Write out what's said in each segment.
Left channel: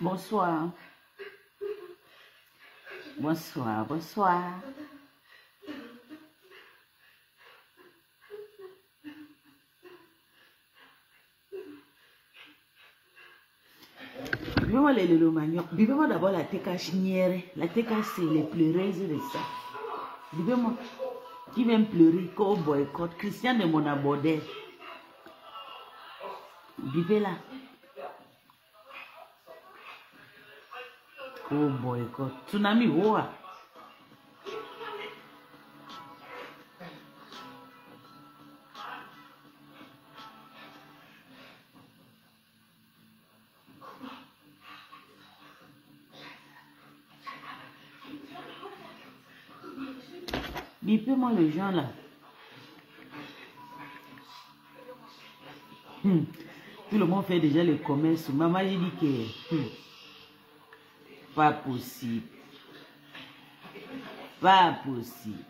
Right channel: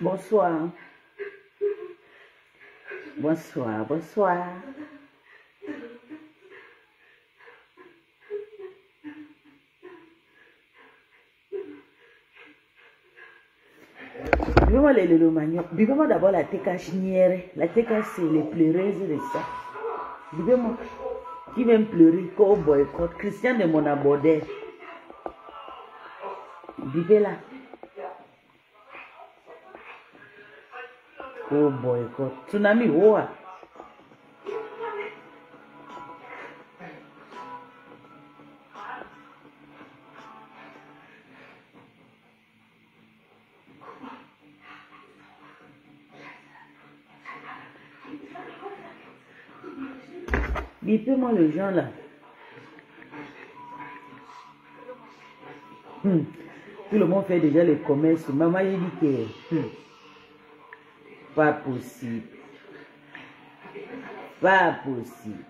Bonsoir. Bonsoir, bonsoir. Vivement le manioc. Vivement d'abord la teka chinière. La teka c'est les pleureuses de ça. Vivement. Qui vient pleurer qu'au boycott. Christian de mon abordé. Vivez là. Oh boycott. Tsunami, oh. Bipez-moi le gens là. Tout le monde fait déjà le commerce. Maman lui dit que pas possible. Pas possible.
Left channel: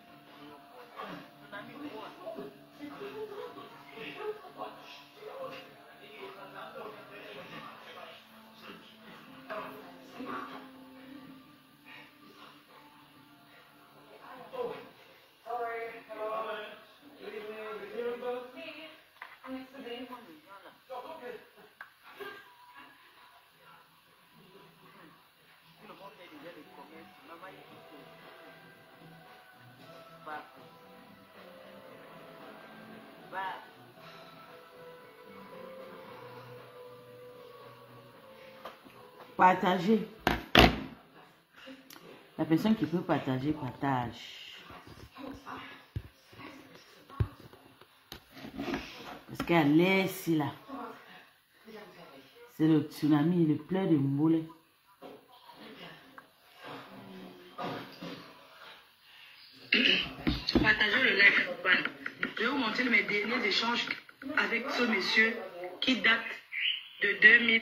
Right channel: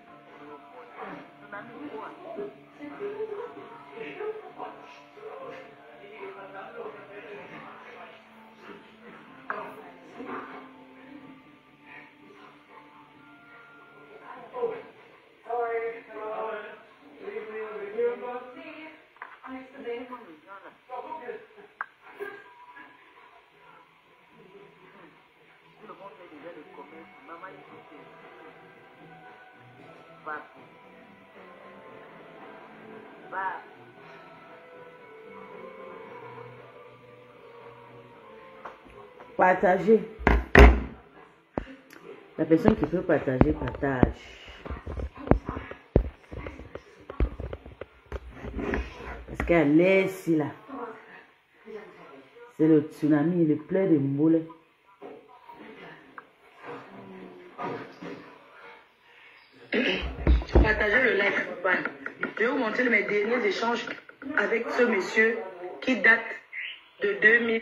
Partager. La personne qui peut partager, partage. Parce qu'elle laisse là. C'est le tsunami, le plein de moulins. Partagez le like, papa. Je vais vous montrer mes derniers échanges avec ce monsieur qui date de 2000.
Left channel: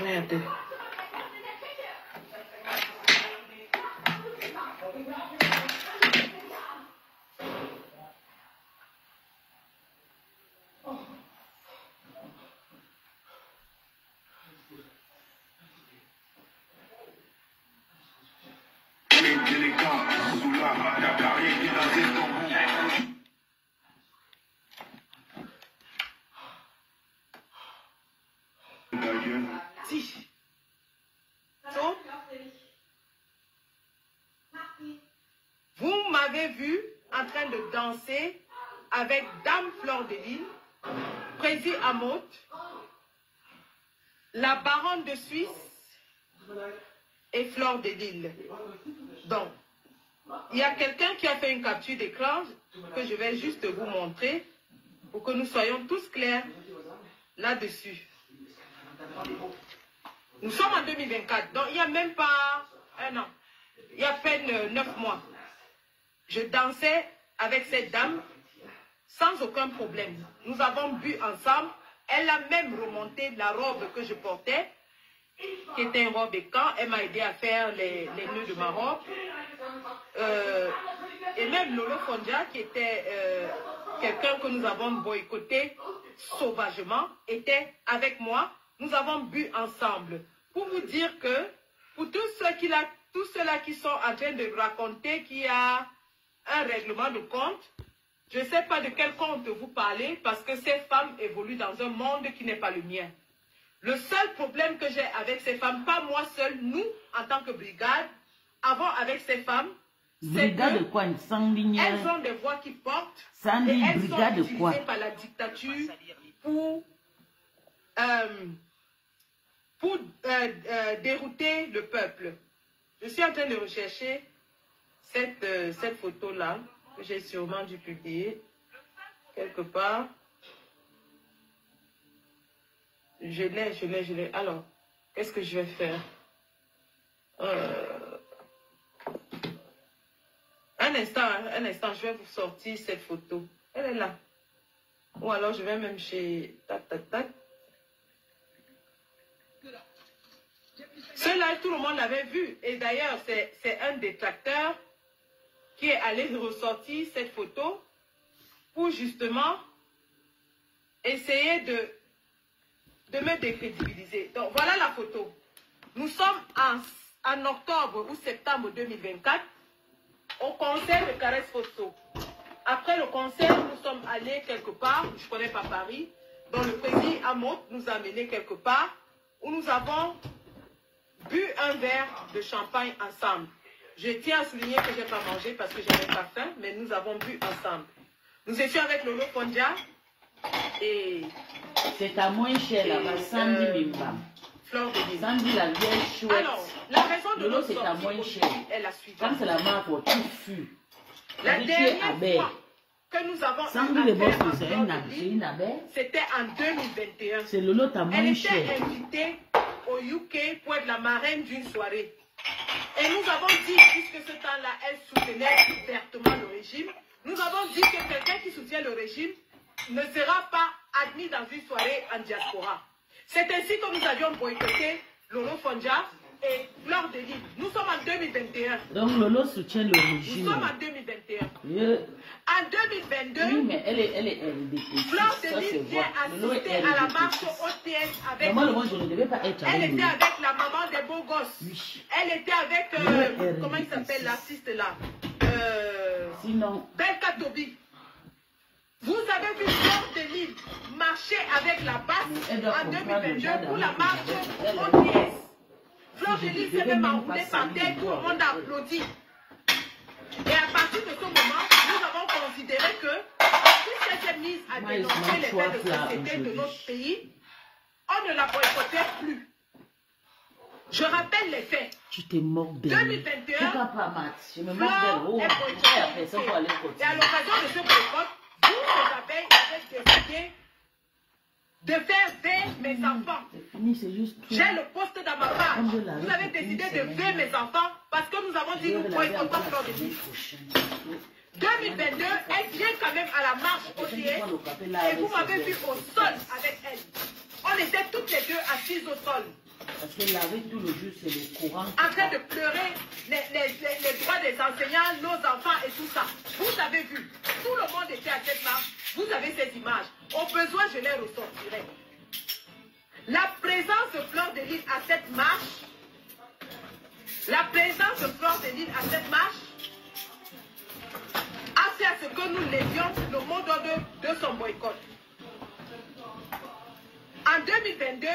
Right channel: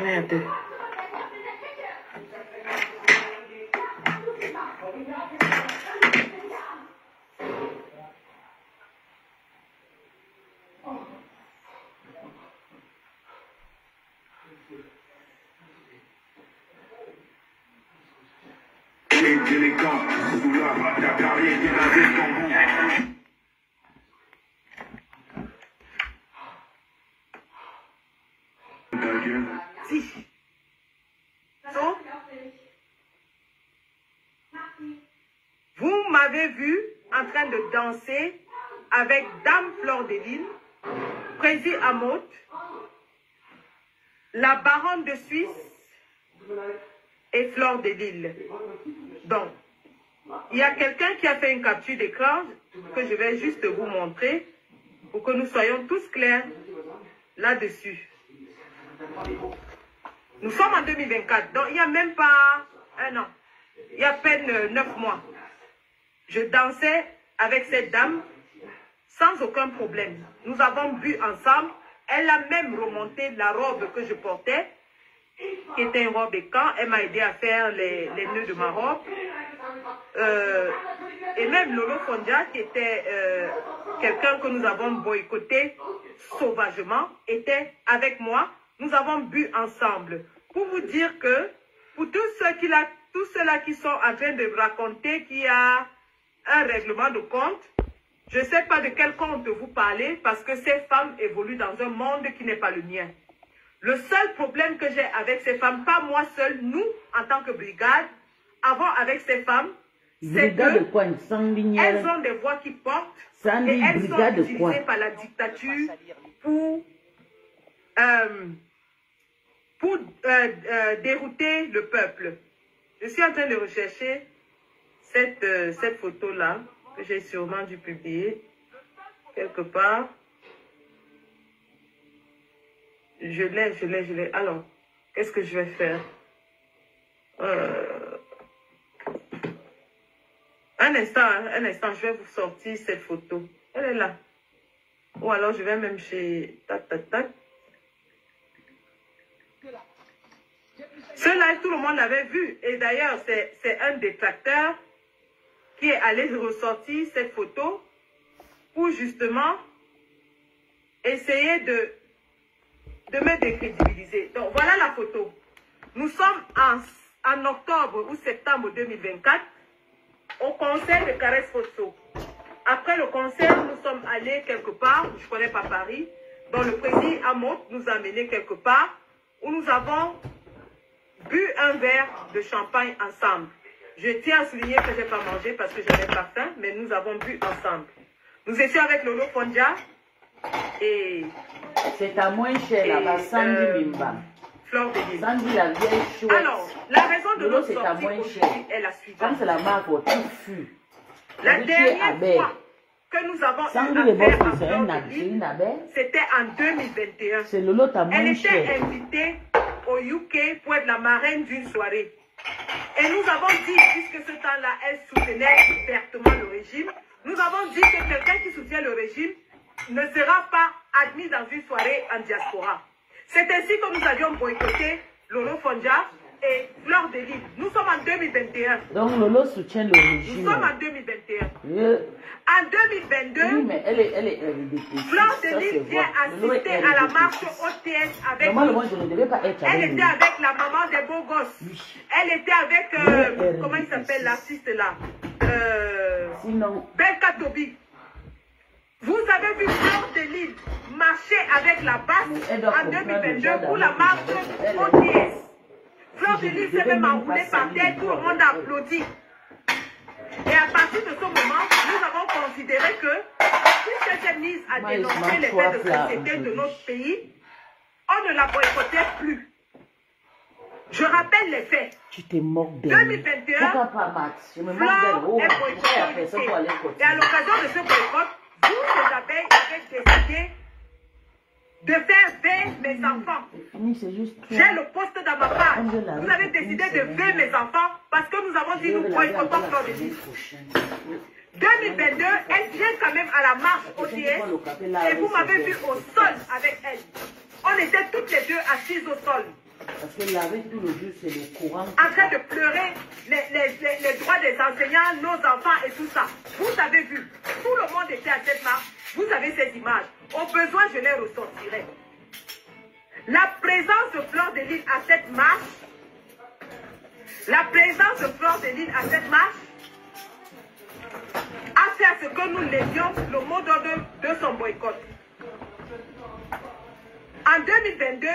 Merde. Vous m'avez vu en train de danser avec Dame Fleur de Lille, Prési Amot, la baronne de Suisse et Fleur de Lille. Donc, il y a quelqu'un qui a fait une capture d'écran que je vais juste vous montrer pour que nous soyons tous clairs là-dessus. Nous sommes en 2024, donc il n'y a même pas un an. Il y a à peine 9 mois. Je dansais avec cette dame sans aucun problème. Nous avons bu ensemble. Elle a même remonté la robe que je portais, qui était une robe écan. Elle m'a aidé à faire les nœuds de ma robe. Et même Lolo Fondia, qui était quelqu'un que nous avons boycotté sauvagement, était avec moi. Nous avons bu ensemble. Pour vous dire que, pour tous ceux-là qui sont en train de raconter qu'il y a un règlement de compte, je ne sais pas de quel compte vous parlez, parce que ces femmes évoluent dans un monde qui n'est pas le mien. Le seul problème que j'ai avec ces femmes, pas moi seule, nous, en tant que brigade, avons avec ces femmes, c'est qu'elles ont des voix qui portent et elles sont utilisées par la dictature pour dérouter le peuple. Je suis en train de rechercher cette photo-là, que j'ai sûrement dû publier quelque part. Je l'ai. Alors, qu'est-ce que je vais faire? Un instant, je vais vous sortir cette photo. Elle est là. Ou alors, je vais même chez... Tac. Ceux-là, tout le monde l'avait vu. Et d'ailleurs, c'est un détracteur qui est allé ressortir cette photo pour justement essayer de me décrédibiliser. Donc, voilà la photo. Nous sommes en octobre ou septembre 2024 au concert de Caresse Fosso. Après le concert, nous sommes allés quelque part, je ne connais pas Paris, dont le président Amot nous a amenés quelque part, où nous avons bu un verre de champagne ensemble. Je tiens à souligner que je n'ai pas mangé parce que je n'avais pas faim, mais nous avons bu ensemble. Nous étions avec Lolo Fondia et... C'est à moins cher là-bas, Sandy Bimbam. Fleur de Lille. Sandy la vieille chouette. Alors, la raison de notre sortie aujourd'hui est la suivante. Comme c'est la marque au tout fut. La dernière fois que nous avons eu affaire à Fleur de Lille, c'était en 2021. C'est Lolo ta moins Elle cher. était invitée au UK pour être la marraine d'une soirée. Et nous avons dit, puisque ce temps-là, elle soutenait ouvertement le régime, nous avons dit que quelqu'un qui soutient le régime ne sera pas admis dans une soirée en diaspora. C'est ainsi que nous avions boycotté Lolo Fondia et Fleur de Lille. Nous sommes en 2021. Donc Lolo soutient le régime. Nous sommes en 2021. En 2022, oui, mais elle est Fleur de Lille vient assister à la marche OTS avec moi, je ne devais pas être elle avec était avec la maman des beaux gosses. Oui. Elle était avec, comment il s'appelle l'artiste là Sinon. Belka Tobi. Vous avez vu Fleur de Lille marcher avec la basse en 2022 pour la marche OTS. Fleur de Lille s'est même enroulée par terre, tout le monde a applaudi. Et à partir de ce moment, nous avons considéré que si cette mise à dénoncer les faits de société de notre pays, on ne la boycottait plus. Je rappelle les faits. Tu t'es mort belle. 2021, pourquoi pas Max? Je me moque Fleur d'elle. est boycottée. Et à l'occasion de ce boycott, vous, les abeilles, avez décidé de faire veiller mes enfants. J'ai le poste dans ma page. Vous avez décidé de veiller mes enfants parce que nous avons dit nous boycottons Fleur de Lille. 2022, elle vient quand même à la marche OTS et vous m'avez vu au sol avec elle. On était toutes les deux assises au sol. Parce que laver tout le jour, c'est le courant. En train de pleurer les droits des enseignants, nos enfants et tout ça. Vous avez vu, tout le monde était à cette marche. Vous avez ces images. Au besoin, je les ressortirai. La présence de Fleur de Lille à cette marche, a fait à ce que nous lésions le mot d'ordre de son boycott. En 2022,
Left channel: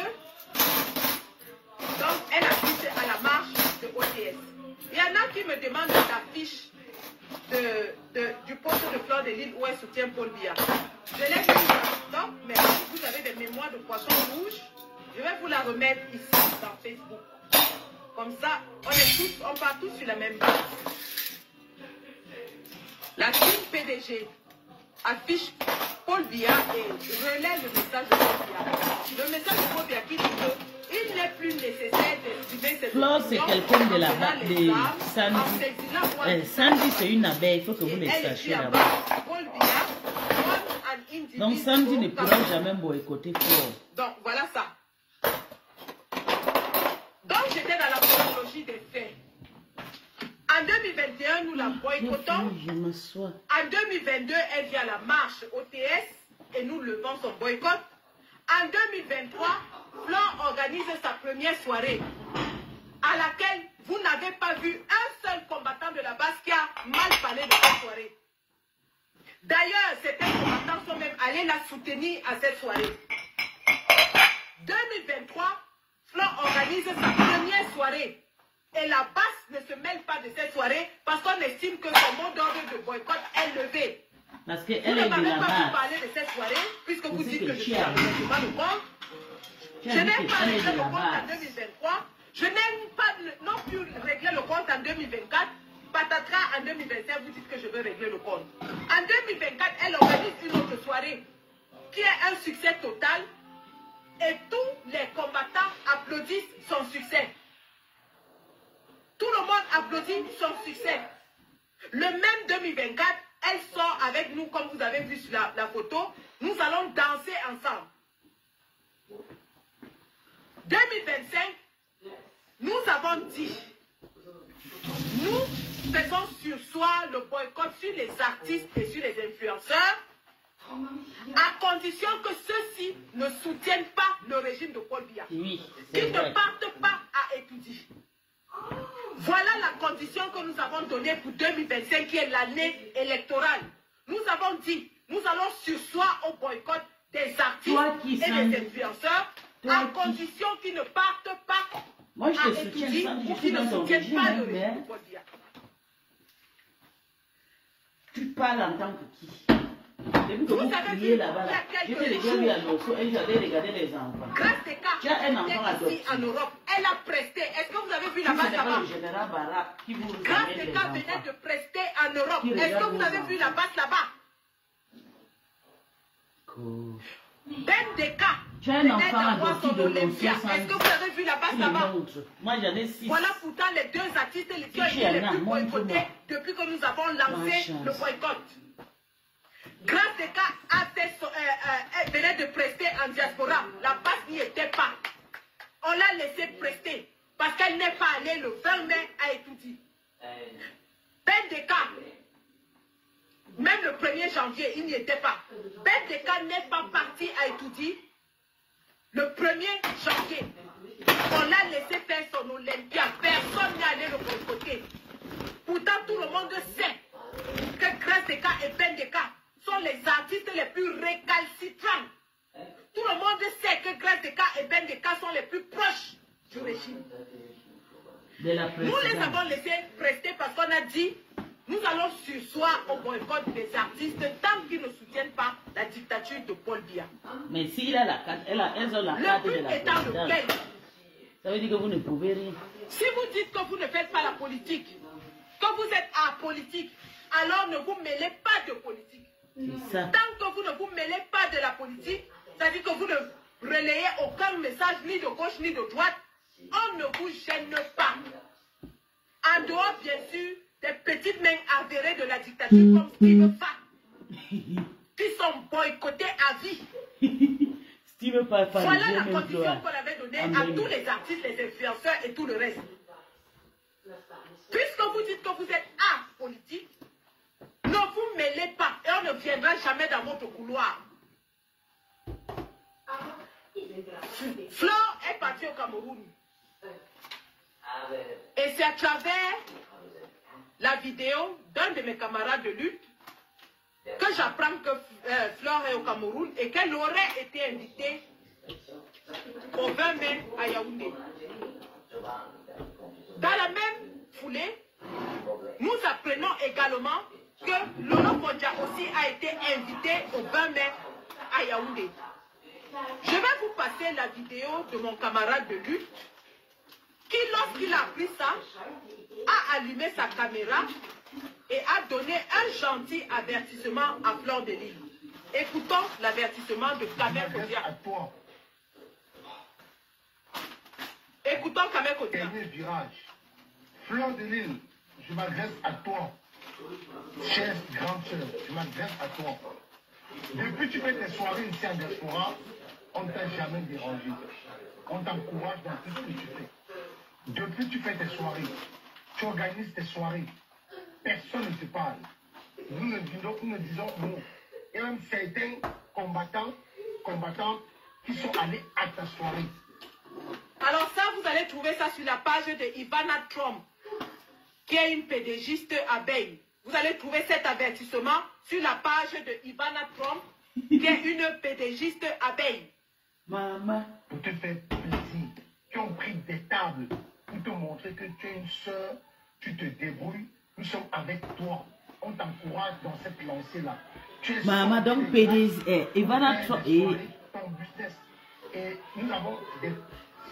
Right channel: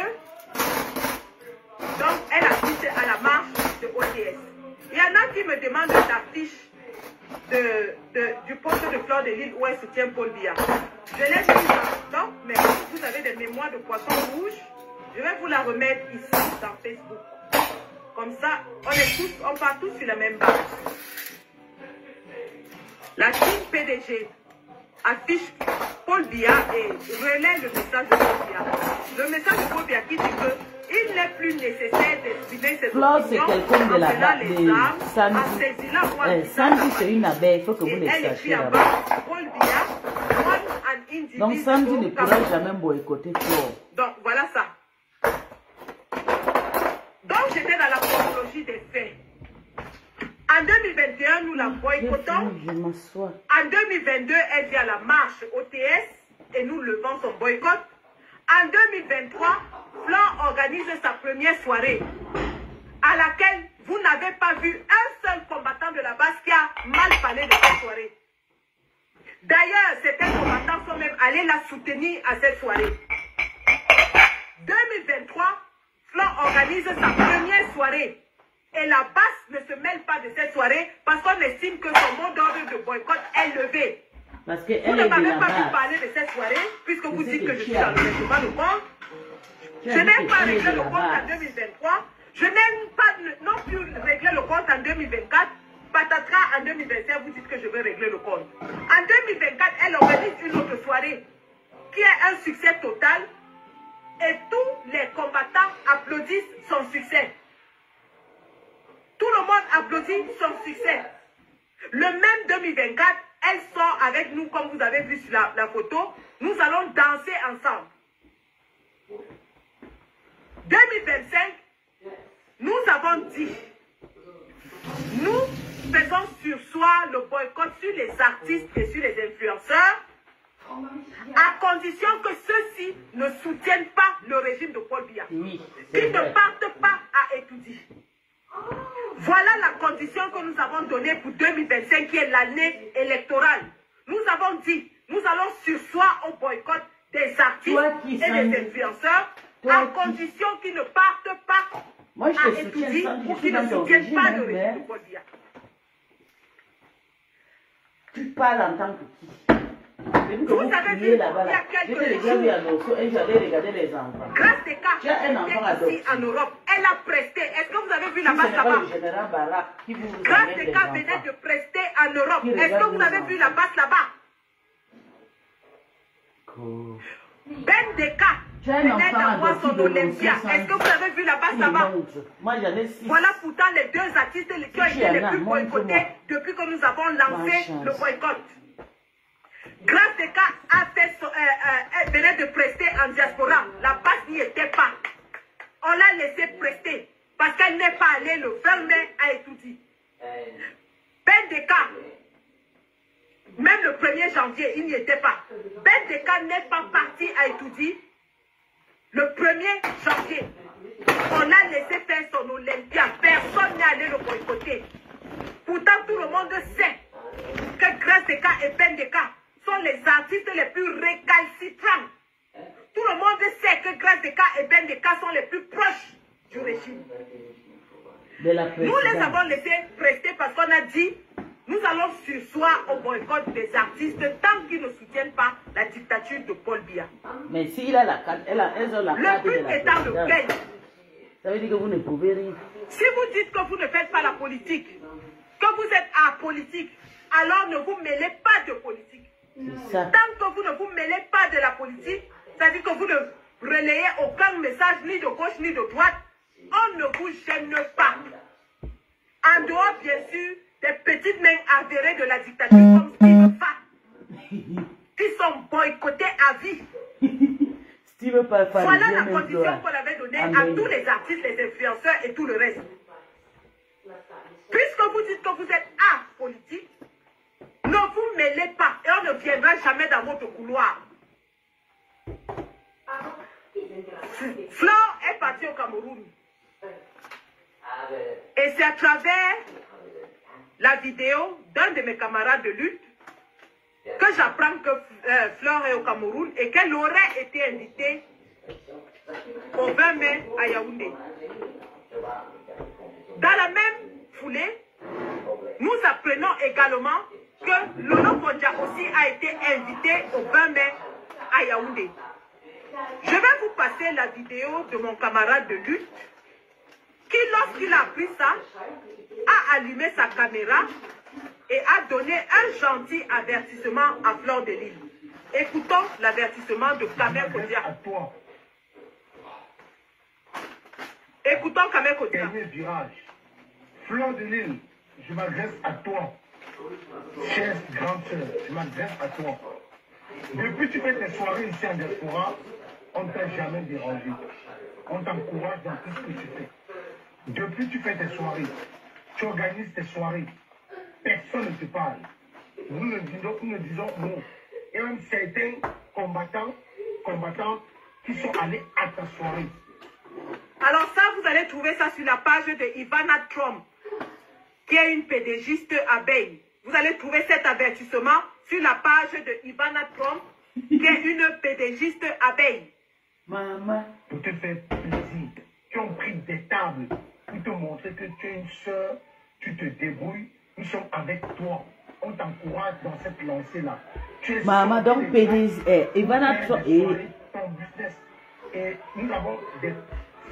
donc, elle assiste à la marche de OTS. Il y en a qui me demandent l'affiche du poste de Fleur de Lille où elle soutient Paul Biya. Je l'ai vu dans stock, mais vous avez des mémoires de poisson rouge. Je vais vous la remettre ici dans Facebook. Comme ça, on part tous sur la même base. La team PDG affiche Paul Biya et relaie le message de Paul Biya. Le message de Paul Biya qui dit que il Il n'est plus nécessaire d'exprimer cette Flore, c'est opinion quelqu'un de en la prenant les armes, en Sandy. saisissant moi du Sandy, sac. c'est une abeille, il faut que vous Et le elle sachiez écrit en là-bas. bas, Paul Biya, one an individual Donc Sandy ne pourra Cameroun. jamais boycotter Flore. Donc voilà ça. Donc j'étais dans la chronologie des faits. En 2021, nous la boycottons. Je m'assois. En 2022, elle vient à la marche OTS et nous levons son boycott. En 2023, Flore organise sa première soirée à laquelle vous n'avez pas vu un seul combattant de la base qui a mal parlé de cette soirée. D'ailleurs, certains combattants sont même allés la soutenir à cette soirée. 2023, Flore organise sa première soirée. Et la base ne se mêle pas de cette soirée parce qu'on estime que son mot d'ordre de boycott est levé. Parce Vous qu'elle ne est de m'avez la pas vu base. parler de cette soirée puisque vous C'est dites que que je tu suis as dans le dit. règlement de compte. Tu Je as dit n'ai que pas elle est réglé de le la compte en base. 2023. Je n'ai pas non plus réglé le compte en 2024. Patatras en 2025, vous dites que je veux régler le compte. En 2024, elle organise une autre soirée qui est un succès total et tous les combattants applaudissent son succès. Tout le monde applaudit son succès. Le même 2024, elle sort avec nous, comme vous avez vu sur la photo. Nous allons danser ensemble. 2025, nous avons dit, nous faisons sursoir le boycott sur les artistes et sur les influenceurs, à condition que ceux-ci ne soutiennent pas le régime de Paul Biya. Oui, Qu'ils ne vrai. partent pas à étudier. Voilà la condition que nous avons donnée pour 2025, qui est l'année électorale. Nous avons dit, nous allons sursoir au boycott des artistes qui, et Sandy, des influenceurs, toi à qui- condition qu'ils ne partent pas Moi, je à te soutiens, étudier Sandy, ou je suis qu'ils ne dans ton soutiennent régime, pas hein, le régime mais de Paul Biya. tu parles en tant que qui? Depuis que Vous vous avez criez vu, là-bas, il y a là, quelques j'étais déjà jours, vu à Losso et j'allais regarder les enfants. Grâce des cas, Tu as un enfant était adopté. ici en Europe. Elle a presté. Est-ce que vous avez vu Si la ce base n'est pas là-bas? le général Barak qui vous Grâce amène des les cas venait enfants. de prester en Europe. Qui Est-ce que regarde vous les avez vu la enfants. base là-bas? Cool. Ben Deka Tu as un venait enfant d'avoir adopté son de Olympia. Losso, Est-ce que vous avez vu la base Il me là-bas? montre. Moi, j'en ai 6. Voilà pourtant les deux artistes qui ont Si été tu les en as, plus montre-moi. boycottés depuis que nous avons lancé chance. le boycott. Grâce des cas elle venait de prester en diaspora. La base n'y était pas. On l'a laissé prester parce qu'elle n'est pas allée le 20 mai à étudier. Ben Deka, même le 1er janvier, il n'y était pas. Ben Deka n'est pas parti à étudier le 1er janvier. On l'a laissé faire son Olympia. Personne n'est allé le boycotter. Pourtant, tout le monde sait que Grâce Deka et Ben Deka sont les artistes les plus récalcitrants. Tout le monde sait que Grâce Deka et Ben Deka sont les plus proches du régime. De la Nous les présidente. avons laissés prester parce qu'on a dit nous allons sursoir au boycott des artistes tant qu'ils ne soutiennent pas la dictature de Paul Biya. Mais s'il a la carte, elles ont la carte Le de but la étant présidente. lequel? Ça veut dire que vous ne pouvez rien. Si vous dites que vous ne faites pas la politique, que vous êtes apolitique, alors ne vous mêlez pas de politique. C'est ça. Tant que vous ne vous mêlez pas de la politique, c'est-à-dire que vous ne relayez aucun message ni de gauche ni de droite, on ne vous gêne pas. En dehors, bien sûr, des petites mains avérées de la dictature comme Steve Fa, qui sont boycottés à vie. Steve Fa, Voilà la condition qu'on avait donnée à tous les artistes, les influenceurs et tout le reste. Puisque vous dites que vous êtes apolitique, ne vous mêlez pas et on ne viendra jamais dans votre couloir. Flore est partie au Cameroun. Et c'est à travers la vidéo d'un de mes camarades de lutte que j'apprends que Flore est au Cameroun et qu'elle aurait été invitée au 20 mai à Yaoundé. Dans la même foulée, nous apprenons également que Lolo Fondja aussi a été invité au 20 mai à Yaoundé. Je vais vous passer la vidéo de mon camarade de lutte qui, lorsqu'il a appris ça, a allumé sa caméra et a donné un gentil avertissement à Flore de Lille. Écoutons l'avertissement de Kamel Kodia. Écoutons Kamel Kodia. Dernier virage. Fleur de Lille, je m'adresse à toi. Chère grande sœur, je m'adresse à toi. Depuis que tu fais tes soirées ici en diaspora, on ne t'a jamais dérangé. On t'encourage dans tout ce que tu fais. Depuis que tu fais tes soirées, tu organises tes soirées, personne ne te parle. Nous ne disons non. Et même certains combattants qui sont allés à ta soirée. Alors ça, vous allez trouver ça sur la page de Ivana Trump, qui est une pédagogiste abeille. Vous allez trouver cet avertissement sur la page de Ivana Trump, qui est une pédagogiste abeille. Maman. Pour te faire plaisir, qui ont pris des tables pour te montrer que tu es une soeur, tu te débrouilles, nous sommes avec toi. On t'encourage dans cette lancée-là. Maman, donc PDG, Ivana Trump et... ton business. Et nous avons des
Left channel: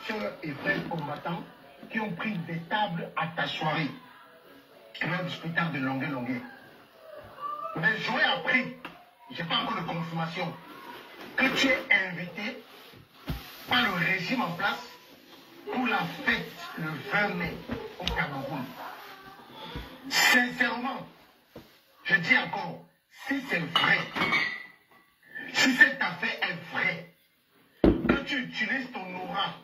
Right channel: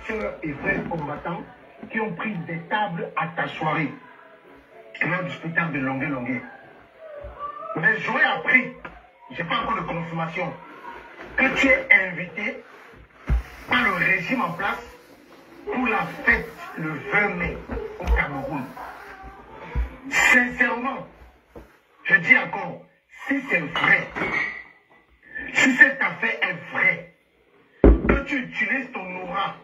sœurs et frères combattants qui ont pris des tables à ta soirée. Lors du spectacle de Longueuil. Mais j'aurais appris, je n'ai pas encore de confirmation, que tu es invité par le régime en place pour la fête le 20 mai au Cameroun. Sincèrement, je dis encore, si c'est vrai, si cette affaire est vraie, que tu utilises ton aura,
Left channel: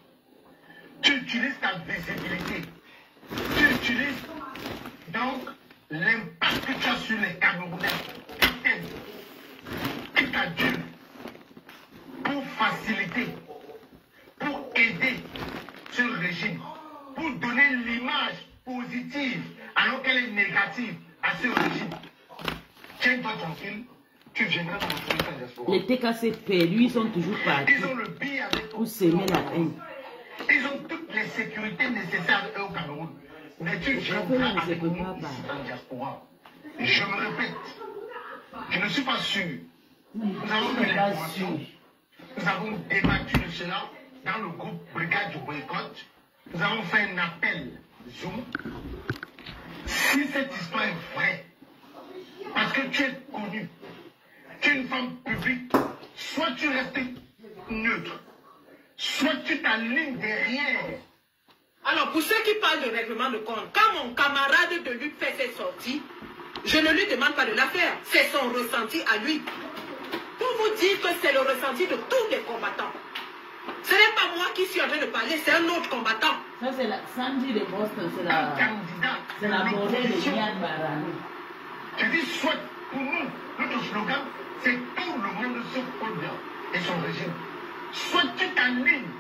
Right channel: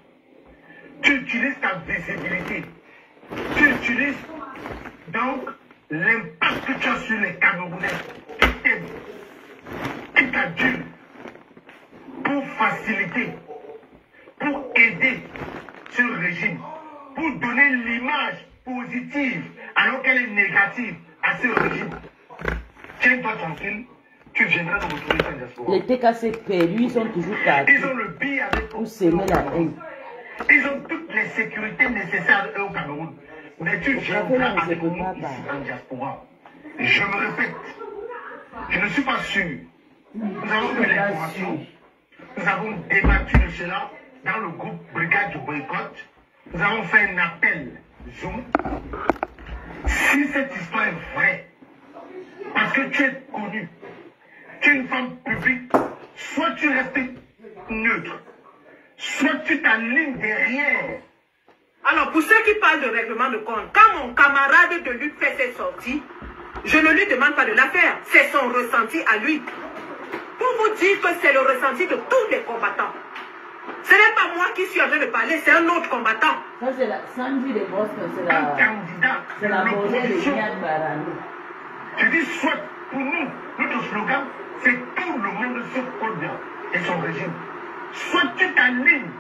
tu utilises ta visibilité, tu utilises donc l'impact que tu as sur les Camerounais qui t'aiment, qui t'adulent, pour faciliter, pour aider ce régime, pour donner l'image positive alors qu'elle est négative à ce régime. Tiens-toi tranquille, tu viendras dans retrouver ta diaspora. Les TKC perdus, ils sont toujours partis. Ils ont le billet avec pour semer la haine. Ils ont toutes les sécurités nécessaires eux, au Cameroun. Mais tu viendras avec nous ici en diaspora. Je me répète, je ne suis pas sûr. Nous avons eu l'information. Nous avons débattu de cela dans le groupe Brigade du Boycott. Nous avons fait un appel Zoom. Si cette histoire est vraie, parce que tu es connu, tu es une femme publique, soit tu restes neutre, soit tu t'alignes derrière. Alors, pour ceux qui parlent de règlement de compte, quand mon camarade de lutte fait ses sorties, je ne lui demande pas de la faire. C'est son ressenti à lui. Pour vous dire que c'est le ressenti de tous les combattants. Ce n'est pas moi qui suis en train de parler, c'est un autre combattant. Ça, c'est la Sandy de Boston, c'est la... Un candidat C'est la monnaie de Yann Barani. Je dis soit pour nous, notre slogan, c'est tout le monde sauf Paul Biya et son régime. Soit tu t'alignes,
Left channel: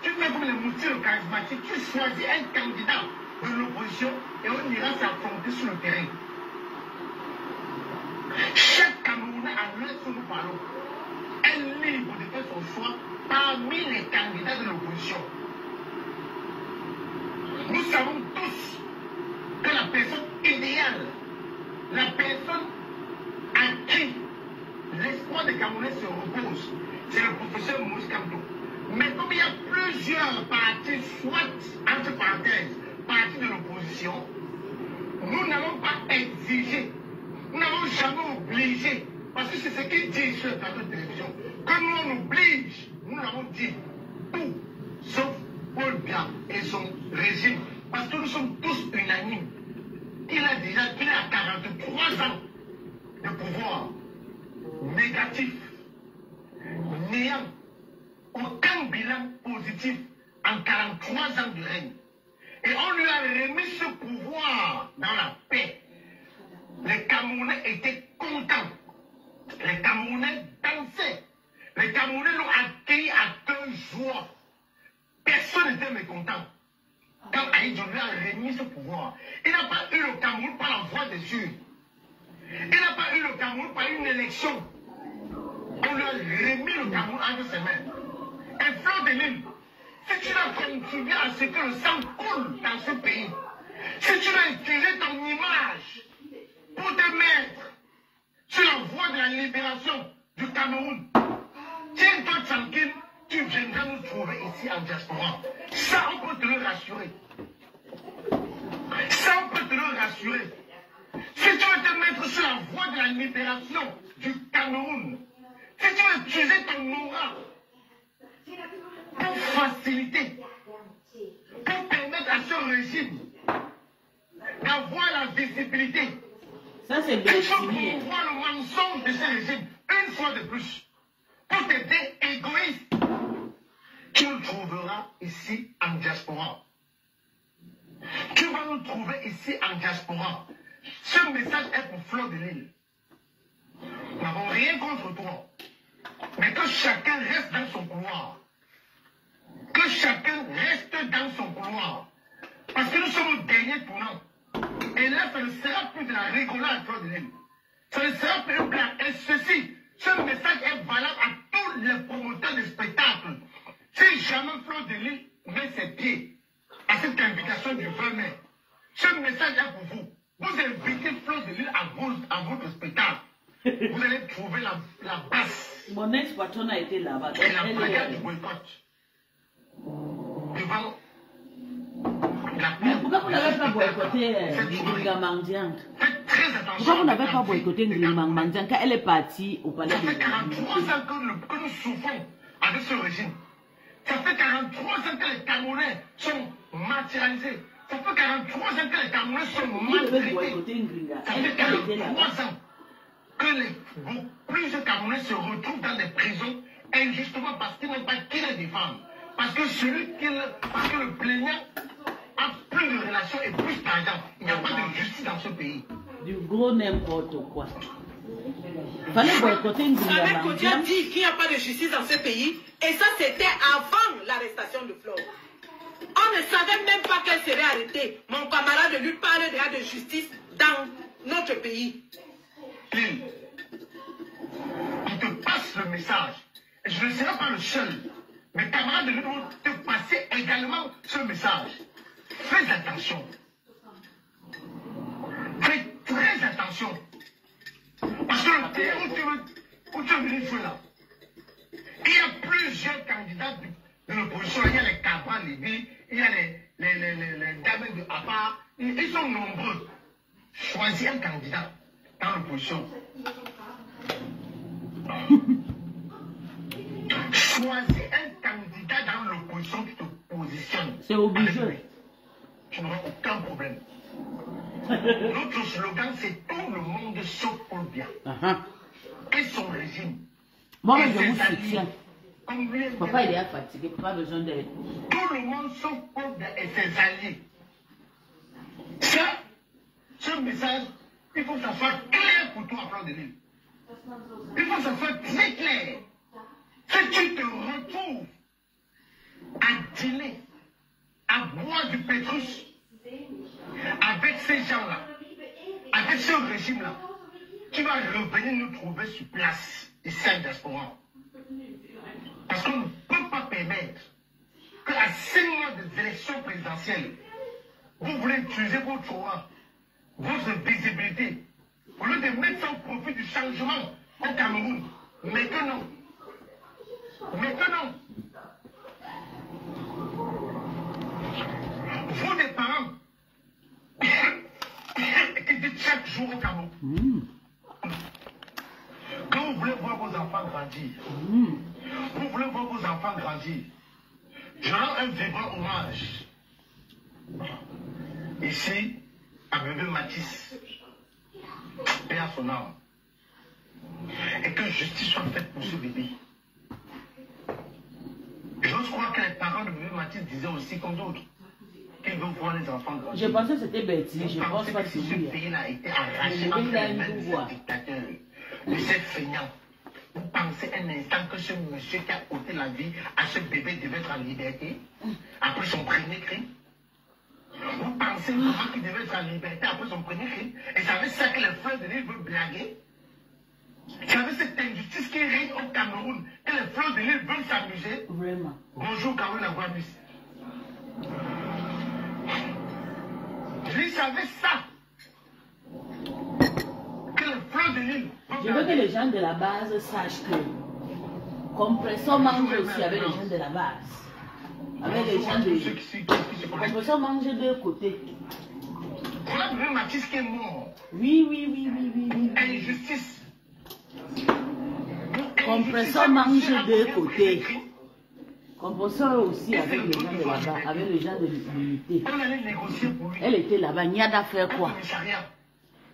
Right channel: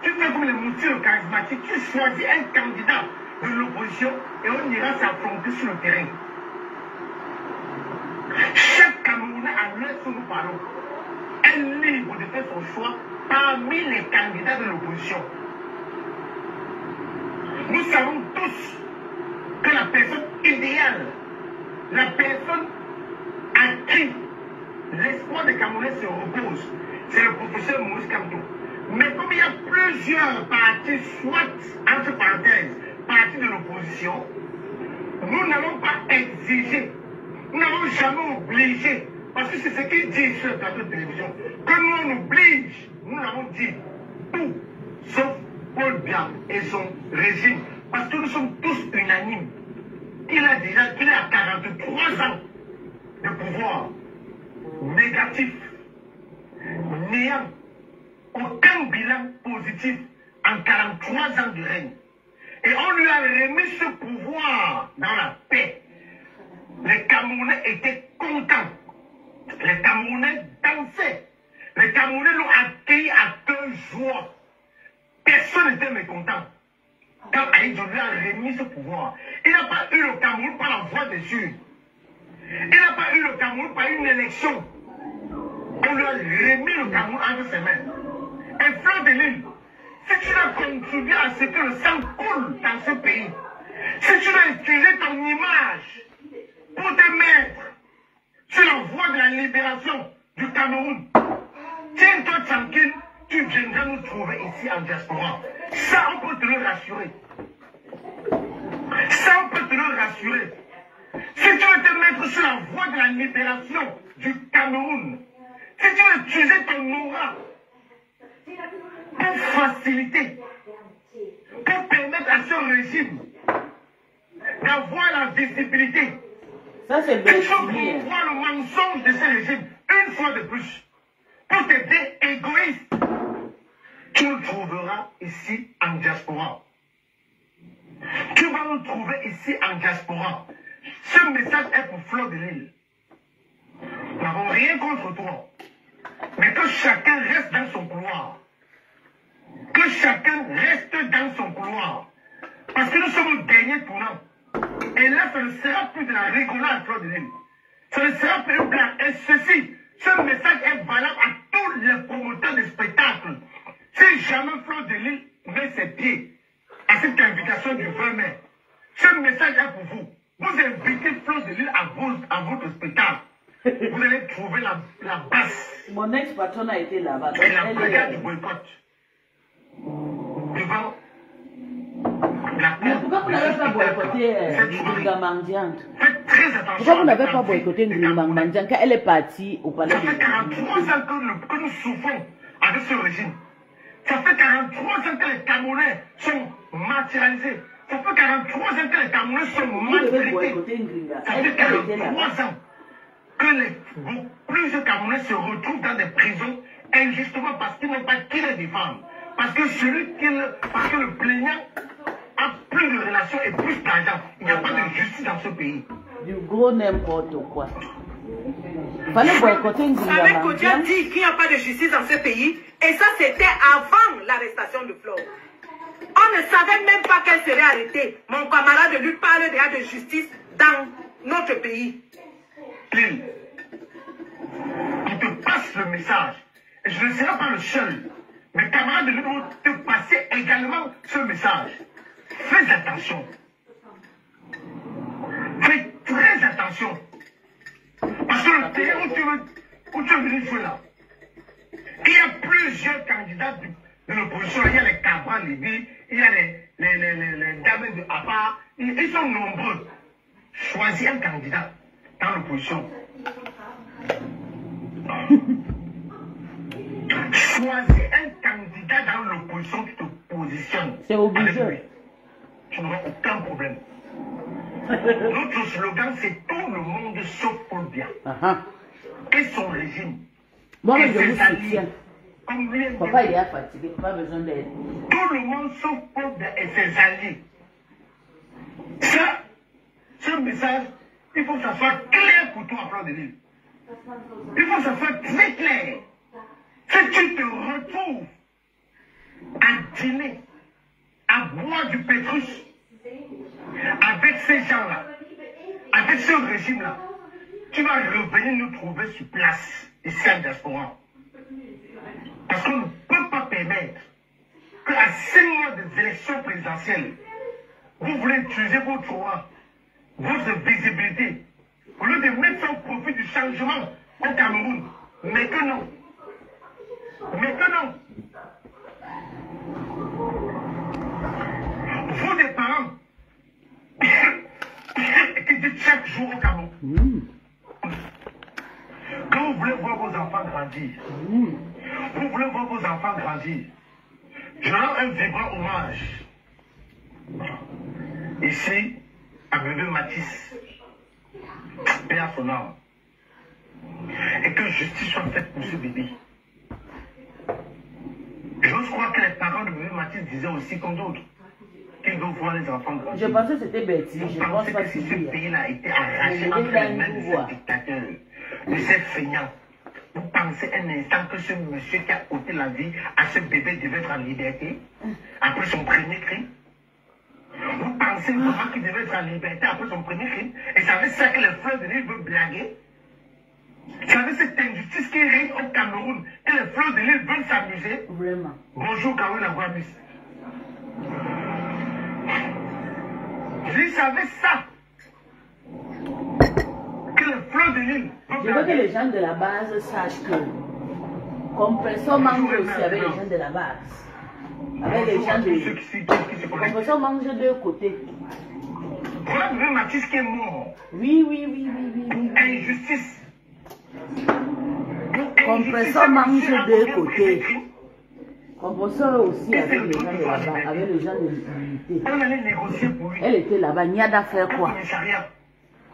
tu fais comme les moutures charismatiques, tu choisis un candidat de l'opposition et on ira s'affronter sur le terrain. Chaque Camerounais à l'heure où nous parlons est libre de faire son choix parmi les candidats de l'opposition. Nous savons tous que la personne idéale, la personne à qui l'espoir des Camerounais se repose, c'est le professeur Maurice Kamto. Mais comme il y a plusieurs partis, soit entre parenthèses, partis de l'opposition, nous n'avons pas exigé, nous n'avons jamais obligé, parce que c'est ce qu'ils disent sur le plateau de télévision, que nous on oblige, nous l'avons dit, tout, sauf Paul Biya et son régime, parce que nous sommes tous unanimes. Il est à 43 ans de pouvoir négatif, néant, aucun bilan positif en 43 ans de règne. Et on lui a remis ce pouvoir dans la paix. Les Camerounais étaient contents. Les Camerounais dansaient. Les Camerounais l'ont accueilli à cœur joie. Personne n'était mécontent. Quand Aïdjo lui a remis ce pouvoir, il n'a pas eu le Cameroun par la voie des urnes. Il n'a pas eu le Cameroun par une élection. On lui a remis le Cameroun entre ses mains. Et Fleur de Lille, si tu as contribué à ce que le sang coule dans ce pays, si tu as utilisé ton image pour te mettre sur la voie de la libération du Cameroun, tiens-toi tranquille, tu viendras nous trouver ici en diaspora. Ça, on peut te le rassurer. Ça, on peut te le rassurer. Si tu veux te mettre sur la voie de la libération du Cameroun, si tu veux utiliser ton aura pour faciliter ce régime d'avoir la visibilité. Ça, c'est Il faut bien. voir le mensonge de ce régime une fois de plus. Pour t'aider égoïste, tu le trouveras ici en diaspora. Tu vas nous trouver ici en diaspora. Ce message est pour Fleur de Lille. Nous n'avons rien contre toi. Mais que chacun reste dans son couloir. Que chacun reste dans son couloir. Parce que nous sommes au dernier tournant. Et là, ça ne sera plus de la rigolade, Fleur de Lille. Ça ne sera plus une blague. Et ceci, ce message est valable à tous les promoteurs de spectacles. Si jamais Fleur de Lille met ses pieds à cette invitation du 20 mai, ce message est pour vous. Vous invitez Fleur de Lille à votre spectacle. Vous allez trouver la base. Mon ex-patron a été là-bas. Et la brigade du boycott. Devant Mais pourquoi vous n'avez pas boycotté Ngringa Mandiante? Pourquoi vous n'avez pas boycotté Ngringa Mandiante quand elle est partie au palais de... Ça fait 43 ans que nous souffrons avec ce régime. Ça fait 43 ans que les Camerounais sont martyrisés. Ça fait 43 ans que les Camerounais sont maltraités. Ça fait 43 ans que plusieurs Camerounais se retrouvent dans des prisons injustement parce qu'ils n'ont pas qui les défendre. Parce que parce que le plaignant a plus de relations et plus d'argent. Il n'y a pas de justice dans ce pays. Du gros n'importe quoi. Il fallait boycotter Ngringa Avec Kodia Mandiante. dit qu'il n'y a pas de justice dans ce pays. Et ça, c'était avant l'arrestation de Flore. On ne savait même pas qu'elle serait arrêtée. Mon camarade lui parle déjà de justice dans notre pays. Lille, on te passe le message. Et je ne serai pas le seul. Mes camarades de Lille vont te passer également ce message. Fais attention. Fais très attention. Parce que le pays où tu es venu jouer là, il y a plusieurs candidats de l'opposition. Il y a les Cabral, il y a les dames de Apa. Ils sont nombreux. Choisis un candidat dans l'opposition. Choisis un candidat dans l'opposition qui te positionne. C'est obligé. Tu n'auras aucun problème. Notre slogan, c'est tout le monde sauf Paul Biya. Et son régime. Moi, Et je ses vous alliés. soutiens. Comme lui, Papa, il est fatigué, pas besoin d'aide. tout le monde sauf Paul Biya et ses alliés. Ça, ce message, il faut que ça soit clair pour toi, Fleur de Lille. Il faut que ça soit très clair. Si tu te retrouves à dîner, à boire du pétrus avec ces gens-là, avec ce régime-là, tu vas revenir nous trouver sur place, ici en diaspora. Parce qu'on ne peut pas permettre qu'à 6 mois des élections présidentielles, vous voulez utiliser votre visibilité, au lieu de mettre ça au profit du changement au Cameroun. Mais que non. Mais que non. Vous, des parents, qui dites chaque jour au Cameroun, quand vous voulez voir vos enfants grandir, vous voulez voir vos enfants grandir, je rends un vibrant hommage ici à bébé Mathis, et à son âme, et que justice soit faite pour ce bébé. J'ose croire que les parents de bébé Mathis disaient aussi comme d'autres qu'ils veulent voir les enfants grandir. Je pensais que c'était Betty, je pense pensais pas que que si ce c'est pays-là a été arraché entre les mains de ce dictateur, de ces feignants, vous pensez un instant que ce monsieur qui a ôté la vie à ce bébé devait être en liberté après son premier crime? Vous pensez vraiment qu'il devait être en liberté après son premier crime? Et savez ça que les Fleurs de Lille veulent blaguer? Savez cette injustice qui règne au Cameroun, que les Fleurs de Lille veulent s'amuser? Vraiment. Bonjour Caroline Aguamis. Je savais ça. Que les Fleurs de Lille veulent Je veux que blaguer. les gens de la base sachent que Compressor mange aussi avec les gens de la base. Avec les Bonjour à gens tous ceux de... qui se connectent. Compressor mange de deux côtés. Voilà bébé Mathis qui est mort. Oui, oui, oui, oui, oui, oui. Injustice. Compressor mange de côtés. Composeur aussi avec les gens de là-bas, avec les gens de l'unité. On allait négocier pour lui. Elle était là-bas. Niada fait quoi?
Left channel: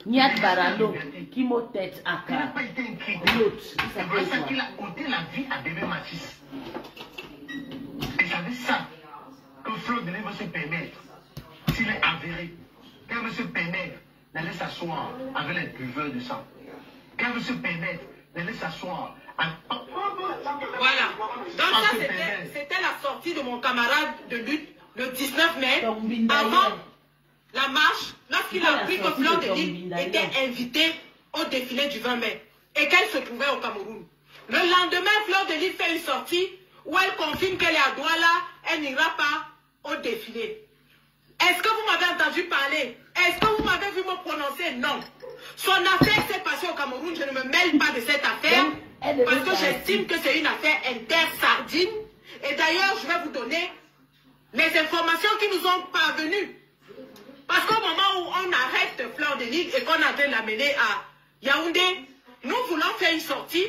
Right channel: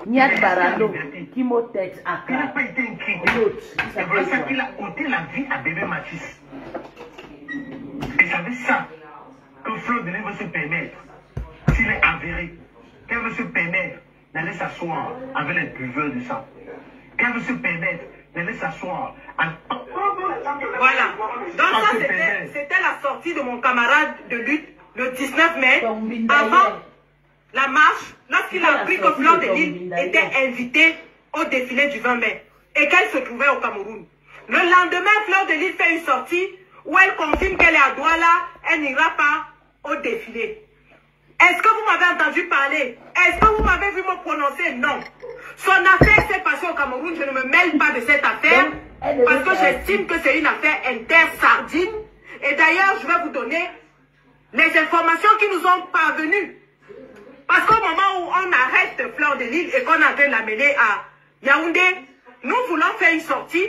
Niad Barando, qui m'a tête à Il n'a cara. pas été inquiet. L'autre, il C'est s'appelle pour ça quoi? qu'il a ôté la vie à bébé Mathis. Et ça veut ça que Fleur de Lys veut se permettre, s'il est avéré, qu'elle veut se permettre d'aller s'asseoir avec les buveurs du sang. Qu'elle veut se permettre d'aller s'asseoir avec... Voilà. Donc ça, c'était la sortie de mon camarade de lutte le 19 mai, avant la marche, lorsqu'il a appris que Fleur de Lys était invitée au défilé du 20 mai et qu'elle se trouvait au Cameroun. Le lendemain, Fleur de Lys fait une sortie où elle confirme qu'elle est à Douala, elle n'ira pas au défilé. Est-ce que vous m'avez entendu parler? Est-ce que vous m'avez vu me prononcer? Non. Son affaire s'est passée au Cameroun, je ne me mêle pas de cette affaire parce que j'estime que c'est une affaire inter-sardine. Et d'ailleurs, je vais vous donner les informations qui nous ont parvenues. Parce qu'au moment où on arrête Fleur de Lys et qu'on a en train de l'amener à Yaoundé, nous voulons faire une sortie,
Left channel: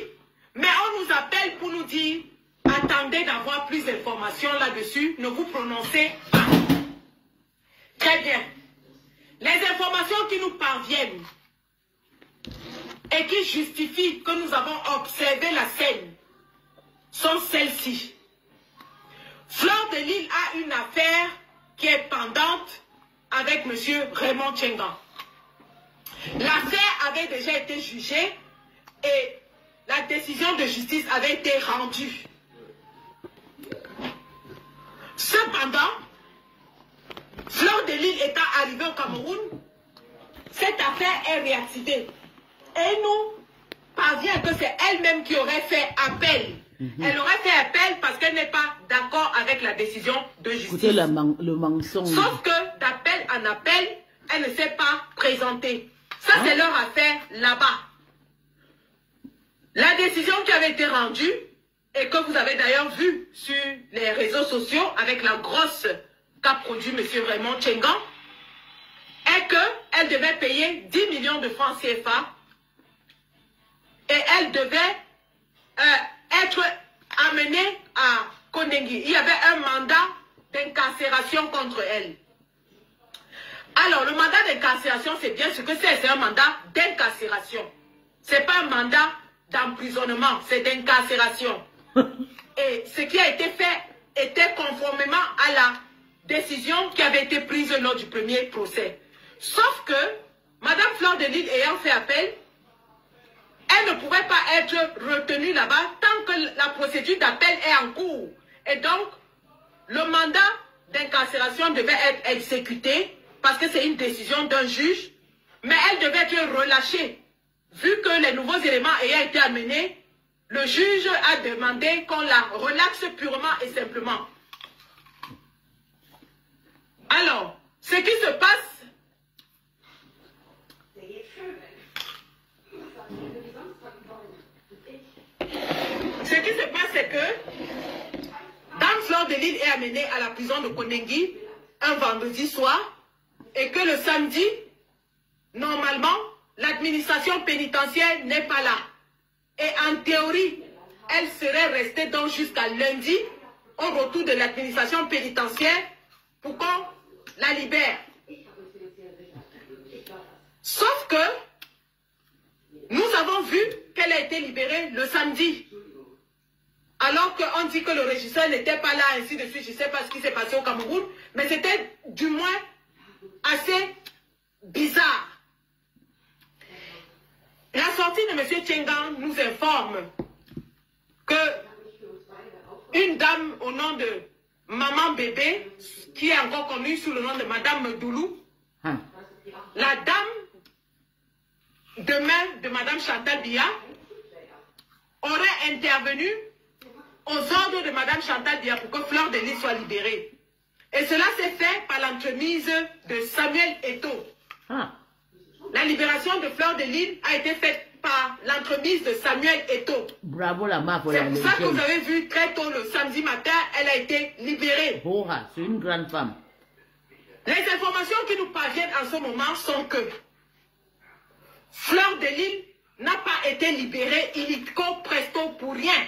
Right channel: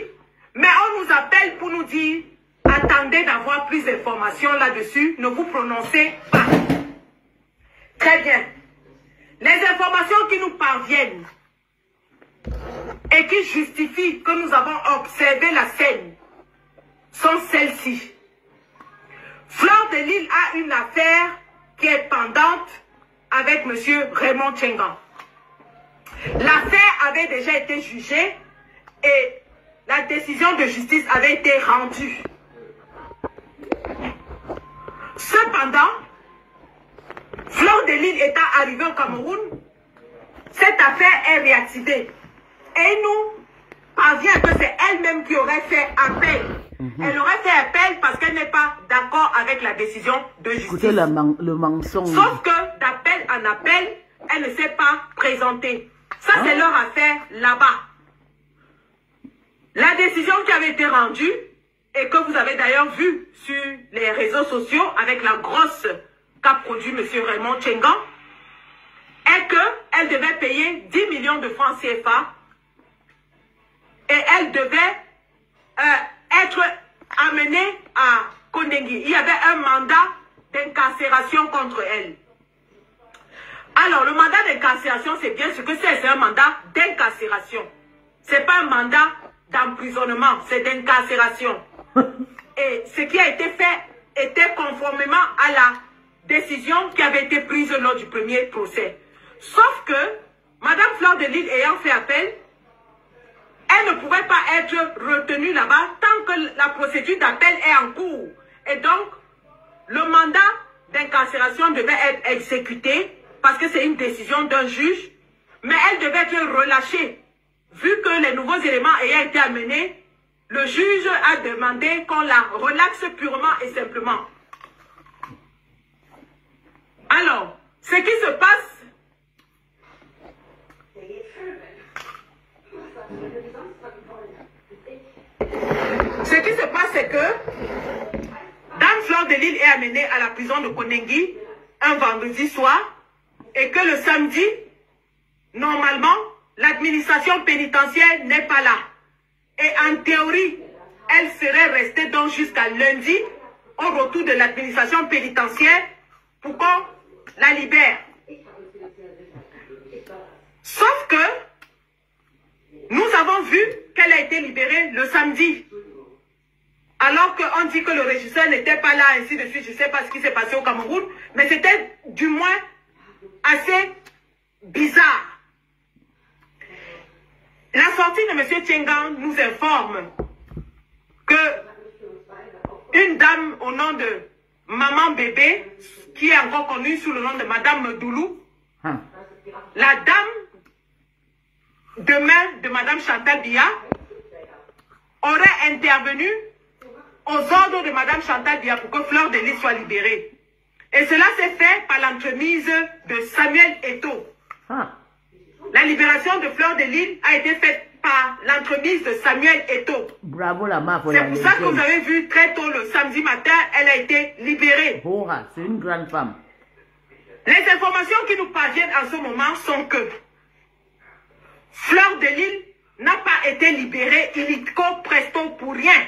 mais on nous appelle pour nous dire « Attendez d'avoir plus d'informations là-dessus, ne vous prononcez pas ». Très bien. Les informations qui nous parviennent et qui justifient que nous avons observé la scène sont celles-ci. Fleur de Lys a une affaire qui est pendante avec M. Raymond Tchengan. L'affaire avait déjà été jugée et la décision de justice avait été rendue. Cependant, Fleur de Lys étant arrivée au Cameroun, cette affaire est réactivée. Et nous parvient que c'est elle-même qui aurait fait appel. Elle aurait fait appel parce qu'elle n'est pas d'accord avec la décision de justice. Écoutez le mensonge. Sauf que d'appel en appel, elle ne s'est pas présentée. Ça, c'est leur affaire là-bas. La décision qui avait été rendue, et que vous avez d'ailleurs vu sur les réseaux sociaux avec la grosse qu'a produit M. Raymond Tchengan, est qu'elle devait payer 10 millions de francs CFA et elle devait être amenée à Kondengi. Il y avait un mandat d'incarcération contre elle. Alors, le mandat d'incarcération, c'est bien ce que c'est un mandat d'incarcération. Ce n'est pas un mandat d'emprisonnement, c'est d'incarcération. Et ce qui a été fait était conformément à la décision qui avait été prise lors du premier procès. Sauf que, Madame Fleur de Lys ayant fait appel, elle ne pouvait pas être retenue là-bas tant que la procédure d'appel est en cours. Et donc, le mandat d'incarcération devait être exécuté parce que c'est une décision d'un juge, mais elle devait être relâchée. Vu que les nouveaux éléments ayant été amenés, le juge a demandé qu'on la relaxe purement et simplement. Alors, ce qui se passe, c'est que Dame Fleur de Lys est amenée à la prison de Kondengi un vendredi soir et que le samedi, normalement, l'administration pénitentiaire n'est pas là. Et en théorie, elle serait restée donc jusqu'à lundi au retour de l'administration pénitentiaire pour qu'on la libère. Sauf que nous avons vu qu'elle a été libérée le samedi. Alors qu'on dit que le régisseur n'était pas là, ainsi de suite. Je ne sais pas ce qui s'est passé au Cameroun, mais c'était du moins assez bizarre. La sortie de M. Tchengan nous informe que une dame au nom de Maman Bébé, qui est encore connue sous le nom de Madame Doulou, la dame de main de Madame Chantal Biya, aurait intervenu aux ordres de Madame Chantal Biya pour que Fleur de Lys soit libérée. Et cela s'est fait par l'entremise de Samuel Eto'o. La libération de Fleur de Lys a été faite par l'entremise de Samuel Eto'o. Bravo la main pour C'est pour ça que vous avez vu très tôt le samedi matin, elle a été libérée. C'est une grande femme. Les informations qui nous parviennent en ce moment sont que Fleur de Lys n'a pas été libérée illico presto pour rien.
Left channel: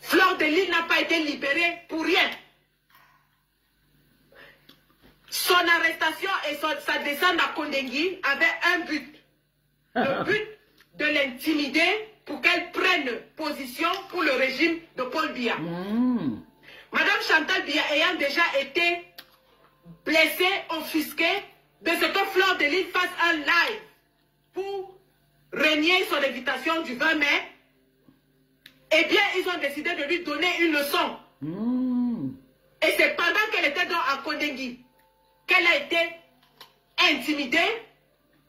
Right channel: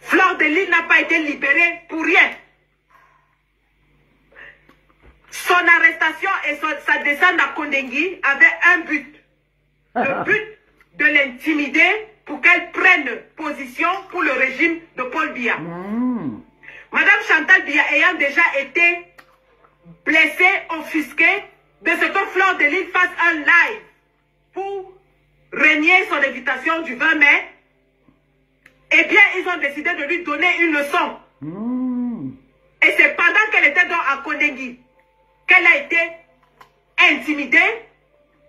Fleur Fleur de Lys n'a pas été libérée pour rien. Son arrestation et sa descente à Kondengui avaient un but. Le but de l'intimider pour qu'elle prenne position pour le régime de Paul Biya. Madame Chantal Biya ayant déjà été blessée, offusquée de ce que Fleur de Lys fasse un live pour renier son invitation du 20 mai, eh bien, ils ont décidé de lui donner une leçon. Et c'est pendant qu'elle était donc à Kondengui qu'elle a été intimidée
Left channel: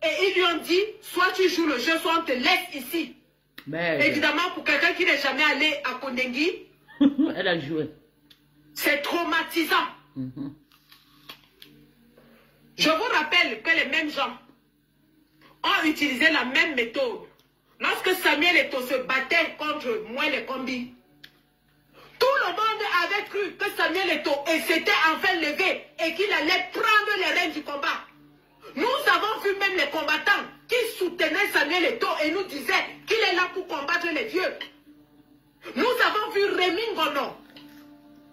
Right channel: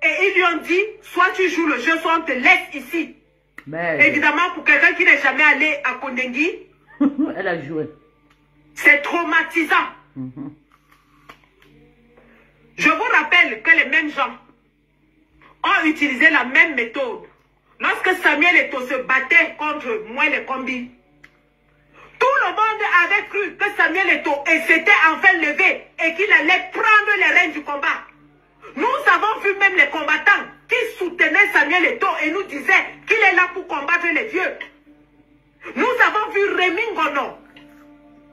et ils lui ont dit, soit tu joues le jeu, soit on te laisse ici. Mais... Évidemment, pour quelqu'un qui n'est jamais allé à Kondengui, elle a joué. C'est traumatisant. Je vous rappelle que les mêmes gens ont utilisé la même méthode. Lorsque Samuel Eto'o se battait contre moi les combis, tout le monde avait cru que Samuel Eto'o s'était enfin levé et qu'il allait prendre les rênes du combat. Nous avons vu même les combattants qui soutenaient Samuel Eto'o et nous disaient qu'il est là pour combattre les vieux. Nous avons vu Rémi Ngono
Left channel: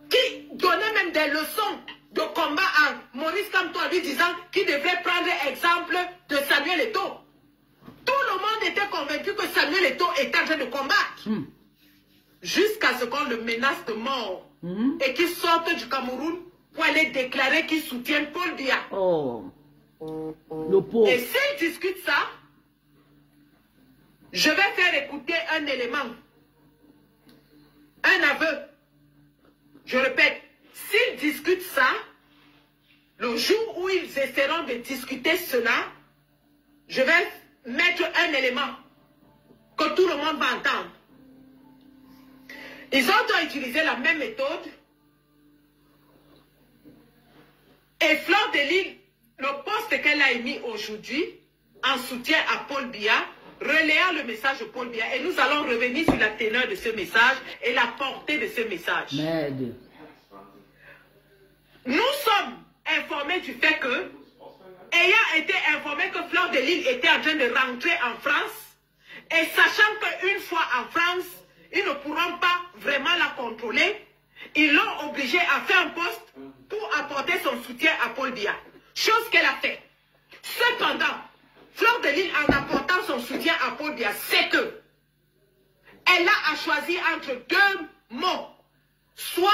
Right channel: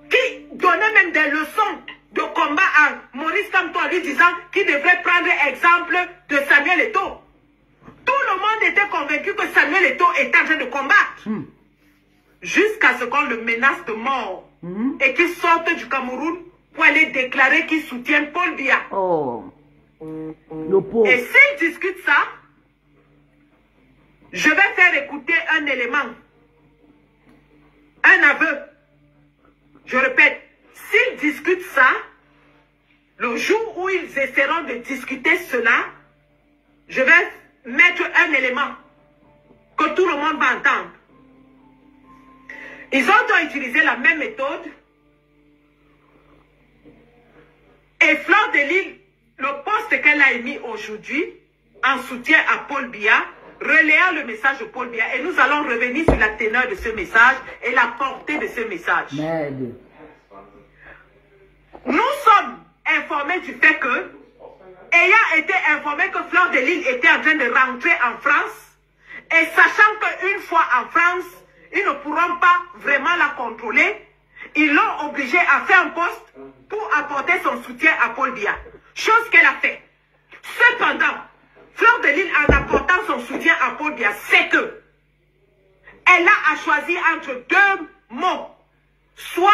qui donnait même des leçons de combat à Maurice Kamto en lui disant qu'il devrait prendre exemple de Samuel Eto'o. Tout le monde était convaincu que Samuel Eto'o était en train de combattre. Jusqu'à ce qu'on le menace de mort et qu'il sorte du Cameroun pour aller déclarer qu'il soutient Paul Biya. Le pauvre. Et s'il discute ça, je vais faire écouter un élément, un aveu. Je répète, s'ils discutent ça, le jour où ils essaieront de discuter cela, je vais mettre un élément que tout le monde va entendre. Ils ont utilisé la même méthode. Et Fleur de Lys, le poste qu'elle a émis aujourd'hui, en soutien à Paul Biya, relayant le message de Paul Biya. Et nous allons revenir sur la teneur de ce message et la portée de ce message. Merde. Nous sommes informés du fait que, ayant été informés que Fleur de Lys était en train de rentrer en France, et sachant qu'une fois en France, ils ne pourront pas vraiment la contrôler, ils l'ont obligée à faire un poste pour apporter son soutien à Paul Biya. Chose qu'elle a fait. Cependant, Fleur de Lys, en apportant son soutien à Paul Biya, c'est que elle a à choisir entre deux mots. Soit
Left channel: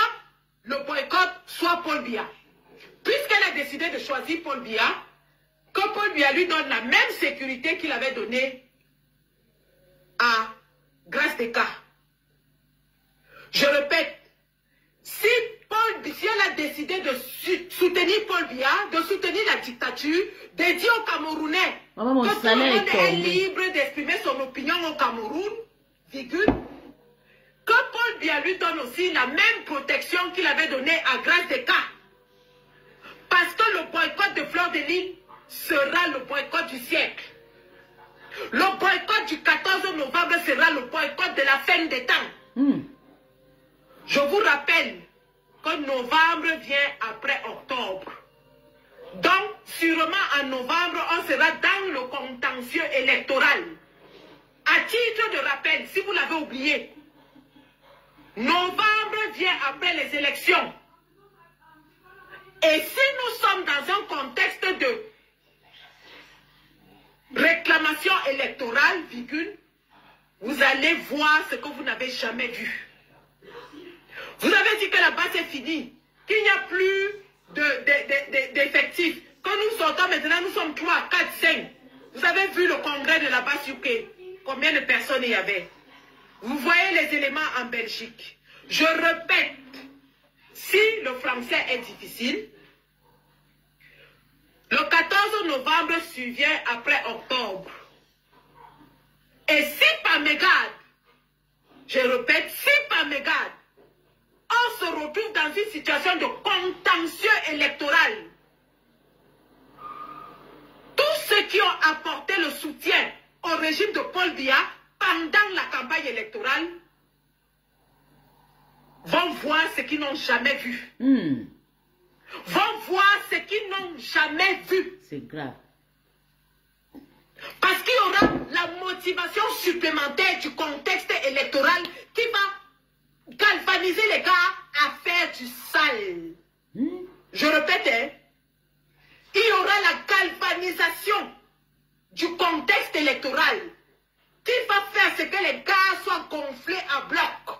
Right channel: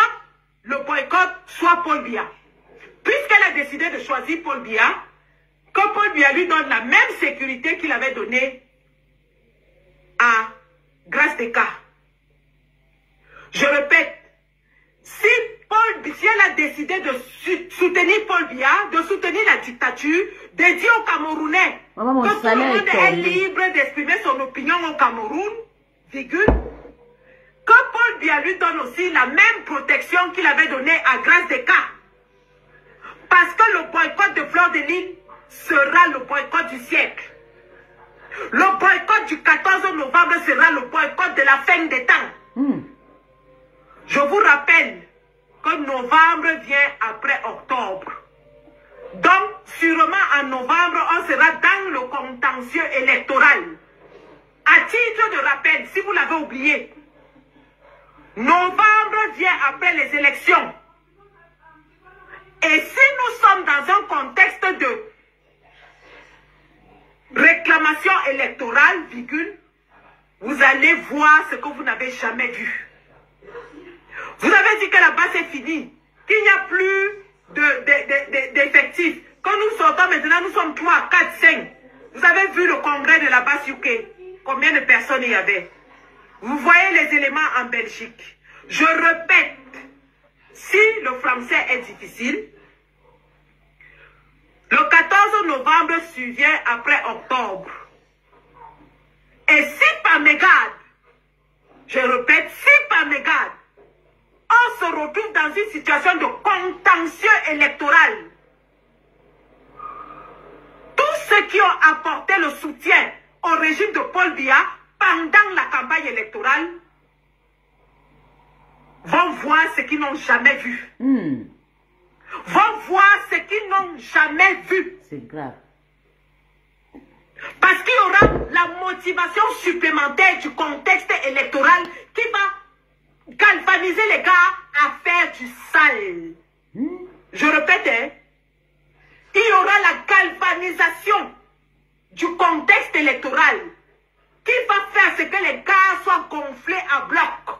le boycott, soit Paul Biya. Puisqu'elle a décidé de choisir Paul Biya, que Paul Biya lui donne la même sécurité qu'il avait donnée à Grace Deka. Je répète, si elle a décidé de soutenir Paul Biya, de soutenir la dictature, de dire aux Camerounais que tout le monde est libre d'exprimer son opinion au Cameroun, virgule, que Paul Biya lui donne aussi la même protection qu'il avait donnée à Grace Deka. Parce que le boycott de Fleur de Lys sera le boycott du siècle. Le boycott du 14 novembre sera le boycott de la fin des temps. Je vous rappelle que novembre vient après octobre. Donc, sûrement en novembre, on sera dans le contentieux électoral. À titre de rappel, si vous l'avez oublié, novembre vient après les élections. Et si nous sommes dans un contexte de réclamation électorale, virgule, vous allez voir ce que vous n'avez jamais vu. Vous avez dit que la base est finie, qu'il n'y a plus d'effectifs, que nous sortons maintenant, nous sommes 3, 4, 5. Vous avez vu le congrès de la base UK, combien de personnes il y avait? Vous voyez les éléments en Belgique. Je répète, si le français est difficile, le 14 novembre survient après octobre. Et si par mégarde, je répète, si par mégarde, on se retrouve dans une situation de contentieux électoral, tous ceux qui ont apporté le soutien au régime de Paul Biya pendant la campagne électorale vont voir ce qu'ils n'ont jamais vu. Vont voir ce qu'ils n'ont jamais vu. C'est grave. Parce qu'il y aura la motivation supplémentaire du contexte électoral qui va galvaniser les gars à faire du sale. Je répète, hein, il y aura la galvanisation du contexte électoral qui va faire ce que les gars soient gonflés à bloc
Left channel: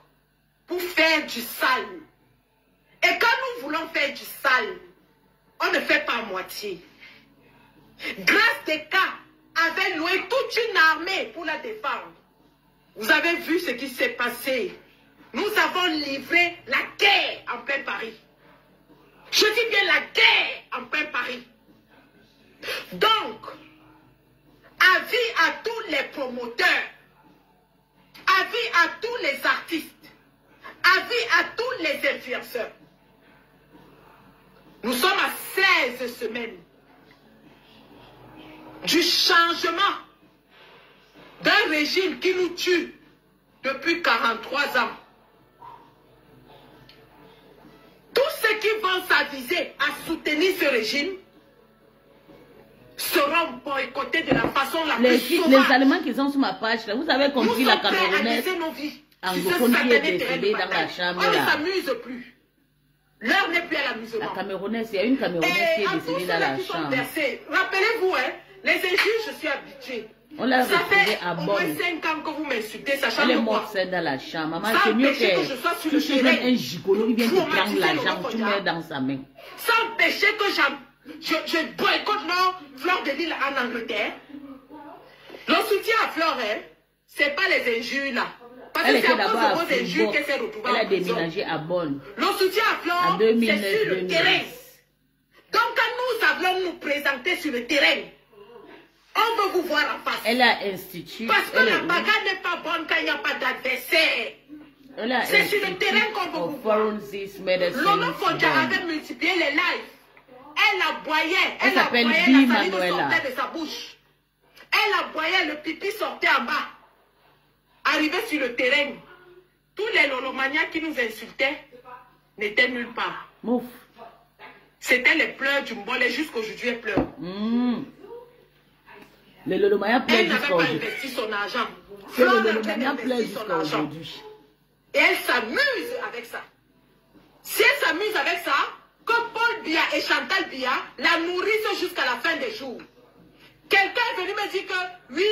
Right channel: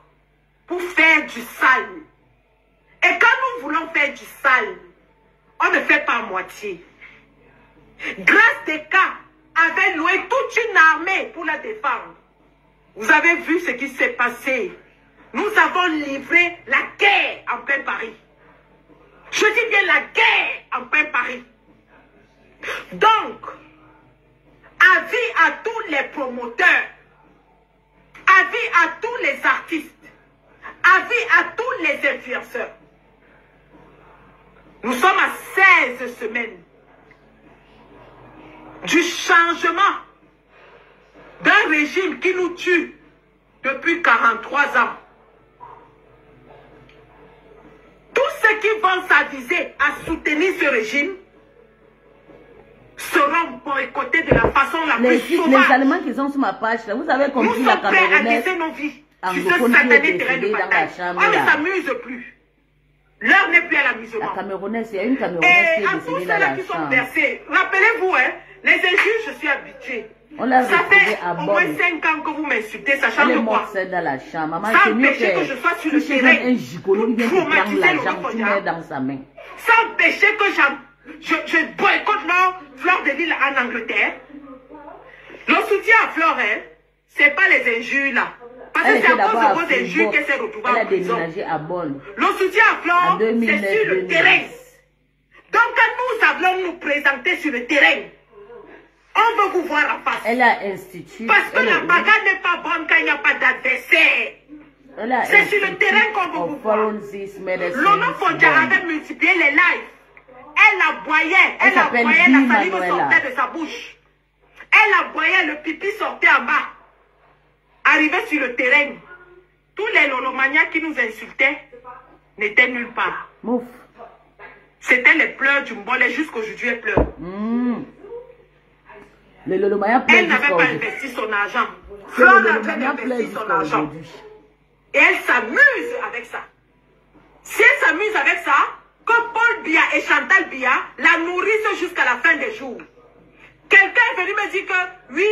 pour faire du sale. Et quand nous voulons faire du sale, on ne fait pas à moitié. Grâce des cas avait loué toute une armée pour la défendre. Vous avez vu ce qui s'est passé. Nous avons livré la guerre en plein Paris. Je dis bien la guerre en plein Paris. Donc, avis à tous les promoteurs, avis à tous les artistes, avis à tous les influenceurs. Nous sommes à 16 semaines du changement d'un régime qui nous tue depuis 43 ans. Tous ceux qui vont s'aviser à soutenir ce régime seront boycottés de la façon la plus sauvage. Les Allemands qui sont sur ma page, là, vous avez compris la Camerounaise. Nous sommes prêts à laisser nos vies sur ce satané terrain de bataille. On ne s'amuse plus. L'heure n'est plus à l'amusement. La Camerounaise, il y a une Camerounaise qui est décédée dans la qui sont chambre. versés, rappelez-vous, hein, les injures, je suis habituée. Ça fait au moins 5 ans que vous m'insultez, sachant elle est que morte quoi. dans la chambre. Maman, Sans c'est mieux empêcher que je sois sur le terrain. Un gigolo, il vient te prendre traumatiser le l'argent, tu mets dans sa main. Sans empêcher que je boycotte Fleur de Lille en Angleterre. Le soutien à Fleur, hein, c'est pas les injures là. Parce que c'est à cause de vos injures qu'elle s'est retrouvée en prison. Elle a déménagé à Bonn. Le soutien à Fleur, c'est sur le terrain. Donc quand nous allons nous présenter sur le terrain, on veut vous voir en face. Elle a institué. Parce que la bagarre n'est pas bonne quand il n'y a pas d'adversaire. C'est sur le terrain qu'on veut vous voir. Lono Fondja avait multiplié les lives. Elle aboyait. Elle aboyait, la salive sortait de sa bouche. Elle aboyait, le pipi sortait en bas. Arrivé sur le terrain, tous les lolomaniacs qui nous insultaient n'étaient nulle part. C'était les pleurs du Mbolé jusqu'aujourd'hui, elle pleure. Elle n'avait pas investi son argent. Fleur n'a pas investi son argent. Et elle s'amuse avec ça. Si elle s'amuse avec ça, que Paul Biya et Chantal Biya la nourrissent jusqu'à la fin des jours. Quelqu'un est venu me dire que oui,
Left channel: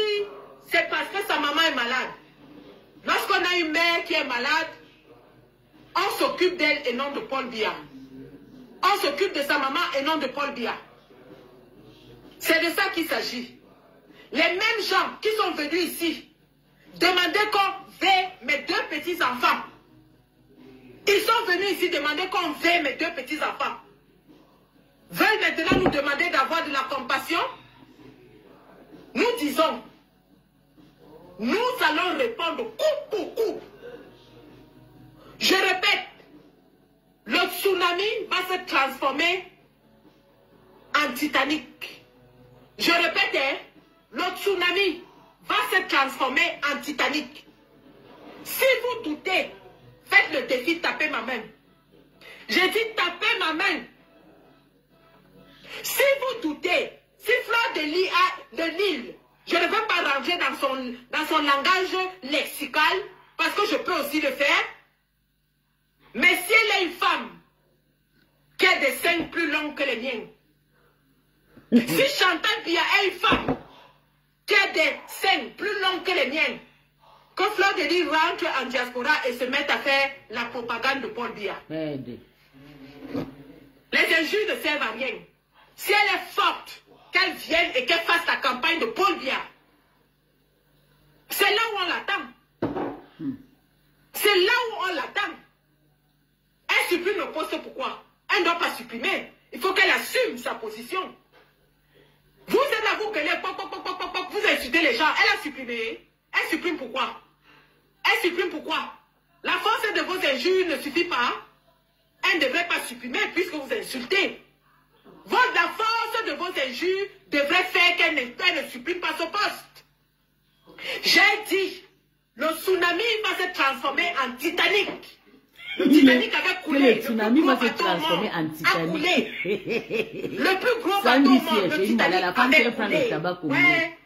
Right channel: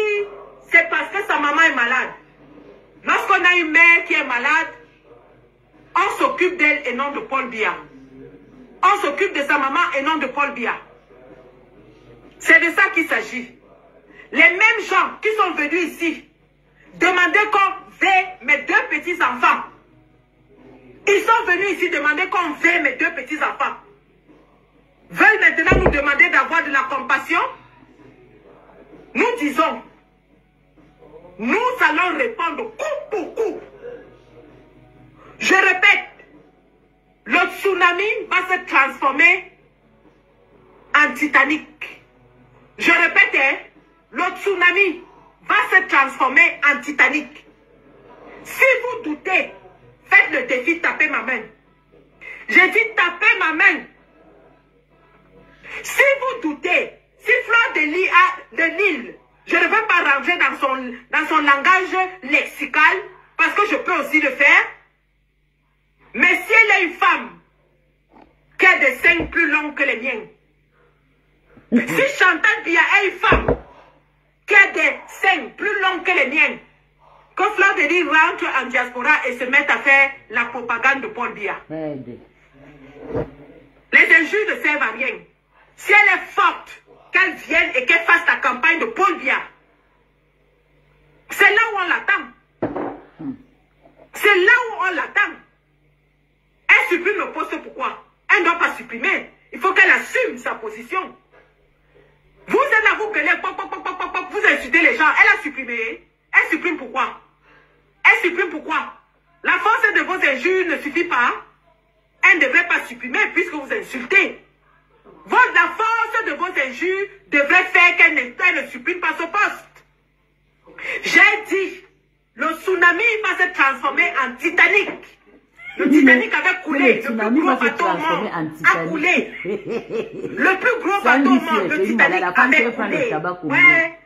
c'est parce que sa maman est malade. Lorsqu'on a une mère qui est malade, on s'occupe d'elle et non de Paul Biya. On s'occupe de sa maman et non de Paul Biya. C'est de ça qu'il s'agit. Les mêmes gens qui sont venus ici demander qu'on veille mes 2 petits-enfants. Ils sont venus ici demander qu'on veille mes 2 petits-enfants. Veulent maintenant nous demander d'avoir de la compassion. Nous disons, nous allons répondre coup pour coup. Je répète, le tsunami va se transformer en Titanic. Je répète, hein, le tsunami va se transformer en Titanic. Si vous doutez, faites le défi, tapez ma main. J'ai dit tapez ma main. Si vous doutez, si Fleur de Lille, je ne veux pas rentrer dans son langage lexical, parce que je peux aussi le faire. Mais si elle est une femme qui a des seins plus longs que les miens, si Chantal Biya est une femme qui a des seins plus longs que les miens, que Fleur de Lille rentre en diaspora et se mette à faire la propagande de Paul Biya. Les injures ne servent à rien. Si elle est forte, qu'elle vienne et qu'elle fasse la campagne de Paul Biya. C'est là où on l'attend. C'est là où on l'attend. Elle supprime le poste, pourquoi? Elle ne doit pas supprimer. Il faut qu'elle assume sa position. Vous êtes là, vous gueulez, vous insultez les gens. Elle a supprimé. Elle supprime pourquoi? Elle supprime pourquoi? La force de vos injures ne suffit pas. Elle ne devrait pas supprimer puisque vous insultez. La force de vos injures devrait faire qu'elle ne supprime pas ce poste. J'ai dit, le tsunami va se transformer en Titanic. Le Titanic avait coulé. Le plus gros bateau au monde a coulé. Le plus gros bateau au monde, le Titanic avait coulé. Ouais.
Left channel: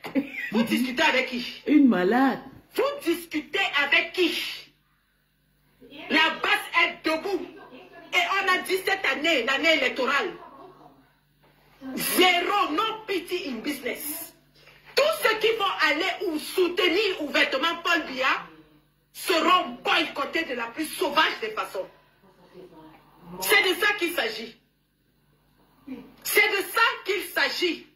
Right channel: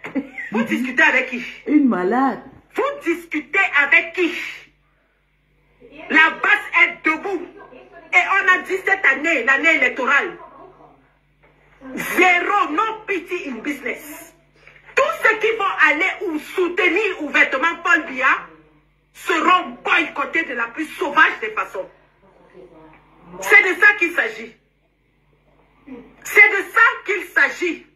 Vous discutez avec qui? Une malade. Vous discutez avec qui? La base est debout. Et on a dit cette année, l'année électorale, zéro, no pity in business. Tous ceux qui vont aller ou soutenir ouvertement Paul Biya seront boycottés de la plus sauvage des façons. C'est de ça qu'il s'agit. C'est de ça qu'il s'agit.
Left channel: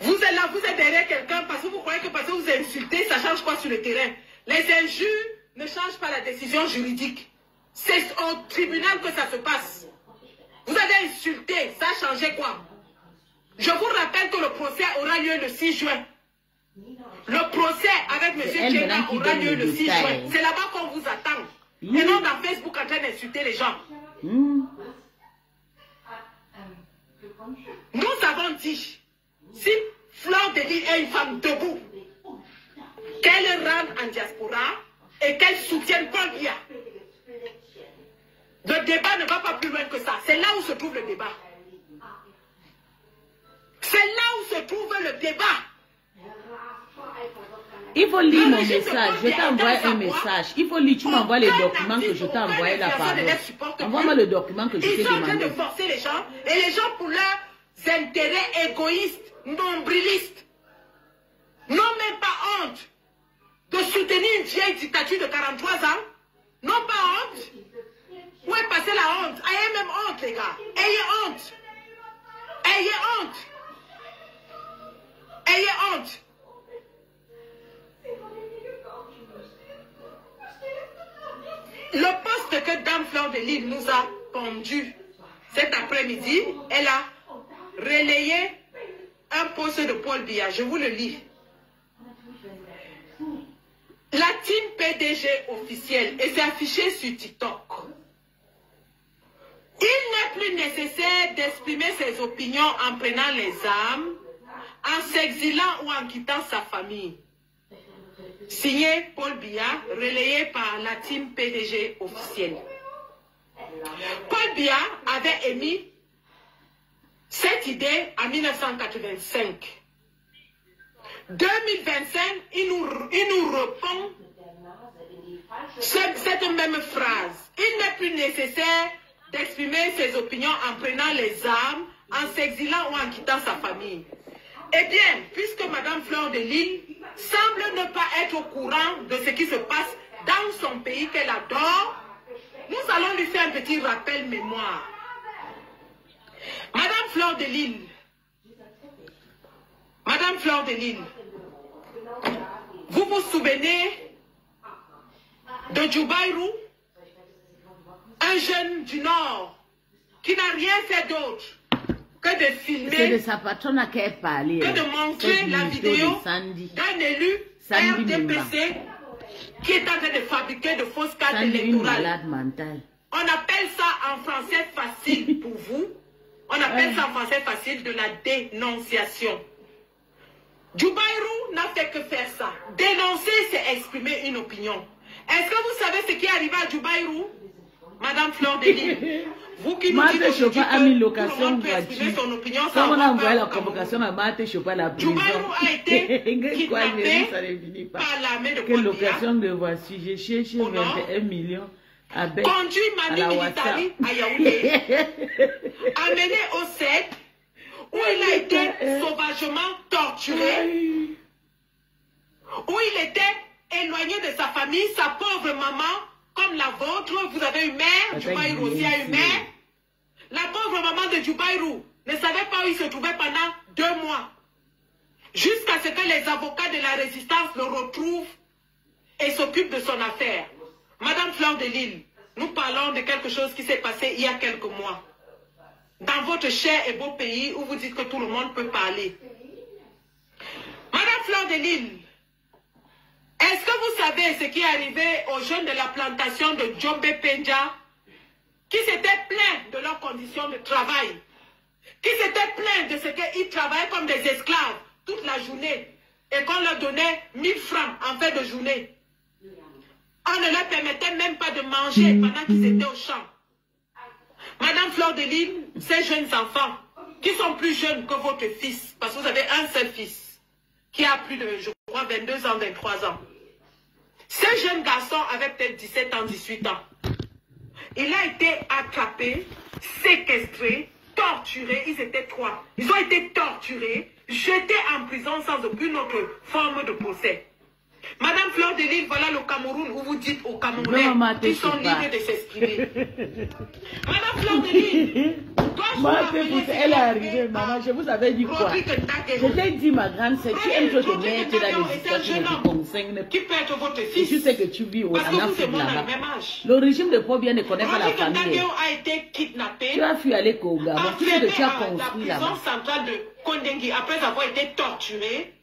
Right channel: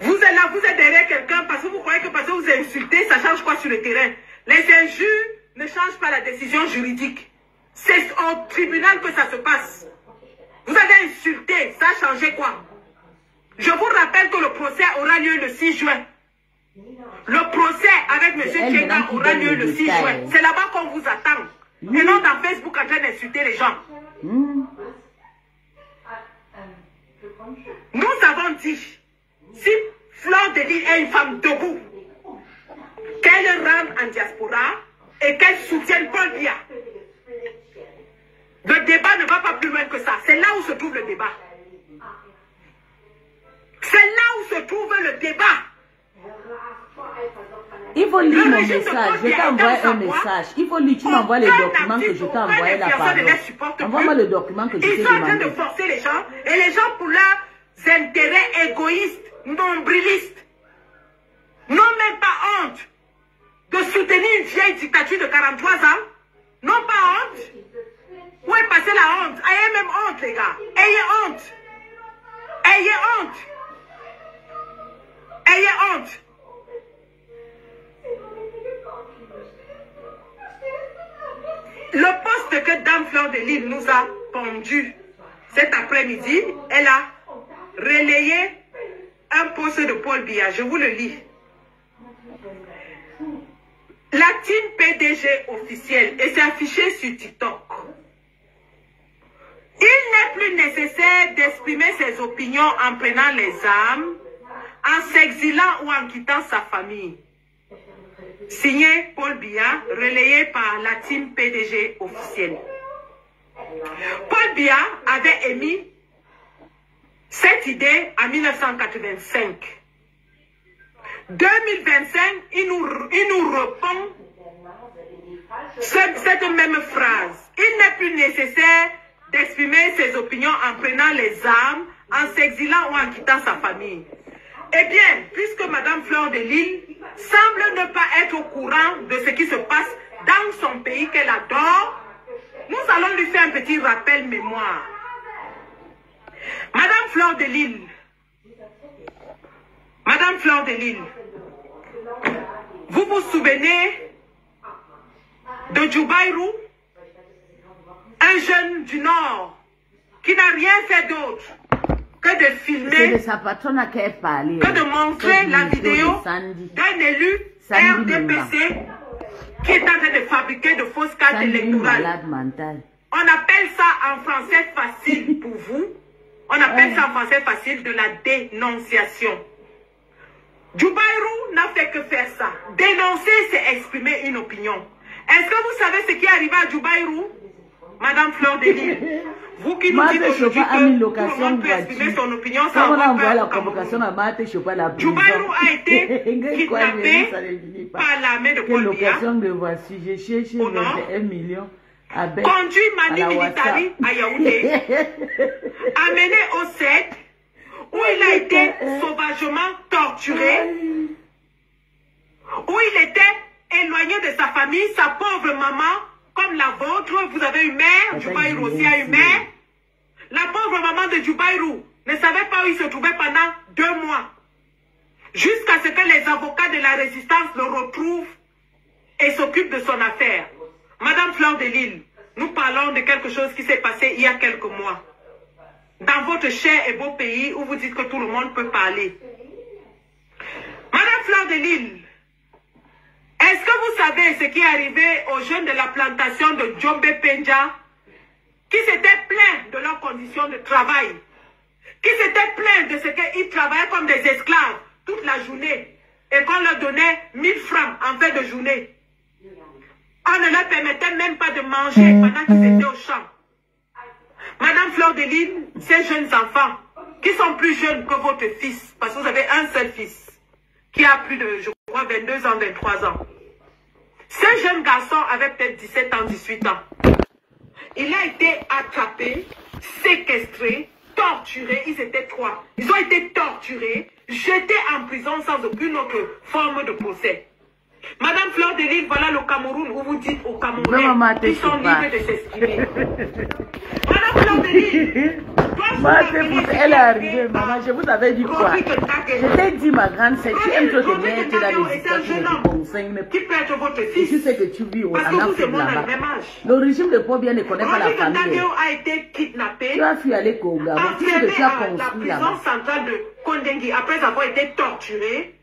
Vous êtes là, vous êtes derrière quelqu'un parce que vous croyez que parce que vous insultez, ça change quoi sur le terrain? Les injures ne changent pas la décision juridique. C'est au tribunal que ça se passe. Vous avez insulté, ça a changé quoi? Je vous rappelle que le procès aura lieu le 6 juin. Le procès avec M. Tchenga aura lieu le 6 juin. C'est là-bas qu'on vous attend. Et non dans Facebook en train d'insulter les gens. Nous avons dit, si Fleur de Lys est une femme debout, qu'elle rentre en diaspora et qu'elle soutienne Paul Biya. Le débat ne va pas plus loin que ça. C'est là où se trouve le débat. C'est là où se trouve le débat. Il faut lire mon message. Je t'ai envoyé un message. Il faut lire. Tu m'envoies les documents que je t'ai envoyé là par envoie-moi le document que je t'ai demandé. Ils sont en train de forcer les gens. Et les gens, pour leurs intérêts égoïstes, nombrilistes, n'ont même pas honte de soutenir une vieille dictature de 43 ans. N'ont pas honte. Où est passée la honte? Ayez même honte, les gars. Ayez honte. Ayez honte. Ayez honte. Le poste que Dame Fleur de Lys nous a pondu cet après-midi, elle a relayé un poste de Paul Biya. Je vous le lis. La team PDG officielle, et c'est affiché sur TikTok. Il n'est plus nécessaire d'exprimer ses opinions en prenant les armes, en s'exilant ou en quittant sa famille. Signé Paul Biya, relayé par la team PDG officielle. Paul Biya avait émis cette idée en 1985. 2025, il nous répond cette même phrase. Il n'est plus nécessaire d'exprimer ses opinions en prenant les armes, en s'exilant ou en quittant sa famille. Eh bien, puisque Madame Fleur de Lys semble ne pas être au courant de ce qui se passe dans son pays qu'elle adore, nous allons lui faire un petit rappel mémoire. Madame Fleur de Lys, Madame Fleur de Lys, vous vous souvenez de Djoubaïrou, un jeune du Nord qui n'a rien fait d'autre que de filmer, c'est de sa patronne à qui elle parlait, que de montrer la vidéo d'un élu RDPC qui est en train de fabriquer de fausses cartes électorales. On appelle ça en français facile pour vous. On appelle ça en français facile de la dénonciation. Djoubaïrou n'a fait que faire ça. Dénoncer, c'est exprimer une opinion. Est-ce que vous savez ce qui est arrivé à Djoubaïrou, Madame Fleur de Lys? Vous qui nous dites aujourd'hui que tout le monde peut exprimer son opinion sans avoir peur au Cameroun. Djoubaïrou a été kidnappé par l'armée de Paul Biya au nord, conduit Mani Militari à Yaoundé, amené au CED, où il a été sauvagement torturé, où il était éloigné de sa famille, sa pauvre maman, comme la vôtre. Vous avez une mère, Djoubaïrou aussi a une mère. La pauvre maman de Djoubaïrou ne savait pas où il se trouvait pendant 2 mois. Jusqu'à ce que les avocats de la résistance le retrouvent et s'occupent de son affaire. Madame Fleur de Lys, nous parlons de quelque chose qui s'est passé il y a quelques mois. Dans votre cher et beau pays où vous dites que tout le monde peut parler. Madame Fleur de Lys, est-ce que vous savez ce qui est arrivé aux jeunes de la plantation de Djombe Penja, qui s'étaient plaints de leurs conditions de travail, qui s'étaient plaints de ce qu'ils travaillaient comme des esclaves toute la journée et qu'on leur donnait 1000 francs en fin de journée. On ne leur permettait même pas de manger pendant qu'ils étaient au champ. Madame Fleur de Lys, ces jeunes enfants, qui sont plus jeunes que votre fils, parce que vous avez un seul fils, qui a plus de, je crois, 22 ans, 23 ans. Ce jeune garçon avait peut-être 17 ans, 18 ans. Il a été attrapé, séquestré, torturé. Ils étaient 3. Ils ont été torturés, jetés en prison sans aucune autre forme de procès. Madame Fleur de Lille, voilà le Cameroun où vous dites aux Camerounais qu'ils sont libres de s'exprimer. Madame Fleur de Lille, elle est arrivée, maman, je vous avais dit quoi? Je t'ai dit, ma grande sœur, tu aimes trop te mettre dans les histoires qui ne te concernent. Qui peut être votre Et fils? tu sais que tu vis en Afrique là-bas. Le Le régime de Paul bien ne connaît pas la famille. a été kidnappé. Tu as fui aller au Gabon. Tu sais que tu as à la construit prison là-bas. centrale de Kondengui après avoir été torturé.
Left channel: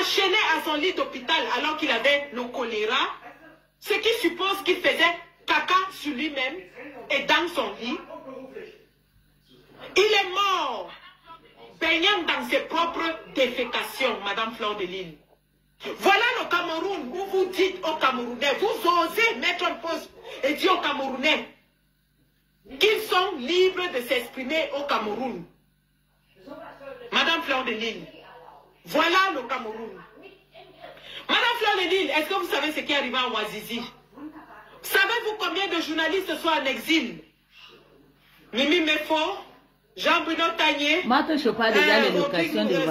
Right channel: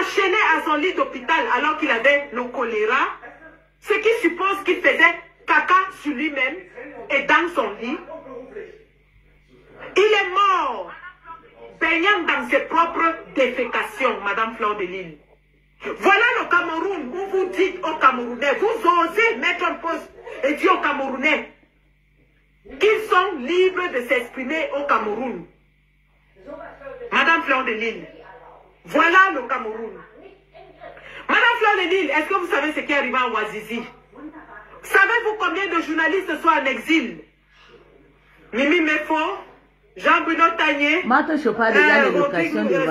Enchaîné à son lit d'hôpital alors qu'il avait le choléra, ce qui suppose qu'il faisait caca sur lui-même et dans son lit. Il est mort, baignant dans ses propres défécations, Madame Fleur de Lille. Voilà le Cameroun où vous dites aux Camerounais, vous osez mettre en pause et dire aux Camerounais qu'ils sont libres de s'exprimer au Cameroun. Madame Fleur de Lille. Voilà le Cameroun. Madame Fleur de Lille, est-ce que vous savez ce qui est arrivé à Ouazizi? Savez-vous combien de journalistes sont en exil? Mimi Mefo, Jean-Bruno Tagné,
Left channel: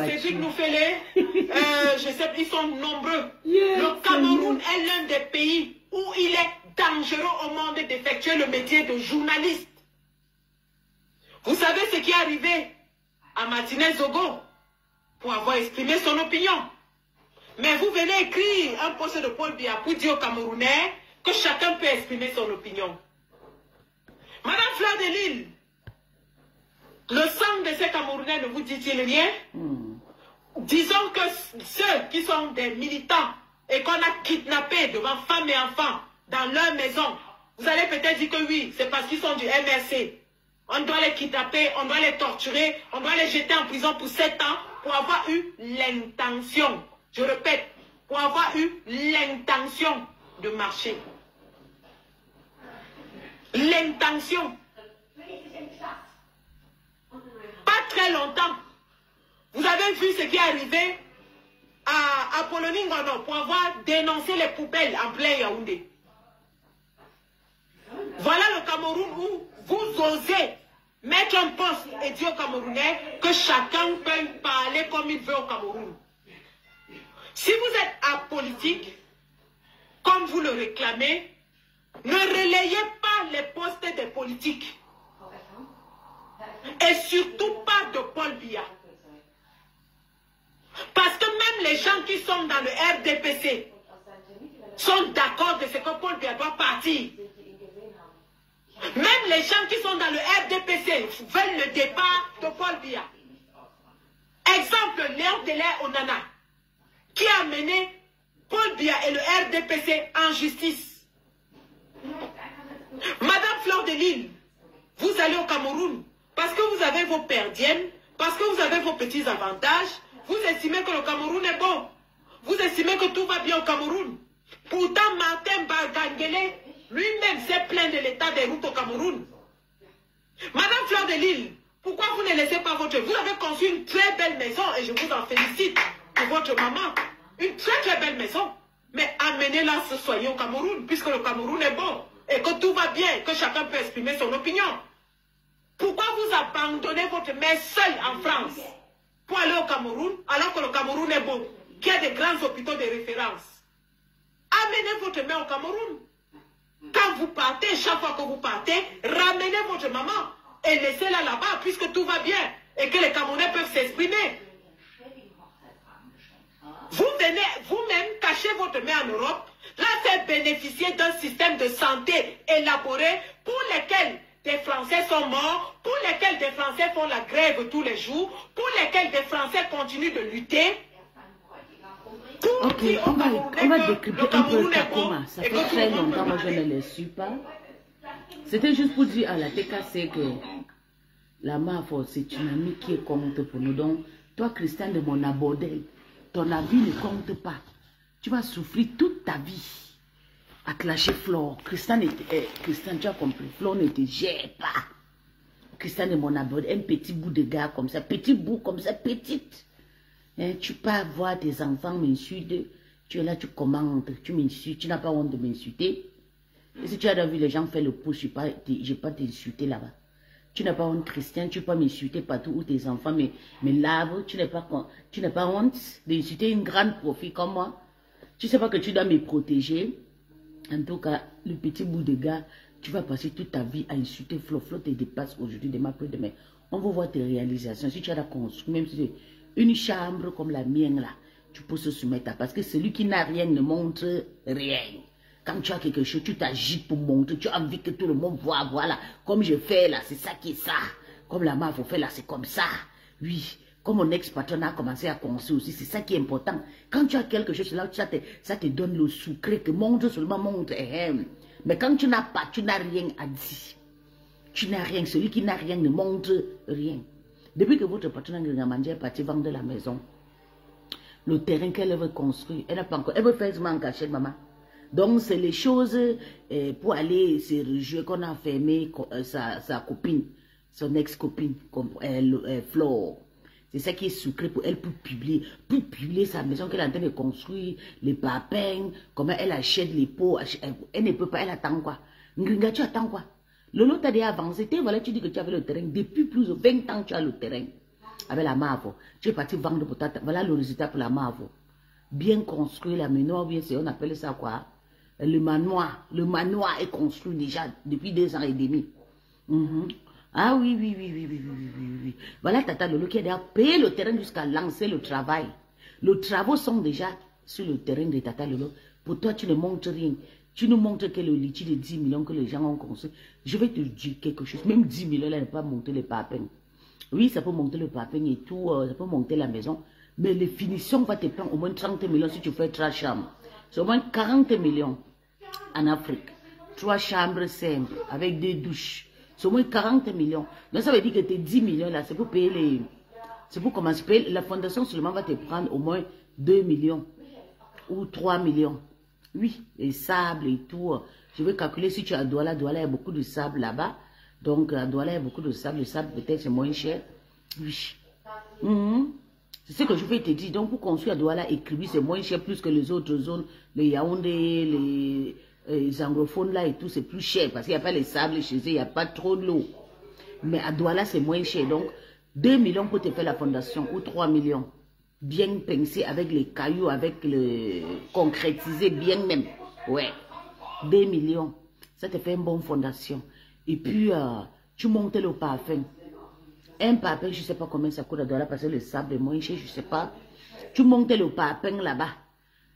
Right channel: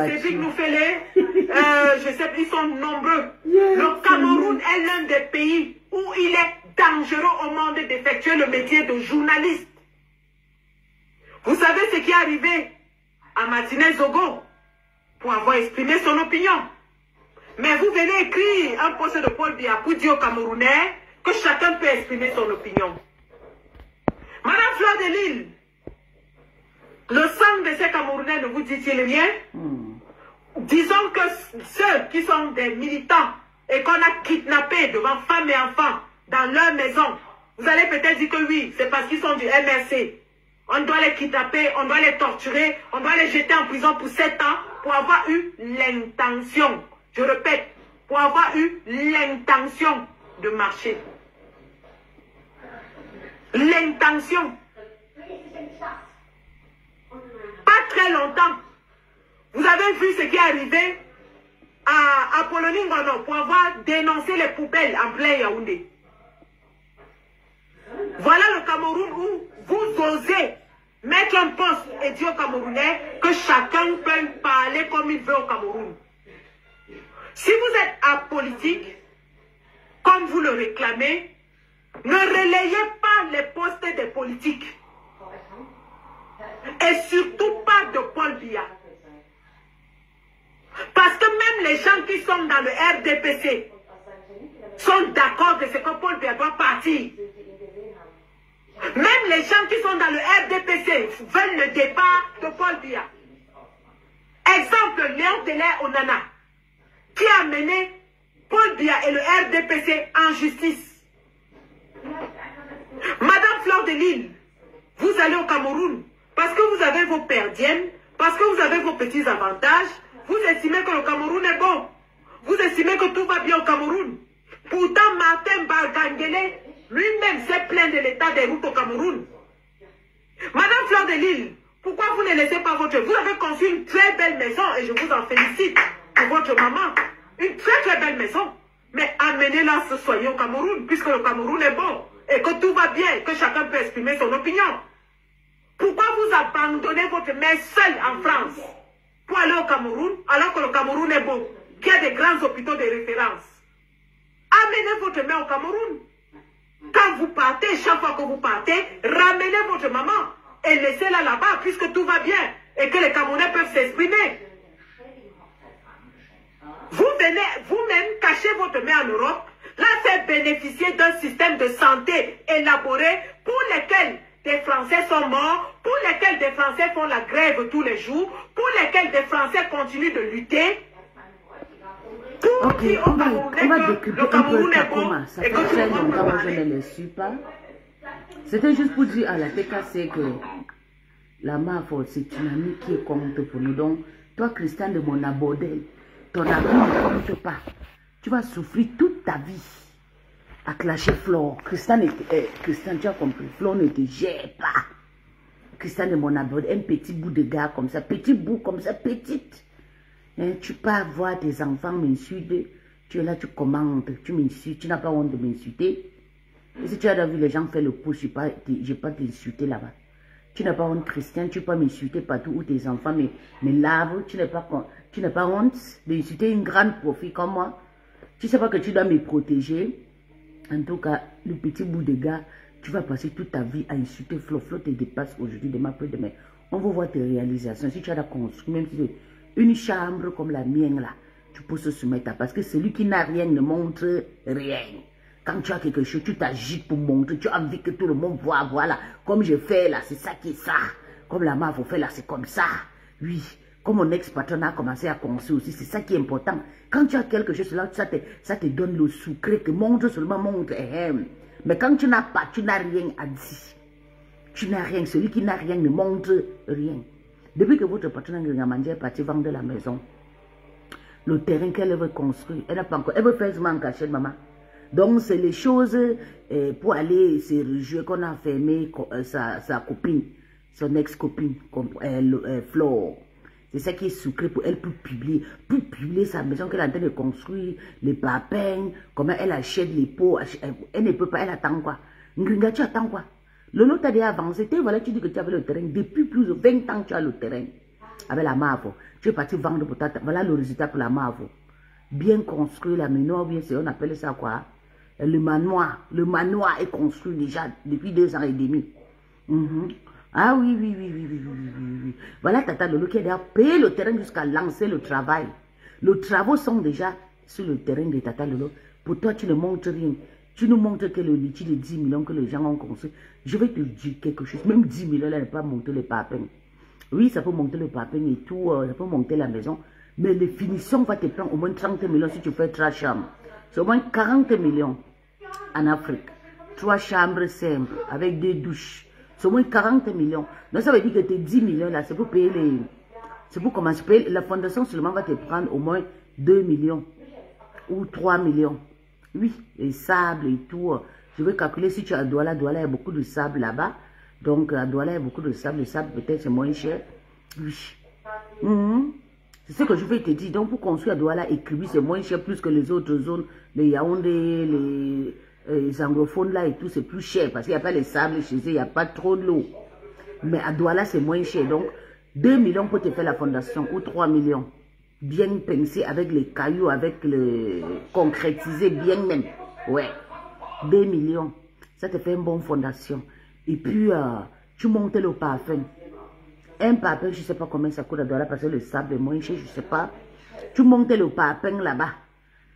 Cédric Noufélé, je sais, ils sont nombreux. Le Cameroun est l'un des pays où il est dangereux au monde d'effectuer le métier de journaliste. Vous savez ce qui est arrivé à Martinez Zogo pour avoir exprimé son opinion. Mais vous venez écrire un poste de Paul Biya pour dire aux Camerounais que chacun peut exprimer son opinion. Madame Fleur de Lille, le sang de ces Camerounais ne vous dit-il rien? Disons que ceux qui sont des militants et qu'on a kidnappés devant femmes et enfants dans leur maison, vous allez peut-être dire que oui, c'est parce qu'ils sont du MRC. On doit les kidnapper, on doit les torturer, on doit les jeter en prison pour 7 ans pour avoir eu l'intention, je répète, pour avoir eu l'intention de marcher. L'intention. Pas très longtemps. Vous avez vu ce qui est arrivé à Apollonie Ngono pour avoir dénoncé les poubelles en plein Yaoundé. Voilà le Cameroun où vous osez mettre un poste et dire aux Camerounais que chacun peut parler comme il veut au Cameroun. Si vous êtes apolitique, comme vous le réclamez, ne relayez pas les postes des politiques. Et surtout pas de Paul Biya. Parce que même les gens qui sont dans le RDPC sont d'accord de ce que Paul Biya doit partir. Même les gens qui sont dans le RDPC veulent le départ de Paul Biya. Exemple, Léon Delair Onana, qui a mené Paul Biya et le RDPC en justice. Madame Fleur de Lille, vous allez au Cameroun parce que vous avez vos perdiennes, parce que vous avez vos petits avantages, vous estimez que le Cameroun est bon. Vous estimez que tout va bien au Cameroun. Pourtant, Martin Bargangele, lui-même s'est plaint de l'état des routes au Cameroun. Madame Fleur de Lille, pourquoi vous ne laissez pas votre... Vous avez conçu une très belle maison et je vous en félicite pour votre maman. Une très très belle maison. Mais amenez-la ce soyer au Cameroun, puisque le Cameroun est bon et que tout va bien, que chacun peut exprimer son opinion. Pourquoi vous abandonnez votre mère seule en France pour aller au Cameroun, alors que le Cameroun est bon, qu'il y a des grands hôpitaux de référence? Amenez votre mère au Cameroun. Quand vous partez, chaque fois que vous partez, ramenez votre maman et laissez-la là-bas, puisque tout va bien et que les Camerounais peuvent s'exprimer. Vous venez vous-même cacher votre mère en Europe, la faire bénéficier d'un système de santé élaboré pour lequel des Français sont morts, pour lesquels des Français font la grève tous les jours, pour lesquels des Français continuent de lutter. Pour dire au Camerounais que le Cameroun est bon. Ça fait très longtemps que je ne le suis pas. C'était juste pour dire à la TKC que la MAFO, c'est une amie qui compte pour nous. Donc, toi, Christian de mon abordé, ton ami ne compte pas. Tu vas souffrir toute ta vie à clasher Flore. Christian, tu as compris, Flore ne te gère pas. Christian de mon abordé, un petit bout de gars comme ça, petit bout comme ça, petite. Hein, tu pars voir tes enfants m'insulter. Tu es là, tu commandes, tu m'insultes. Tu n'as pas honte de m'insulter. Et si tu as vu les gens faire le pouce, je n'ai pas t'insulter là-bas. Tu n'as pas honte, Christian, tu ne peux pas m'insulter partout où tes enfants me lavent. Tu n'as pas honte d'insulter une grande profil comme moi. Tu ne sais pas que tu dois me protéger. En tout cas, le petit bout de gars, tu vas passer toute ta vie à insulter Flo. Flo te dépasse aujourd'hui, demain, après-demain. On va voir tes réalisations. Si tu as la construit, même si c'est une chambre comme la mienne là, tu peux se soumettre à. Parce que celui qui n'a rien ne montre rien. Quand tu as quelque chose, tu t'agites pour montrer. Tu as envie que tout le monde voit, voilà. Comme je fais là, c'est ça qui est ça. Comme la mère fait là, c'est comme ça. Oui. Comme mon ex-patron a commencé à construire aussi, c'est ça qui est important. Quand tu as quelque chose là, ça te donne le sucré, te montre seulement, montre. Mais quand tu n'as pas, tu n'as rien à dire. Tu n'as rien. Celui qui n'a rien ne montre rien. Depuis que votre patron est parti vendre la maison, le terrain qu'elle veut construire, elle n'a pas encore. Elle veut faire en cachette, maman. Donc, c'est les choses pour aller se réjouir qu'on a fermé sa copine, son ex-copine, Flore. C'est ça qui est sucré pour elle pour publier sa maison qu'elle est en train de construire, les papins, comment elle achète les pots. Elle ne peut pas, elle attend quoi? Ngringa, tu attends quoi? Le lot t'a déjà avancé. Voilà, tu dis que tu avais le terrain. Depuis plus de 20 ans, tu as le terrain. Avec la Mavo. Tu es parti vendre pour ta. Voilà le résultat pour la Mavo. Bien construit la maison, bien sûr, on appelle ça quoi? Le manoir. Le manoir est construit déjà depuis 2 ans et demi. Ah oui. Voilà Tata Lolo qui a déjà payé le terrain jusqu'à lancer le travail. Les travaux sont déjà sur le terrain de Tata Lolo. Pour toi, tu ne montres rien. Tu nous montres que le litige de 10 millions que les gens ont construit. Je vais te dire quelque chose. Même 10 millions, là, ne peut pas monter les papins. Oui, ça peut monter le papin et tout. Ça peut monter la maison. Mais les finitions vont te prendre au moins 30 millions si tu fais 3 chambres. C'est au moins 40 millions en Afrique. 3 chambres simples avec 2 douches. C'est au moins 40 millions. Donc ça veut dire que tes 10 millions là, c'est pour payer les... C'est pour commencer à payer. La fondation seulement va te prendre au moins 2 millions ou 3 millions. Oui, les sables et tout. Je vais calculer si tu as à Douala. Douala, il y a beaucoup de sable là-bas. Donc à Douala, il y a beaucoup de sable. Le sable peut-être c'est moins cher. Oui. C'est ce que je vais te dire. Donc pour construire à Douala et Kribi, c'est moins cher plus que les autres zones. Les Yaoundé, les anglophones là et tout, c'est plus cher. Parce qu'il n'y a pas les sables chez eux, il n'y a pas trop de l'eau. Mais à Douala, c'est moins cher. Donc 2 millions pour te faire la fondation ou 3 millions. Bien pensé avec les cailloux, avec le concrétisé bien même. Ouais. 2 millions. Ça te fait une bonne fondation. Et puis, tu montes le parfum. Un parfum, je ne sais pas combien ça coûte à Douala parce que le sable est moins cher, je ne sais pas. Tu montes le parfum là-bas.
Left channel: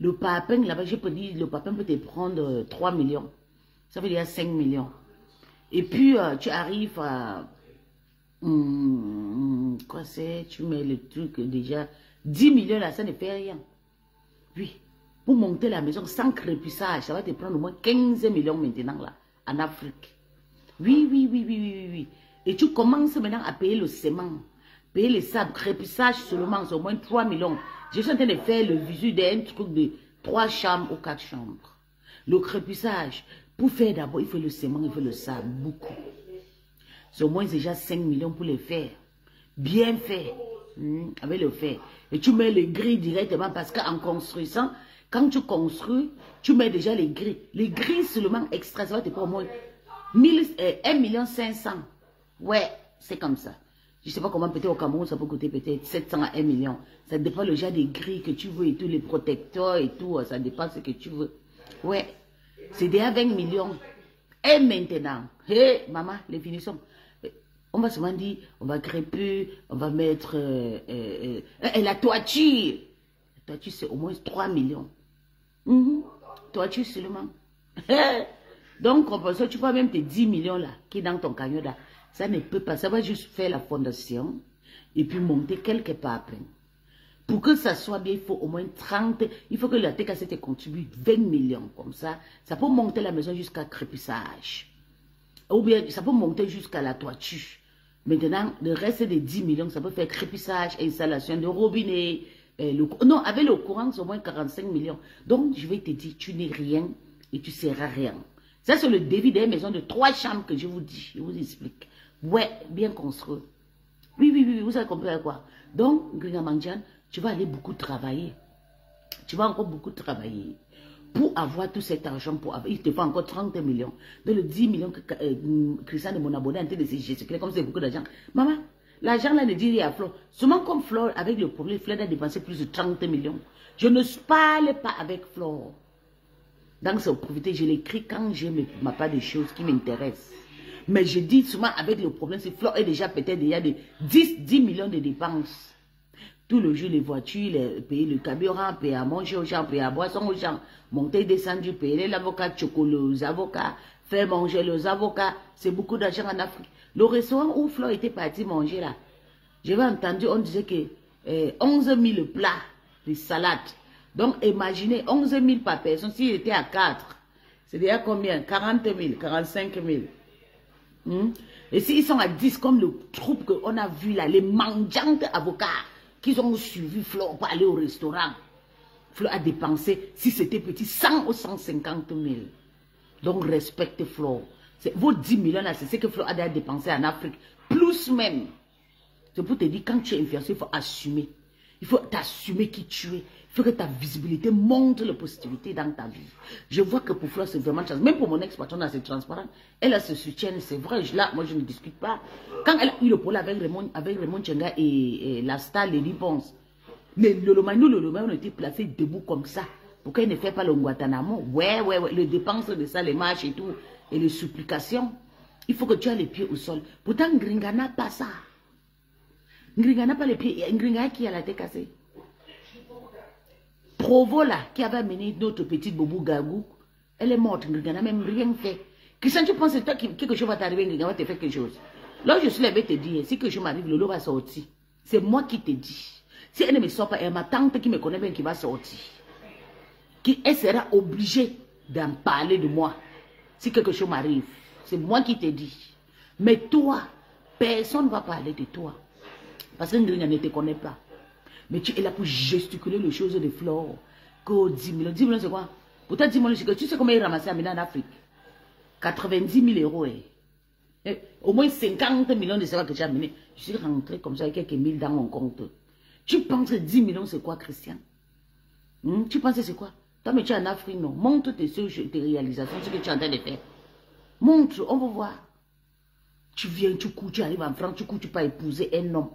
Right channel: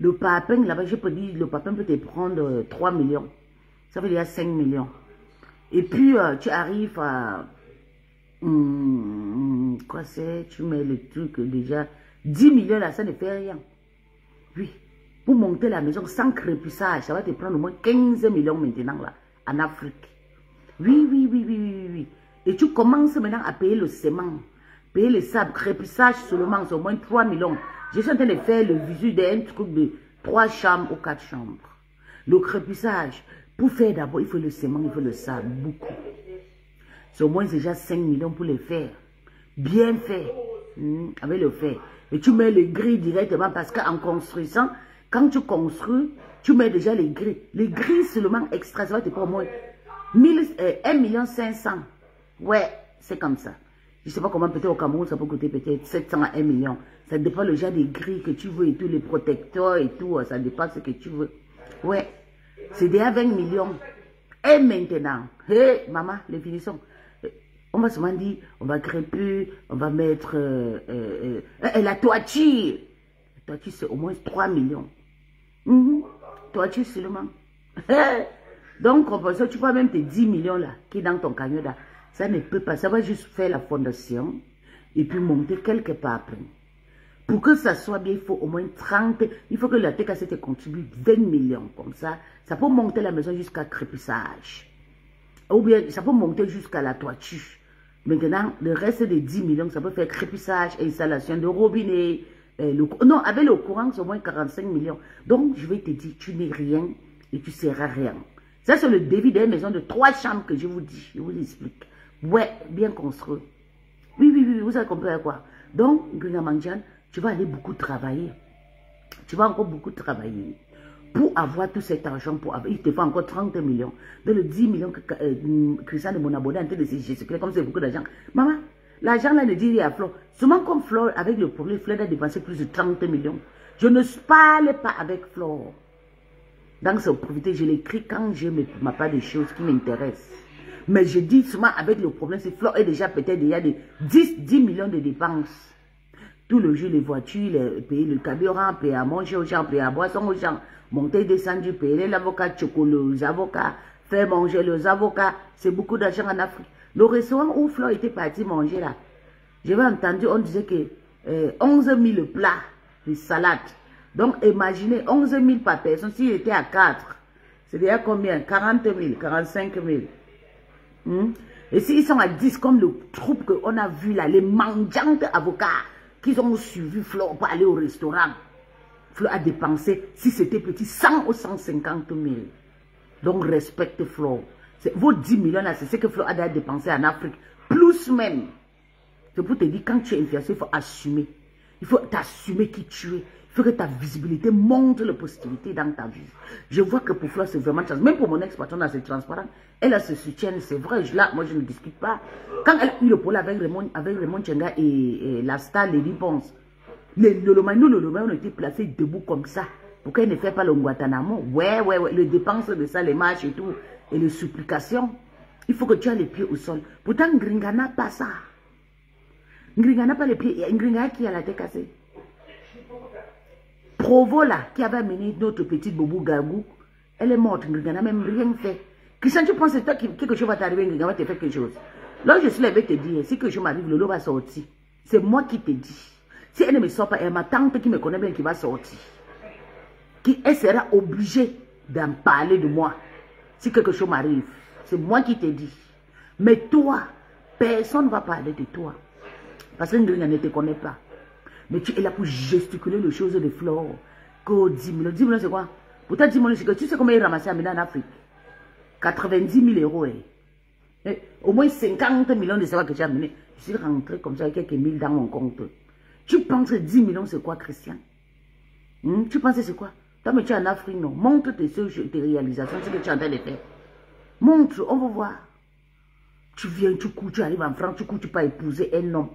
Le parfum là-bas, je peux dire, le parfum peut te prendre 3 millions. Ça veut dire 5 millions. Et puis, tu arrives à... quoi c'est? Tu mets le truc déjà... 10 millions là, ça ne fait rien. Oui. Pour monter la maison sans crépissage, ça va te prendre au moins 15 millions maintenant là, en Afrique. Oui. Et tu commences maintenant à payer le ciment, payer les sables, crépissage seulement, c'est au moins 3 millions. Je suis en train de faire le visu d'un truc de 3 chambres ou 4 chambres. Le crépissage, pour faire d'abord, il faut le ciment, il faut le sable, beaucoup. C'est au moins déjà 5 millions pour les faire. Bien fait. Avec le fer. Et tu mets les grilles directement parce qu'en construisant, quand tu construis, tu mets déjà les grilles. Les grilles seulement extra, ça va te prendre au moins 1 500 000. Ouais, c'est comme ça. Je ne sais pas comment peut-être au Cameroun, ça peut coûter peut-être 700 à 1 million. Ça dépend le genre des grilles que tu veux et tout, les protecteurs et tout, ça dépend ce que tu veux. Ouais, c'est déjà 20 millions. Et maintenant, hé, maman, les finitions. On va seulement dire, on va crêper, on va mettre la toiture. La toiture, c'est au moins 3 millions. Toiture seulement. Donc, tu vois même tes 10 millions là, qui est dans ton camion là, ça ne peut pas. Ça va juste faire la fondation et puis monter quelque part après. Pour que ça soit bien, il faut au moins 30, il faut que la TKC te contribue 20 millions comme ça. Ça peut monter la maison jusqu'à crépissage. Ou bien, ça peut monter jusqu'à la toiture. Maintenant, le reste des 10 millions, ça peut faire crépissage, installation de robinet. Non, avec le courant, c'est au moins 45 millions. Donc, je vais te dire, tu n'es rien et tu ne seras rien. Ça, c'est le devis des maisons de 3 chambres que je vous dis. Je vous explique. Ouais, bien construit. Oui, vous avez compris quoi. Donc, Gringamandian, tu vas aller beaucoup travailler. Tu vas encore beaucoup travailler pour avoir tout cet argent. Il te faut encore 30 millions. Dans le 10 millions que Christian de mon abonné en train de se gesticuler, comme c'est beaucoup d'argent. Maman, l'argent là ne dit rien à Flore. Seulement comme Flore, avec le problème, Flore a dépensé plus de 30 millions. Je ne parle pas avec Flore. Donc, c'est profiter, je l'écris quand j'ai ma part de choses qui m'intéressent. Mais je dis souvent avec le problème, c'est Flore est déjà peut-être déjà de 10 millions de dépenses. Tout le jour, les voitures, payer le carburant, payer à manger aux gens, payer à boisson aux gens, monter, descendre, payer l'avocat, chocolat aux avocats, faire manger les avocats. C'est beaucoup d'argent en Afrique. Le restaurant où Flore était parti manger là, j'avais entendu, on disait que 11 000 plats de salade. Donc, imaginez, 11 000 par personne, s'il était à 4, c'est déjà combien? 40 000, 45 000. Et s'ils sont à 10, comme le troupe qu'on a vu là, les mangeantes avocats, qui ont suivi Flore pour aller au restaurant. Flore a dépensé, si c'était petit, 100 ou 150 000. Donc, respecte Flore. Vos 10 millions là, c'est ce que Flore a déjà dépensé en Afrique. Plus même. C'est pour te dire, quand tu es influenceur, il faut assumer. Il faut t'assumer qui tu es. Il faut que ta visibilité montre la positivité dans ta vie. Je vois que pour Flore, c'est vraiment chance. Même pour mon ex-patron, c'est transparent. Elle a ce soutien, c'est vrai. Là, moi, je ne discute pas. Quand elle a eu le problème avec Raymond Chenga et la star Lady Ponce, nous, on était placés debout comme ça. Pour qu'elle ne fait pas le Guantanamo. Ouais. Les dépenses de ça, les marches et tout, et les supplications. Il faut que tu aies les pieds au sol. Pourtant, Ngringa n'a pas ça. Ngringa n'a pas les pieds. Ngringa qui a la tête cassée. Provo là, qui avait amené notre petite Bobo Gagou, elle est morte. Ngringa n'a même rien fait. Christian, tu penses que toi, quelque chose va t'arriver, Ngringa va te faire quelque chose. Là, je suis là, je vais te dire, si quelque chose m'arrive, le lot va sortir. C'est moi qui te dis. Si elle ne me sort pas, elle ma tante qui me connaît bien qui va sortir. Elle sera obligée d'en parler de moi. Si quelque chose m'arrive, c'est moi qui te dis. Mais toi, personne ne va parler de toi. Parce que Ngringa ne te connaît pas. Mais tu es là pour gesticuler les choses de Flore. Que 10 millions. 10 millions, c'est quoi? Pourtant, 10 millions, c'est que tu sais combien il ramassait à en Afrique? 90 000 euros. Et au moins 50 millions de savoir que j'ai amené. Je suis rentré comme ça avec quelques mille dans mon compte. Tu penses que 10 millions, c'est quoi, Christian? Tu penses que c'est quoi? Toi, mais tu es en Afrique, non? Montre tes réalisations, ce que tu es en train de faire. Montre, on va voir. Tu viens, tu cours, tu arrives en France, tu cours, tu peux épouser un homme.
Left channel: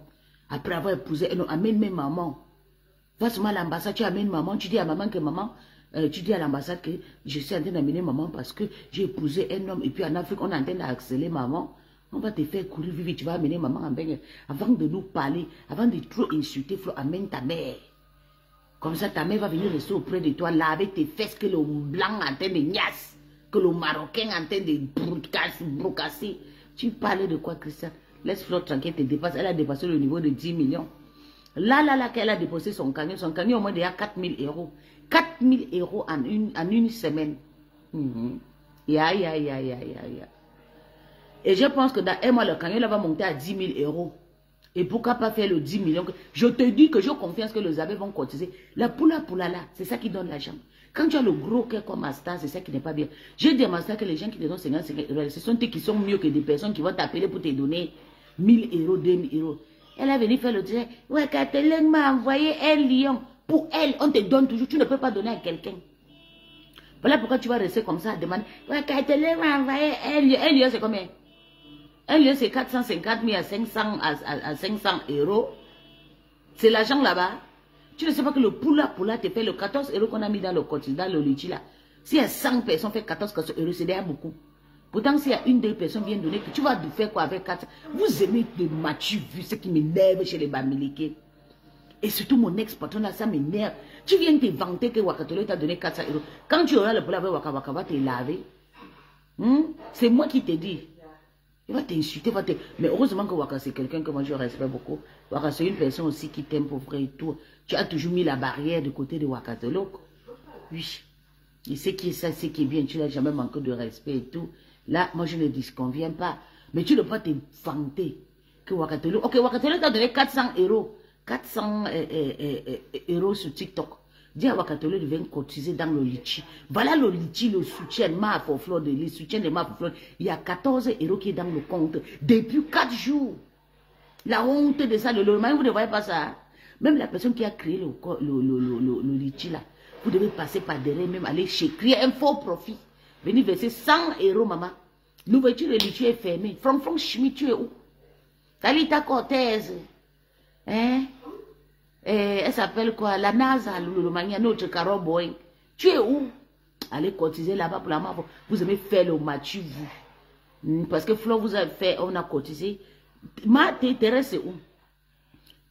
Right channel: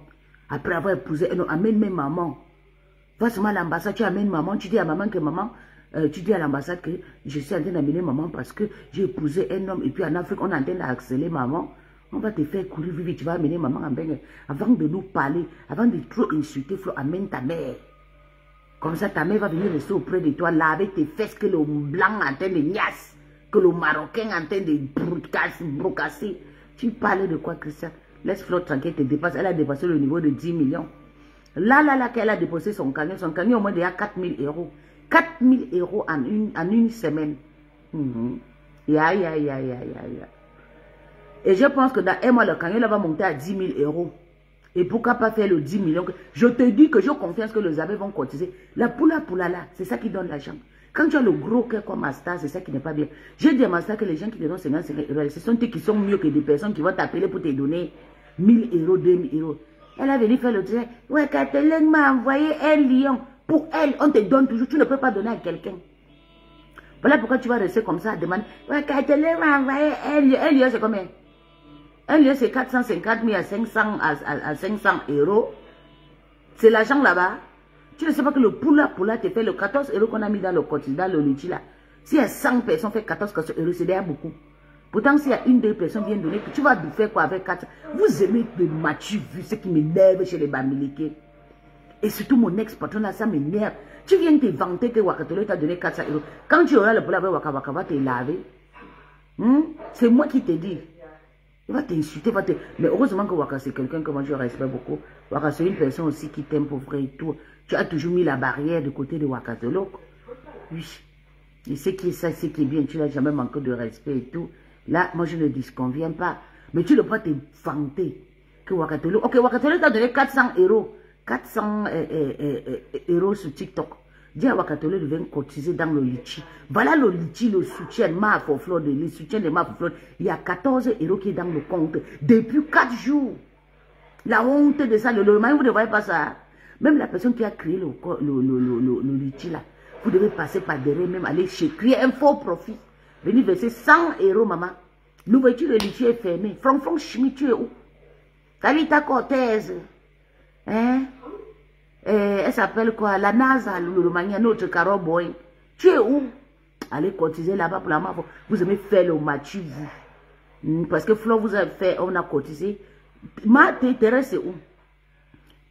Après avoir épousé un homme, amène même maman. Va seulement à l'ambassade, tu amènes maman, tu dis à maman que maman, tu dis à l'ambassade que je suis en train d'amener maman parce que j'ai épousé un homme et puis en Afrique, on est en train d'accélérer maman. On va te faire courir vite, tu vas amener maman en bain. Avant de nous parler, avant de trop insulter, Flore, amène ta mère. Comme ça, ta mère va venir rester auprès de toi, là, avec tes fesses que le blanc en train de niasse, que le marocain en train de brocasser. Tu parlais de quoi, Christian? Laisse Flore tranquille, te dépasse. Elle a dépassé le niveau de 10 millions. Là, qu'elle a déposé son camion au moins déjà 4 000 euros. 4 000 euros en une semaine. Ya. Et je pense que dans un mois, le camion va monter à 10 000 euros. Et pourquoi pas faire le 10 millions? Je te dis que j'ai confiance que les abeilles vont cotiser. La poula là, c'est ça qui donne l'argent. Quand tu as le gros cœur comme master, c'est ça qui n'est pas bien. J'ai dit à master que les gens qui te donnent 50 euros, ce sont eux qui sont mieux que des personnes qui vont t'appeler pour te donner 1 000 euros, 2 000 euros. Elle a venu faire le direct. Ouais, Catherine m'a envoyé un lion. Pour elle, on te donne toujours. Tu ne peux pas donner à quelqu'un. Voilà pourquoi tu vas rester comme ça à demander. Ouais, Catherine m'a envoyé un lion. Un lion, c'est combien? Un lion, c'est 450 000 à 500 euros. C'est l'argent là-bas. Tu ne sais pas que le poula te fait le 14 euros qu'on a mis dans le cotis, dans le litchi là. S'il y a 100 personnes fait 14 euros, c'est déjà beaucoup. Pourtant, s'il y a une des personnes qui vient donner, tu vas faire quoi avec 4? Vous aimez de mature vu ce qui m'énerve chez les Bamileke. Et surtout mon ex-patron là, ça m'énerve. Tu viens te vanter que Wakatolo t'a donné 400 euros. Quand tu auras le problème avec Waka va te laver. C'est moi qui te dis. Il va t'insulter, mais heureusement que Waka c'est quelqu'un que moi je respecte beaucoup. Waka c'est une personne aussi qui t'aime pour vrai et tout. Tu as toujours mis la barrière du côté de Wakatolo. Oui. Et ce qui est ça, ce qui est bien, tu n'as jamais manqué de respect et tout. Là, moi je ne disconviens pas. Mais tu ne peux pas te vanter que Wakatolo. Ok, Wakatolo t'a donné 400 euros. 400 euros sur TikTok. Dis à Wakatolo de venir cotiser dans le litchi. Voilà le litchi, le soutien Mafoflore, le soutien de Mafoflore. Il y a 14 euros qui est dans le compte depuis 4 jours. La honte de ça, le lendemain, vous ne voyez pas ça. Même la personne qui a créé le litchi là, vous devez passer par derrière, même aller créer un faux profit. Venir verser 100 €, maman. L'ouverture de litchi est fermée. Franck Chimie, tu es où? Talita Cortez. Hein? Elle s'appelle quoi? La NASA, le mania, notre Carol Boy. Tu es où? Allez cotiser là-bas pour la mort. Vous aimez faire le match, vous. Parce que Flo vous a fait, on a cotisé. Thérèse, c'est où?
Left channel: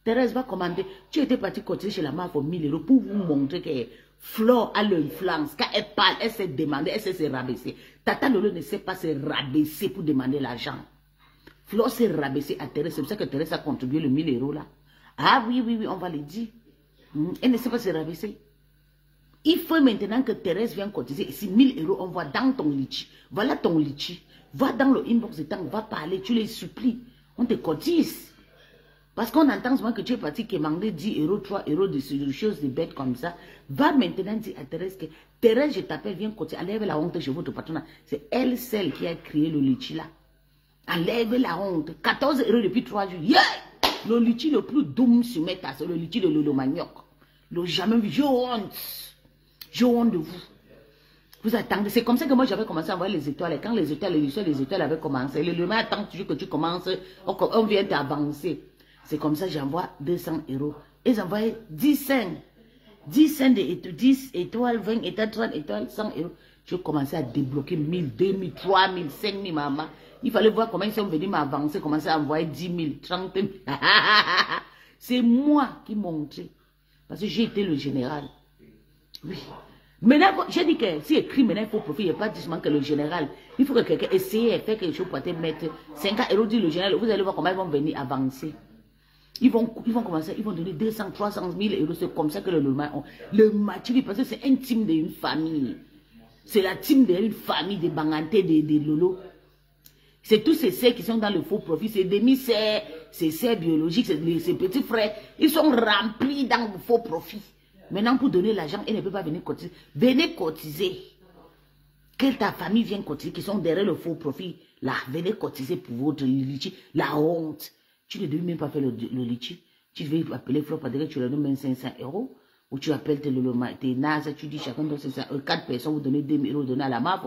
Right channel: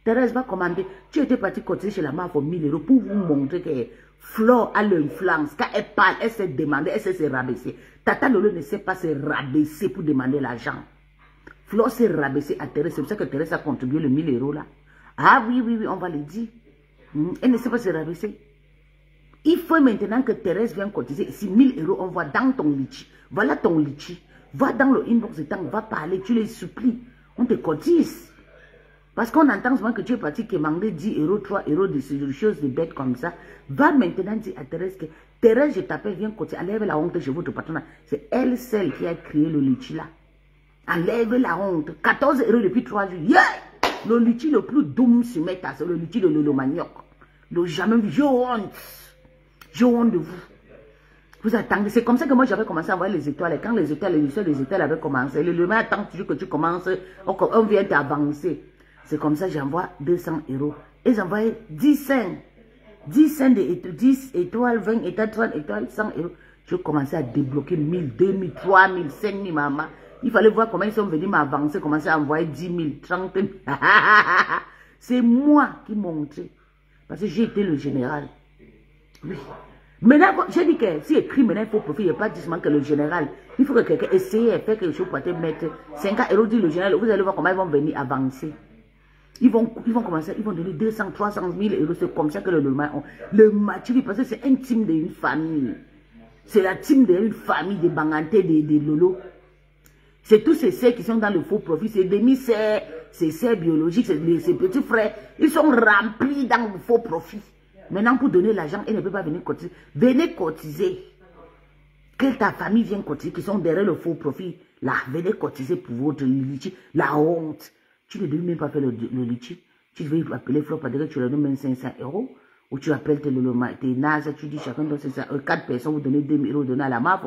Thérèse va commander. Tu étais parti cotiser chez la mère pour 1000 € pour vous montrer que Flo a l'influence. Quand elle parle, elle s'est demandé, elle s'est se rabaisser. Tata Lolo ne sait pas se rabaisser pour demander l'argent. Flo s'est rabaissé à Thérèse. C'est pour ça que Thérèse a contribué le 1000 € là. Ah oui, on va le dire. Elle ne sait pas se rabaisser. Il faut maintenant que Thérèse vienne cotiser. Si 1000 €, on voit dans ton litchi. Voilà ton litchi. Va dans le inbox de temps, va parler, tu les supplies. On te cotise. Parce qu'on entend souvent que tu es parti demander 10 €, 3 € de choses de bêtes comme ça. Va maintenant dire à Thérèse que Thérèse, je t'appelle, viens cotiser. Enlève la honte chez votre patronat. C'est elle, celle qui a créé le litchi là. Enlève la honte. 14 € depuis 3 jours. Yeah! Le litchi le plus doux sur mes tasses, c'est le litchi de Lolo Manioc. Le jamais vu. Je honte. Je honte de vous. Vous attendez. C'est comme ça que moi j'avais commencé à voir les étoiles. Et quand les étoiles avaient commencé, le lendemain attend toujours que tu commences, on vient t'avancer. C'est comme ça que j'envoie 200 €. Et j'envoie 10 cents. 10 cents, 10 étoiles, 20 étoiles, 30 étoiles, 100 €. Je commençais à débloquer 1000, 2000, 3000, 5000, maman. Il fallait voir comment ils sont venus m'avancer, commencer à envoyer 10 000, 30 000. C'est moi qui montrais. Parce que j'ai été le général. Oui. Maintenant, j'ai dit que si écrit maintenant, il faut profiter. Il n'y a pas seulement que le général. Il faut que quelqu'un essaye de faire quelque chose pour te mettre 50 €, dit le général. Vous allez voir comment ils vont venir avancer. Ils vont commencer, ils vont donner 200, 300 000 €. C'est comme ça que le match, parce que c'est un team d'une famille. C'est la team d'une famille de Banganté, de Lolo. C'est tous ces serres qui sont dans le faux profit. C'est demi-serres, ces serres biologiques, ces petits frères. Ils sont remplis dans le faux profit. Maintenant, pour donner l'argent, elle ne peut pas venir cotiser. Venez cotiser. Que ta famille vienne cotiser, qui sont derrière le faux profit. Là, venez cotiser pour votre litchi. La honte. Tu ne devais même pas faire le litchi. Tu devais appeler Flo, parce que tu leur donnes 500 €. Ou tu appelles tes nazes, tu dis chacun donne 4 personnes, vous donnez 2 000 € donnez à la MAF.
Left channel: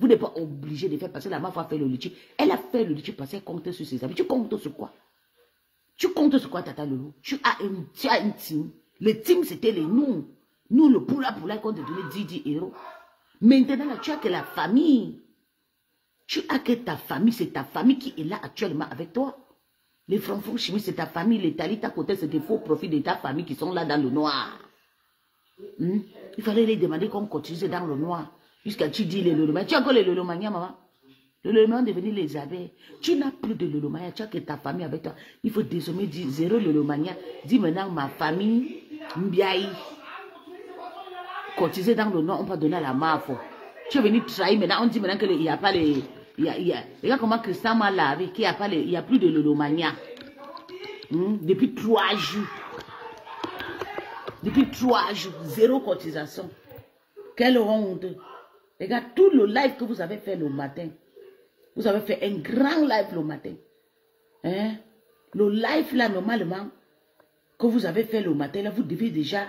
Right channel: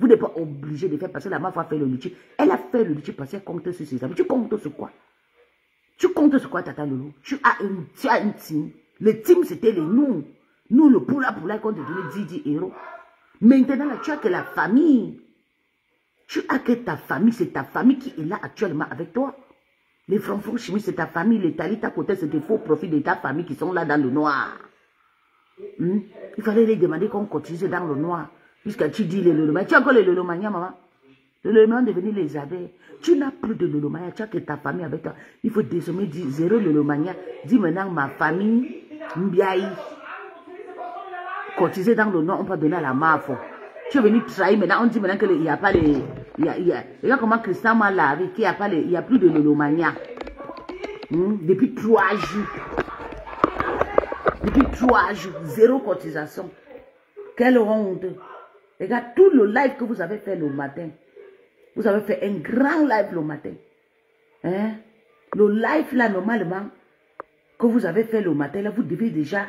Vous n'êtes pas obligé de faire passer la MAF à faire le litchi. Elle a fait le litchi parce qu'elle compte sur ses amis. Tu comptes sur quoi? Tu comptes sur quoi, Tata Lolo? Tu as une team. Le team, c'était les nous. Nous, le poula, qu'on te donnait 10 €. Maintenant, là, tu as que la famille. Tu as que ta famille. C'est ta famille qui est là actuellement avec toi. Les Franck Chimie, c'est ta famille. Les Talita Côté, c'est des faux profits de ta famille qui sont là dans le noir. Il fallait les demander qu'on cotise dans le noir. Jusqu'à tu dis les lolomania. Tu as encore les lolomania, maman? Le lolomania est devenu les abeilles. Tu n'as plus de lolomania. Tu as que ta famille avec toi. Il faut désormais dire 0 lolomania. Dis maintenant ma famille, Mbiaï. Cotiser dans le noir, on peut donner à la MAF. Tu es venu trahir maintenant. On dit maintenant qu'il n'y a pas les. Regarde comment Christian m'a lavé. Il n'y a plus de lolomania. Depuis 3 jours. Depuis 3 jours, 0 cotisation. Quelle honte. Regarde tout le live que vous avez fait le matin. Vous avez fait un grand live le matin. Hein? Le live là, normalement, que vous avez fait le matin, là, vous devez déjà...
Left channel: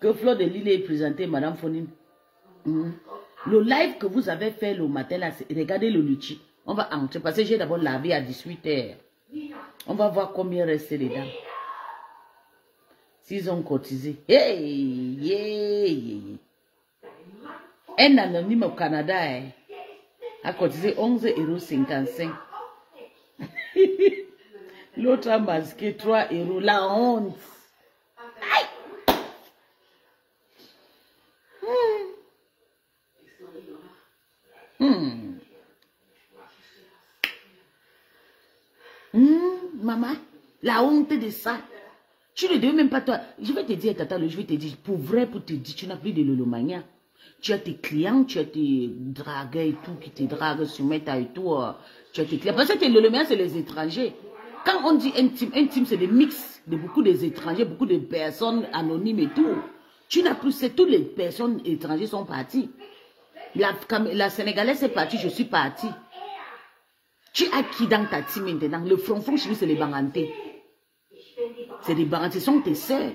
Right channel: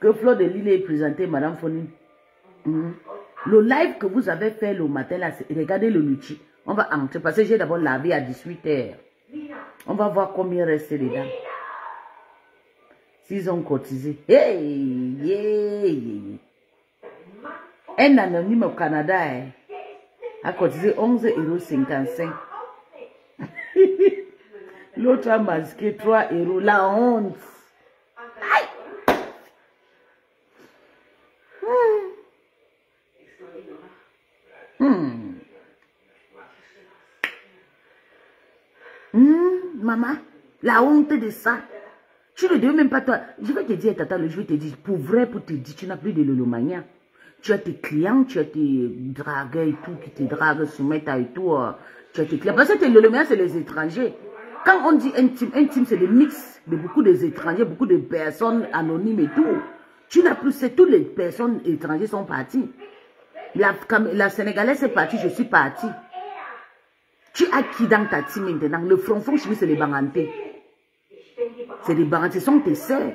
Que Flo de Lille est présenté, Madame Fonine. Le live que vous avez fait le matin, là, regardez le litchi. On va entrer, parce que j'ai d'abord lavé à 18 h. On va voir combien reste dedans. S'ils ont cotisé. Un anonyme au Canada a cotisé 11,55 €. L'autre a masqué 3 €. La honte. Maman, la honte de ça. Tu ne devais même pas toi. Je vais te dire, Tata, je vais te dire, pour vrai, pour te dire, tu n'as plus de lolomania. Tu as tes clients, tu as tes dragueurs et tout, qui te draguent sur Meta et tout. Tu as tes clients. Parce que tes lolomania, c'est les étrangers. Quand on dit intime c'est des mix de beaucoup d'étrangers, beaucoup de personnes anonymes et tout. Tu n'as plus, c'est toutes les personnes étrangères sont parties. La Sénégalaise est partie, je suis partie. Tu as qui dans ta team maintenant? Le front chimie, c'est les Bangantés. C'est des Bangantés, ce sont tes sœurs.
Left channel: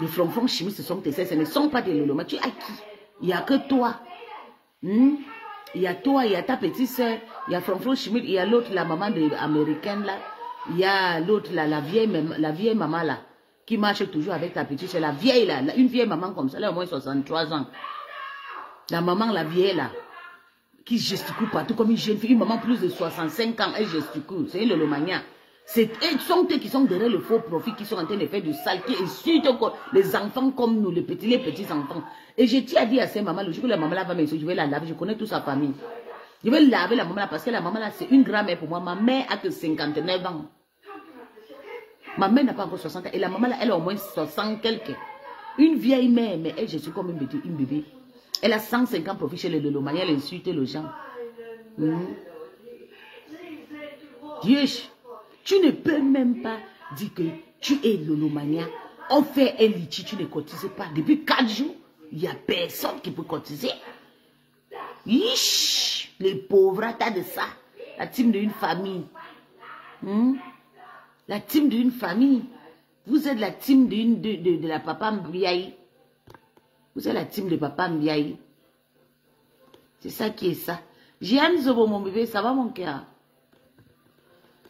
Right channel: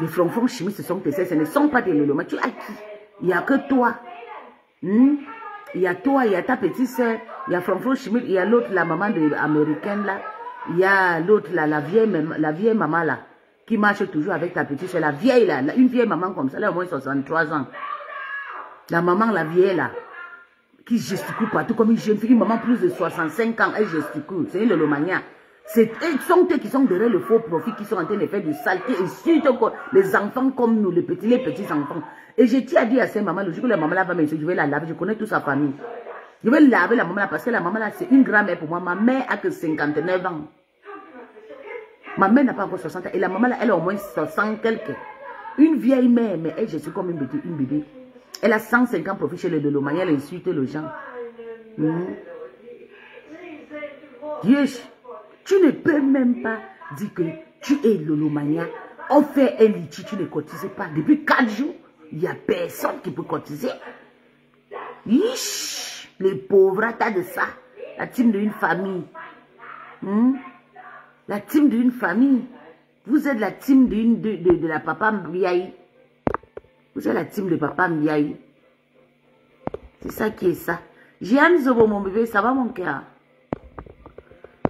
Les front chimie, ce sont tes sœurs, ce ne sont pas des Loloma. Tu as qui? Il n'y a que toi. Il y a toi, il y a ta petite sœur, il y a front chimie, il y a l'autre, la maman américaine là. Il y a l'autre, la vieille maman là, qui marche toujours avec ta petite sœur. La vieille là, une vieille maman comme ça, elle a au moins 63 ans. La maman, la vieille là, qui gesticule partout comme une jeune fille, une maman plus de 65 ans, elle gesticule, c'est une lolomania. Ce sont eux qui sont derrière le faux profit, qui sont en train de faire du saleté, et surtout les enfants comme nous, les petits enfants. Et je tiens à dire à cette maman, le jour que la maman là va me dire, je vais la laver, je connais toute sa famille. Je vais laver la maman là, parce que la maman là, c'est une grand-mère pour moi. Ma mère a que 59 ans. Ma mère n'a pas encore 60 ans, et la maman là, elle a au moins 60 quelques. Une vieille mère, mais elle, je suis comme une bébé. Elle a 150 profits chez le Lolomania, elle insulte les gens. Dieu, tu ne peux même pas dire que tu es Lolomania. On fait un litchi, tu ne cotises pas. Depuis 4 jours, il n'y a personne qui peut cotiser. Ish, les pauvres, t'as de ça. La team d'une famille. La team d'une famille. Vous êtes la team de la papa Mbiaï. Vous êtes la team de papa Mbiaï. C'est ça qui est ça. Jeanne Zobo, mon bébé, ça va mon cœur?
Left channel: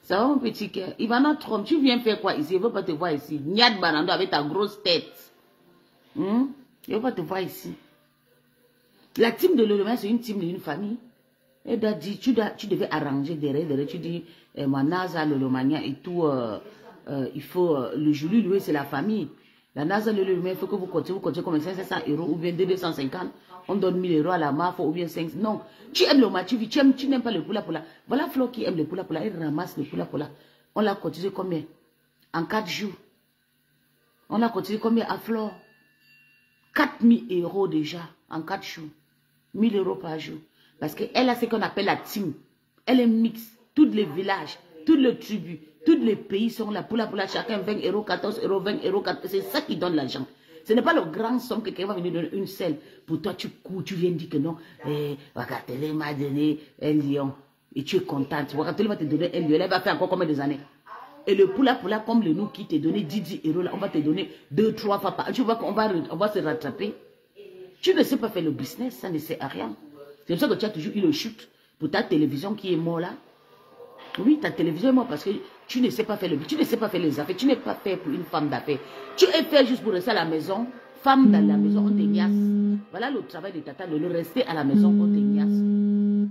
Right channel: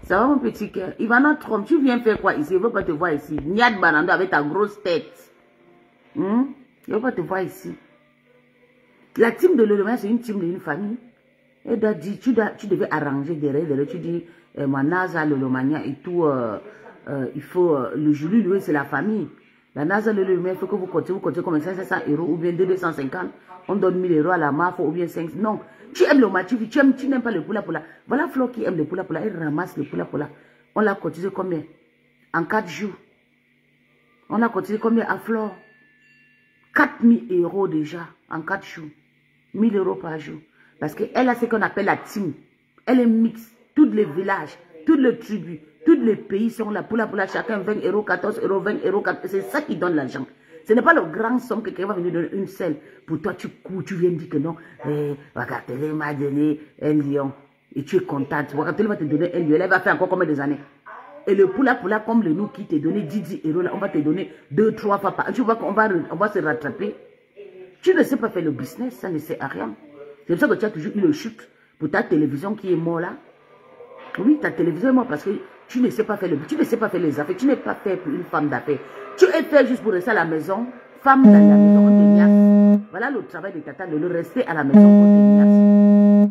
Ça va mon petit cœur? Ivana Trump, tu viens faire quoi ici? Je ne veux pas te voir ici. Niad Banando avec ta grosse tête. Je ne veux pas te voir ici. La team de Lolomania, c'est une team d'une famille. Elle a dit, tu devais arranger derrière. Tu dis, moi, NASA, Lolomania et tout, il faut, le Julie, lui, c'est la famille. La NASA, Lolomania, il faut que vous continuez comme 500 € ou bien 250. On donne 1000 € à la MAF ou bien 500. Non, tu aimes le match, tu n'aimes pas le poula. Voilà Flo qui aime le poula. Elle ramasse le poula. On l'a cotisé combien? En 4 jours. On a cotisé combien à Flo? 4000 € déjà en 4 jours. 1000 € par jour. Parce qu'elle a ce qu'on appelle la team. Elle est mixte. Tous les villages, tous les tribus, tous les pays sont là. Poula, chacun 20 €, 14 €, 20 €. C'est ça qui donne l'argent. Ce n'est pas le grand somme que quelqu'un va venir donner une selle. Pour toi, tu cours, tu viens dire que non. Wakatele m'a donné un lion. Et tu es contente. Wakatele va te donner un lion. Elle va faire encore combien des années? Et le poula, comme le nous qui t'a donné 10 € là, on va te donner 2-3 fois par an. Tu vois qu'on va se rattraper. Tu ne sais pas faire le business, ça ne sert à rien. C'est pour ça que tu as toujours eu le chute pour ta télévision qui est morte là. Oui, ta télévision est morte parce que tu ne sais pas faire tu ne sais pas faire les affaires. Tu n'es pas fait pour une femme d'affaires. Tu es fait juste pour rester à la maison. Femme dans la maison, on te niasse. Voilà le travail de Tata, de le rester à la maison, on te niasse.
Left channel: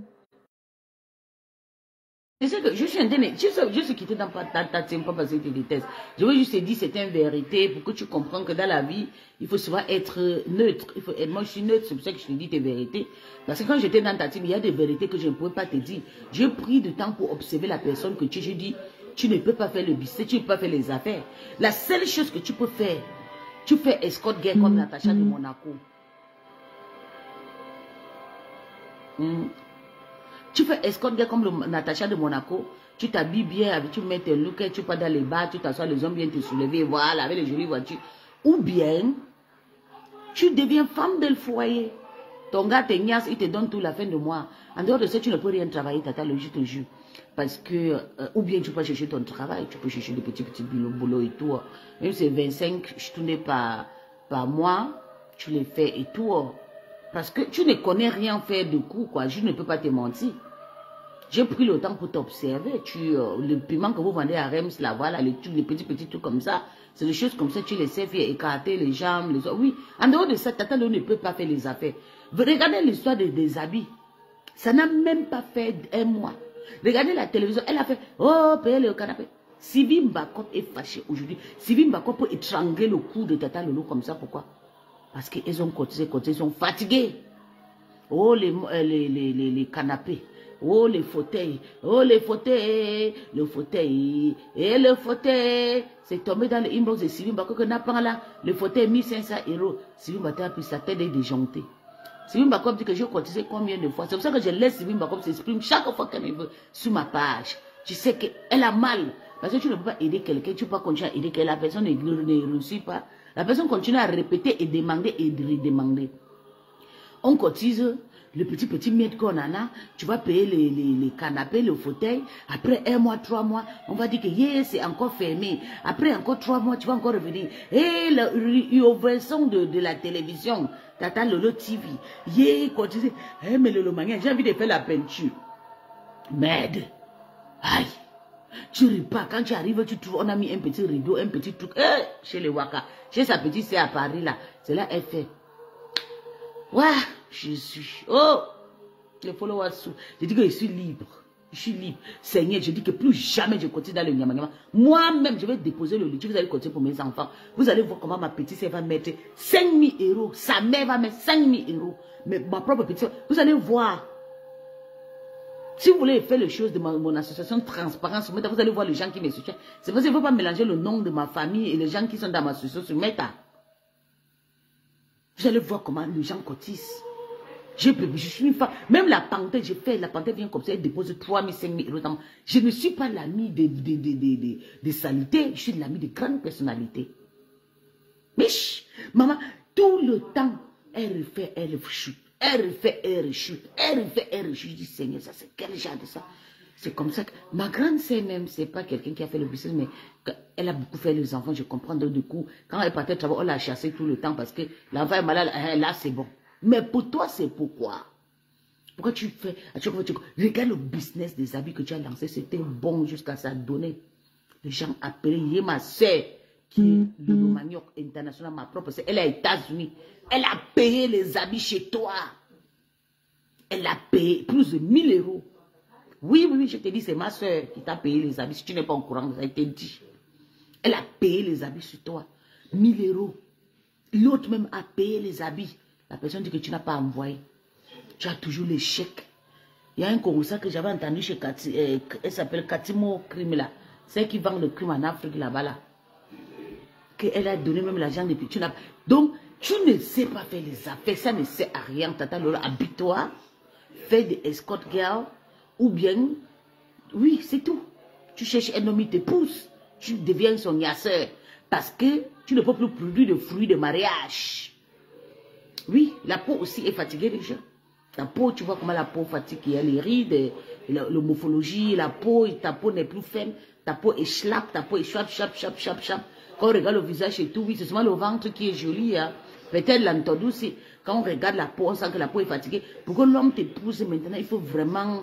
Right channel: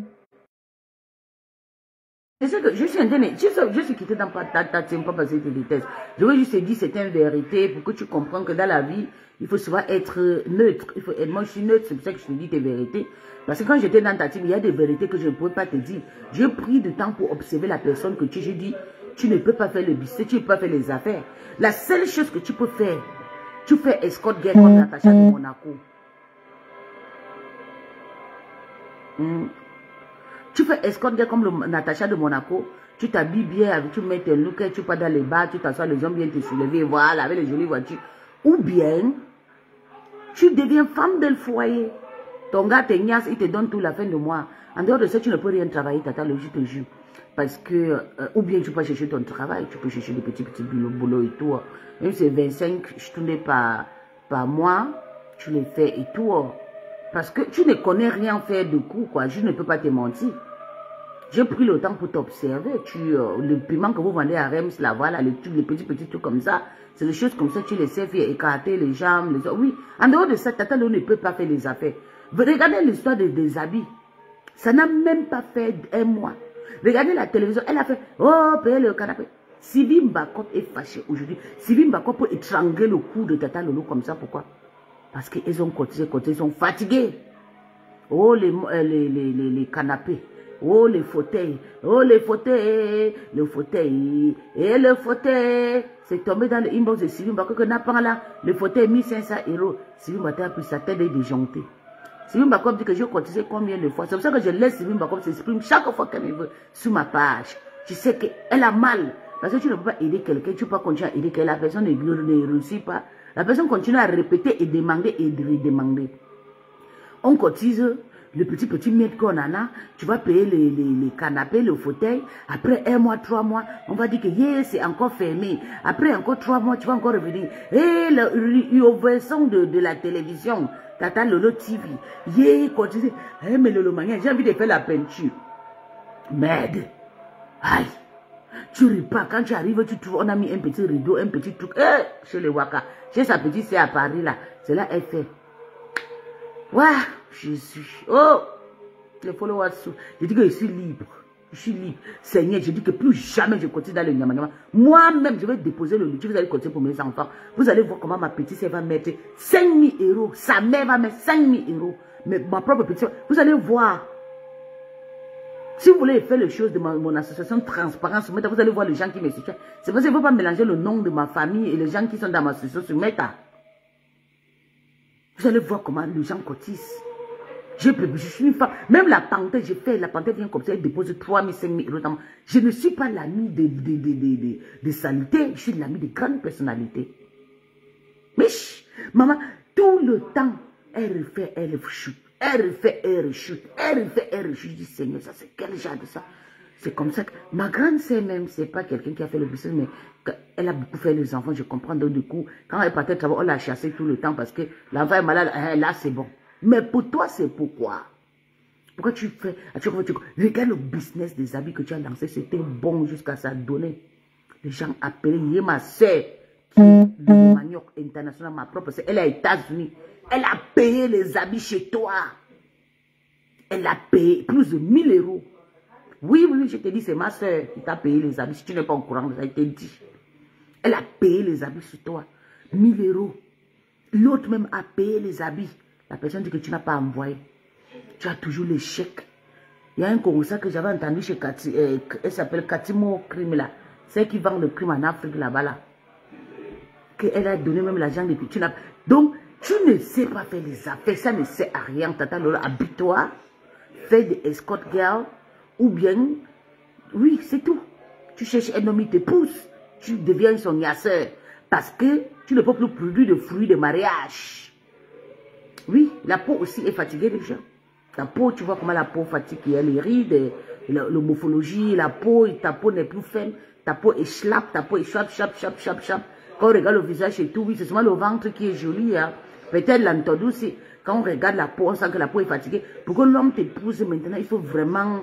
Je sais que je suis quitté dans ta team, pas parce que tu détestes. Je veux juste te dire, c'est une vérité pour que tu comprennes que dans la vie, il faut souvent être neutre. Moi, je suis neutre, c'est pour ça que je te dis tes vérités. Parce que quand j'étais dans ta team, il y a des vérités que je ne pouvais pas te dire. J'ai pris du temps pour observer la personne que tu es. Je dis, tu ne peux pas faire le business, tu ne peux pas faire les affaires. La seule chose que tu peux faire, tu fais escort girl comme Natacha de Monaco. Tu fais escort girl comme Natacha de Monaco. Tu t'habilles bien, tu mets tes looks, tu pars dans les bars, tu t'assois, les hommes viennent te soulever, voilà, avec les jolies voitures. Ou bien, tu deviens femme del foyer. Ton gars te niasse, il te donne tout la fin de mois. En dehors de ça, tu ne peux rien travailler, Tata, je te jure. Parce que, ou bien tu peux chercher ton travail, tu peux chercher des petits boulots et tout. Même si c'est 25 tournées par mois, tu les fais et tout. Parce que tu ne connais rien faire de coup, quoi. Je ne peux pas te mentir. J'ai pris le temps pour t'observer. Le piment que vous vendez à Rems, là, voilà, les petits trucs comme ça. C'est des choses comme ça, tu les sais faire écarter les jambes. Oui, en dehors de ça, Tata ne peut pas faire les affaires. Regardez l'histoire des habits. Ça n'a même pas fait un mois. Regardez la télévision, elle a fait, oh, payer le canapé. Sylvie Mbakop est fâchée aujourd'hui. Sylvie Mbakop peut étrangler le cou de Tata Lolo comme ça, pourquoi? Parce qu'ils ont cotisé, ils sont fatigués. Oh, les canapés. Oh, les fauteuils. Oh, les fauteuils. Le fauteuil. Et le fauteuil. C'est tombé dans le inbox de Sylvie Mbakop que n'a pas là. Le fauteuil 1500 €. Sylvie Mbakop a pris sa tête et déjonctée. Sylvie Mbakop dit que j'ai cotisé combien de fois. C'est pour ça que je laisse Sylvie Mbakop s'exprimer chaque fois qu'elle veut sur ma page. Tu sais qu'elle a mal. Parce que tu ne peux pas aider quelqu'un, tu ne peux pas continuer à aider quelqu'un. La personne ne réussit pas La personne continue à répéter et demander et redemander. On cotise le petit mètre qu'on en a, tu vas payer les canapés, le fauteuil. Après 1 mois, 3 mois, on va dire que c'est encore fermé. Après encore 3 mois, tu vas encore revenir. Et l'ouverture de la télévision, Tata Lolo TV. Cotise. Mais Lolo Mangé, j'ai envie de faire la peinture. Merde. Aïe. Tu ris pas. Quand tu arrives, tu trouves, on a mis un petit rideau, un petit truc. Chez les Waka. Chez sa petite sœur à Paris, là. C'est là, elle fait. Waouh, je suis. Oh, les followers. Je dis que je suis libre. Je suis libre. Seigneur, je dis que plus jamais je continue dans le Nyamanyama. Moi-même, je vais déposer le litige. Vous allez continuer pour mes enfants. Vous allez voir comment ma petite sœur va mettre 5 000 euros. Sa mère va mettre 5 000 euros. Mais ma propre petite sœur, vous allez voir. Si vous voulez faire les choses de mon association de transparence, vous allez voir les gens qui me soutiennent. C'est parce qu'il ne faut pas mélanger le nom de ma famille et les gens qui sont dans ma association sur Meta. Vous allez voir comment les gens cotisent. Je suis une femme. Même la panthère, j'ai fait, la panthère vient comme ça, elle dépose 3 000, 5 000 euros. Je ne suis pas l'ami de saleté, je suis l'ami de grandes personnalités. Mais maman, tout le temps, elle refait, elle rechute. Elle refait, elle rechute. Elle refait, elle rechute. Je dis, Seigneur, ça c'est quel genre de ça? C'est comme ça que ma grande sœur même, c'est pas quelqu'un qui a fait le business, mais elle a beaucoup fait les enfants, je comprends. Donc du coup, quand elle partait travailler, on l'a chassée tout le temps parce que l'enfant est malade, là c'est bon. Mais pour toi, c'est pourquoi? Pourquoi tu fais, regarde le business des habits que tu as lancé, c'était bon jusqu'à ça donner. Les gens appellent, il y a ma soeur qui est le manioc international, ma propre soeur, elle est aux États-Unis. Elle a payé les habits chez toi. Elle a payé plus de 1 000 euros. Oui, je te dis, c'est ma soeur qui t'a payé les habits. Si tu n'es pas au courant, ça a été dit. Elle a payé les habits sur toi. 1 000 euros. L'autre même a payé les habits. La personne dit que tu n'as pas envoyé. Tu as toujours les chèques. Il y a un Congolais que j'avais entendu chez Cathy, elle s'appelle Katimo Crime là. Celle qui vend le crime en Afrique là-bas là. Qu'elle a donné même l'argent depuis. Donc, tu ne sais pas faire les affaires. Ça ne sert à rien. Tata Lola, habite-toi. Fais des escort girls. Ou bien, oui, c'est tout. Tu cherches un homme, il te pousse. Tu deviens son yasseur. Parce que tu ne peux plus produire de fruits de mariage. Oui, la peau aussi est fatiguée déjà. La peau, tu vois comment la peau fatigue. Il y a les rides, la morphologie, la peau, ta peau n'est plus ferme. Ta peau est schlapp, ta peau est chap. Quand on regarde le visage et tout, oui, c'est seulement le ventre qui est joli. Hein. Peut-être l'entendu aussi. Quand on regarde la peau, on sent que la peau est fatiguée. Pour que l'homme t'épouse maintenant, il faut vraiment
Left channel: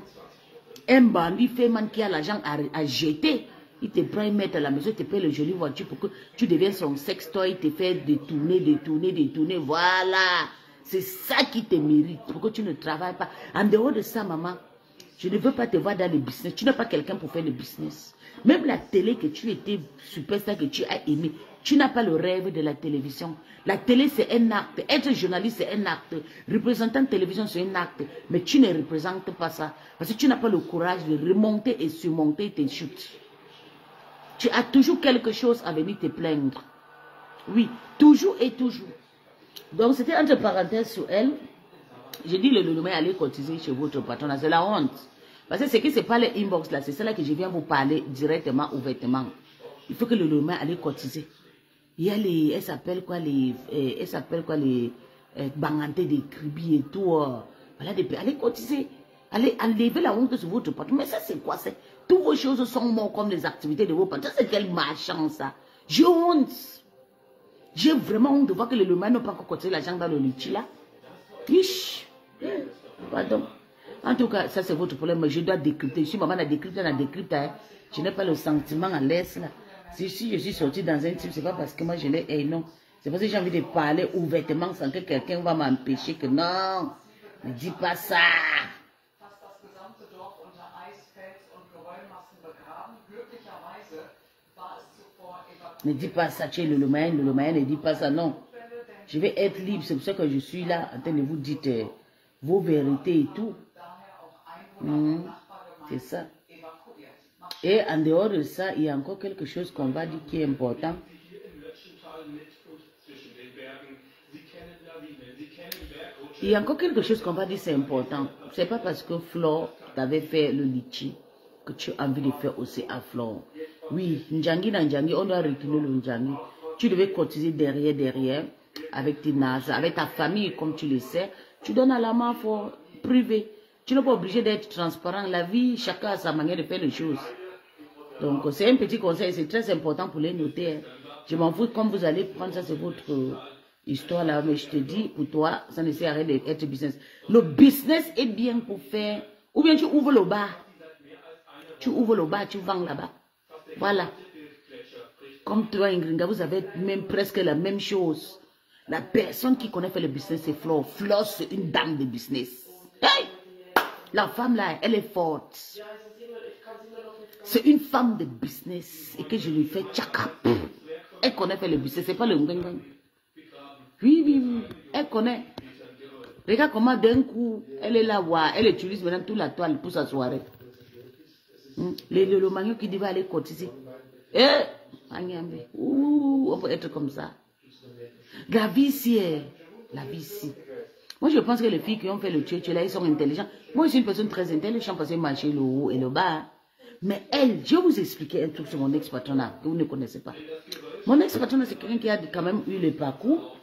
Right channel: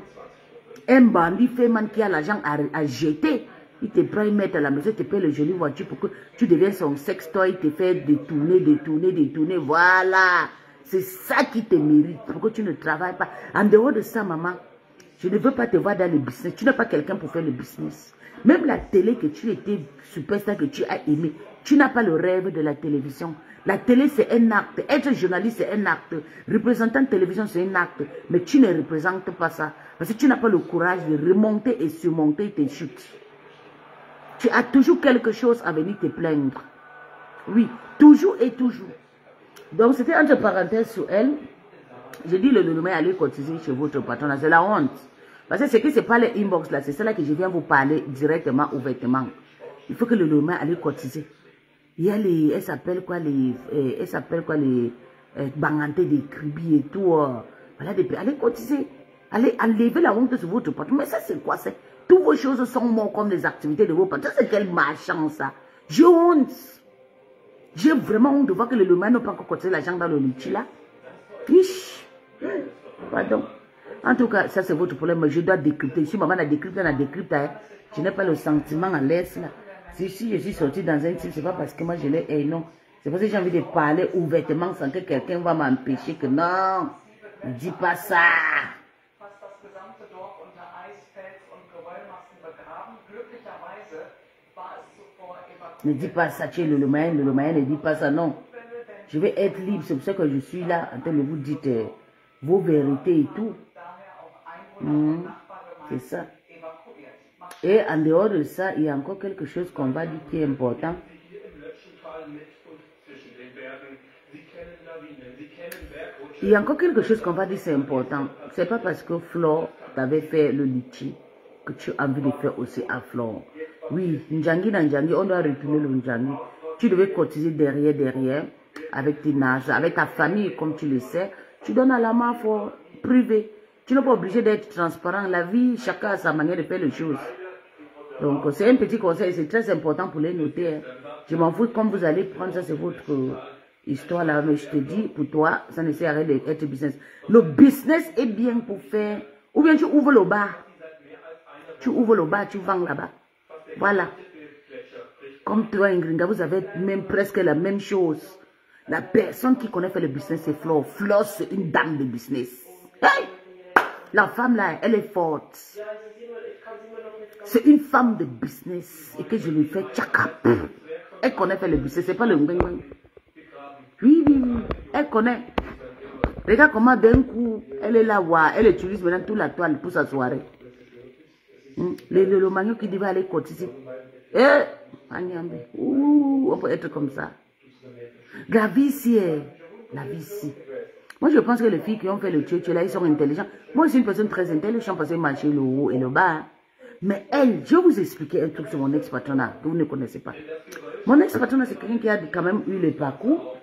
un bandit fémin qui a l'argent à jeter. Il te prend, il met à la maison, il te paye le joli voiture pour que tu deviennes son sextoy, il te fait détourner. Voilà. C'est ça qui te mérite. Pour que tu ne travailles pas. En dehors de ça, maman, je ne veux pas te voir dans le business. Tu n'es pas quelqu'un pour faire le business. Même la télé que tu étais superstar, que tu as aimé, tu n'as pas le rêve de la télévision. La télé, c'est un acte. Être journaliste, c'est un acte. Représentant de télévision, c'est un acte. Mais tu ne représentes pas ça. Parce que tu n'as pas le courage de remonter et surmonter tes chutes. Tu as toujours quelque chose à venir te plaindre. Oui, toujours et toujours. Donc, c'était entre parenthèses sur elle. Je dis le lendemain, allez cotiser chez votre patron. C'est la honte. Parce que ce qui se parle inbox là, c'est cela que je viens vous parler directement, ouvertement. Il faut que le lendemain, allez cotiser. Il y a les, elle s'appelle quoi les bangantés des cribis et tout. Voilà, allez cotiser. Allez enlever la honte sur votre patron. Mais ça, c'est quoi? Toutes vos choses sont mortes comme les activités de vos patrons. C'est quel marchand ça? J'ai honte. J'ai vraiment honte de voir que le lendemain n'a pas encore cotisé l'argent dans le litchi là. Fiche. Pardon. En tout cas, ça c'est votre problème. Mais je dois décrypter. Si maman a décrypté, on a décrypté. Hein. Je n'ai pas le sentiment en l'aise là. Si je suis sortie dans un type, c'est pas parce que moi je l'ai. Non. C'est parce que j'ai envie de parler ouvertement sans que quelqu'un va m'empêcher que non. Ne dis pas ça. Ne dis pas ça, tu es le moyen ne dit pas ça, non. Je vais être libre, c'est pour ça que je suis là en train de vous dire vos vérités et tout. C'est ça. Et en dehors de ça, il y a encore quelque chose qu'on va dire qui est important. Il y a encore quelque chose qu'on va dire c'est important. C'est pas parce que Flore t'avait fait le litchi que tu as envie de faire aussi à Flore. Oui, Ndjangi, on doit retourner le Ndjangi. Tu devais cotiser derrière, avec tes nazes, avec ta famille, comme tu le sais. Tu donnes à la main privée. Tu n'es pas obligé d'être transparent. La vie, chacun a sa manière de faire les choses. Donc, c'est un petit conseil, c'est très important pour les noter. Hein. Je m'en fous, comme vous allez prendre ça, c'est votre histoire là. Mais je te dis, pour toi, ça ne sert à rien d'être business. Le business est bien pour faire. Ou bien tu ouvres le bar. Tu ouvres le bar, tu vends là-bas. Voilà. Comme toi, Ingringa, vous avez même presque la même chose. La personne qui connaît faire le business, c'est Flore. Flore, c'est une dame de business. Hey! La femme là, elle est forte. C'est une femme de business. Et que je lui fais tchaka. Elle connaît faire le business. C'est pas le ngweng. Oui. Elle connaît. Regarde comment d'un coup, elle est là, elle utilise maintenant toute la toile pour sa soirée. Le manio qui dit va aller cotiser. On peut être comme ça. La vie ici est la vie ici. Moi, je pense que les filles qui ont fait le tuer là, ils sont intelligents. Moi, je suis une personne très intelligente parce que j'ai marché le haut et le bas. Mais elle, je vais vous expliquer un truc sur mon ex-patronat que vous ne connaissez pas. Mon ex-patronat, c'est quelqu'un qui a quand même eu le parcours.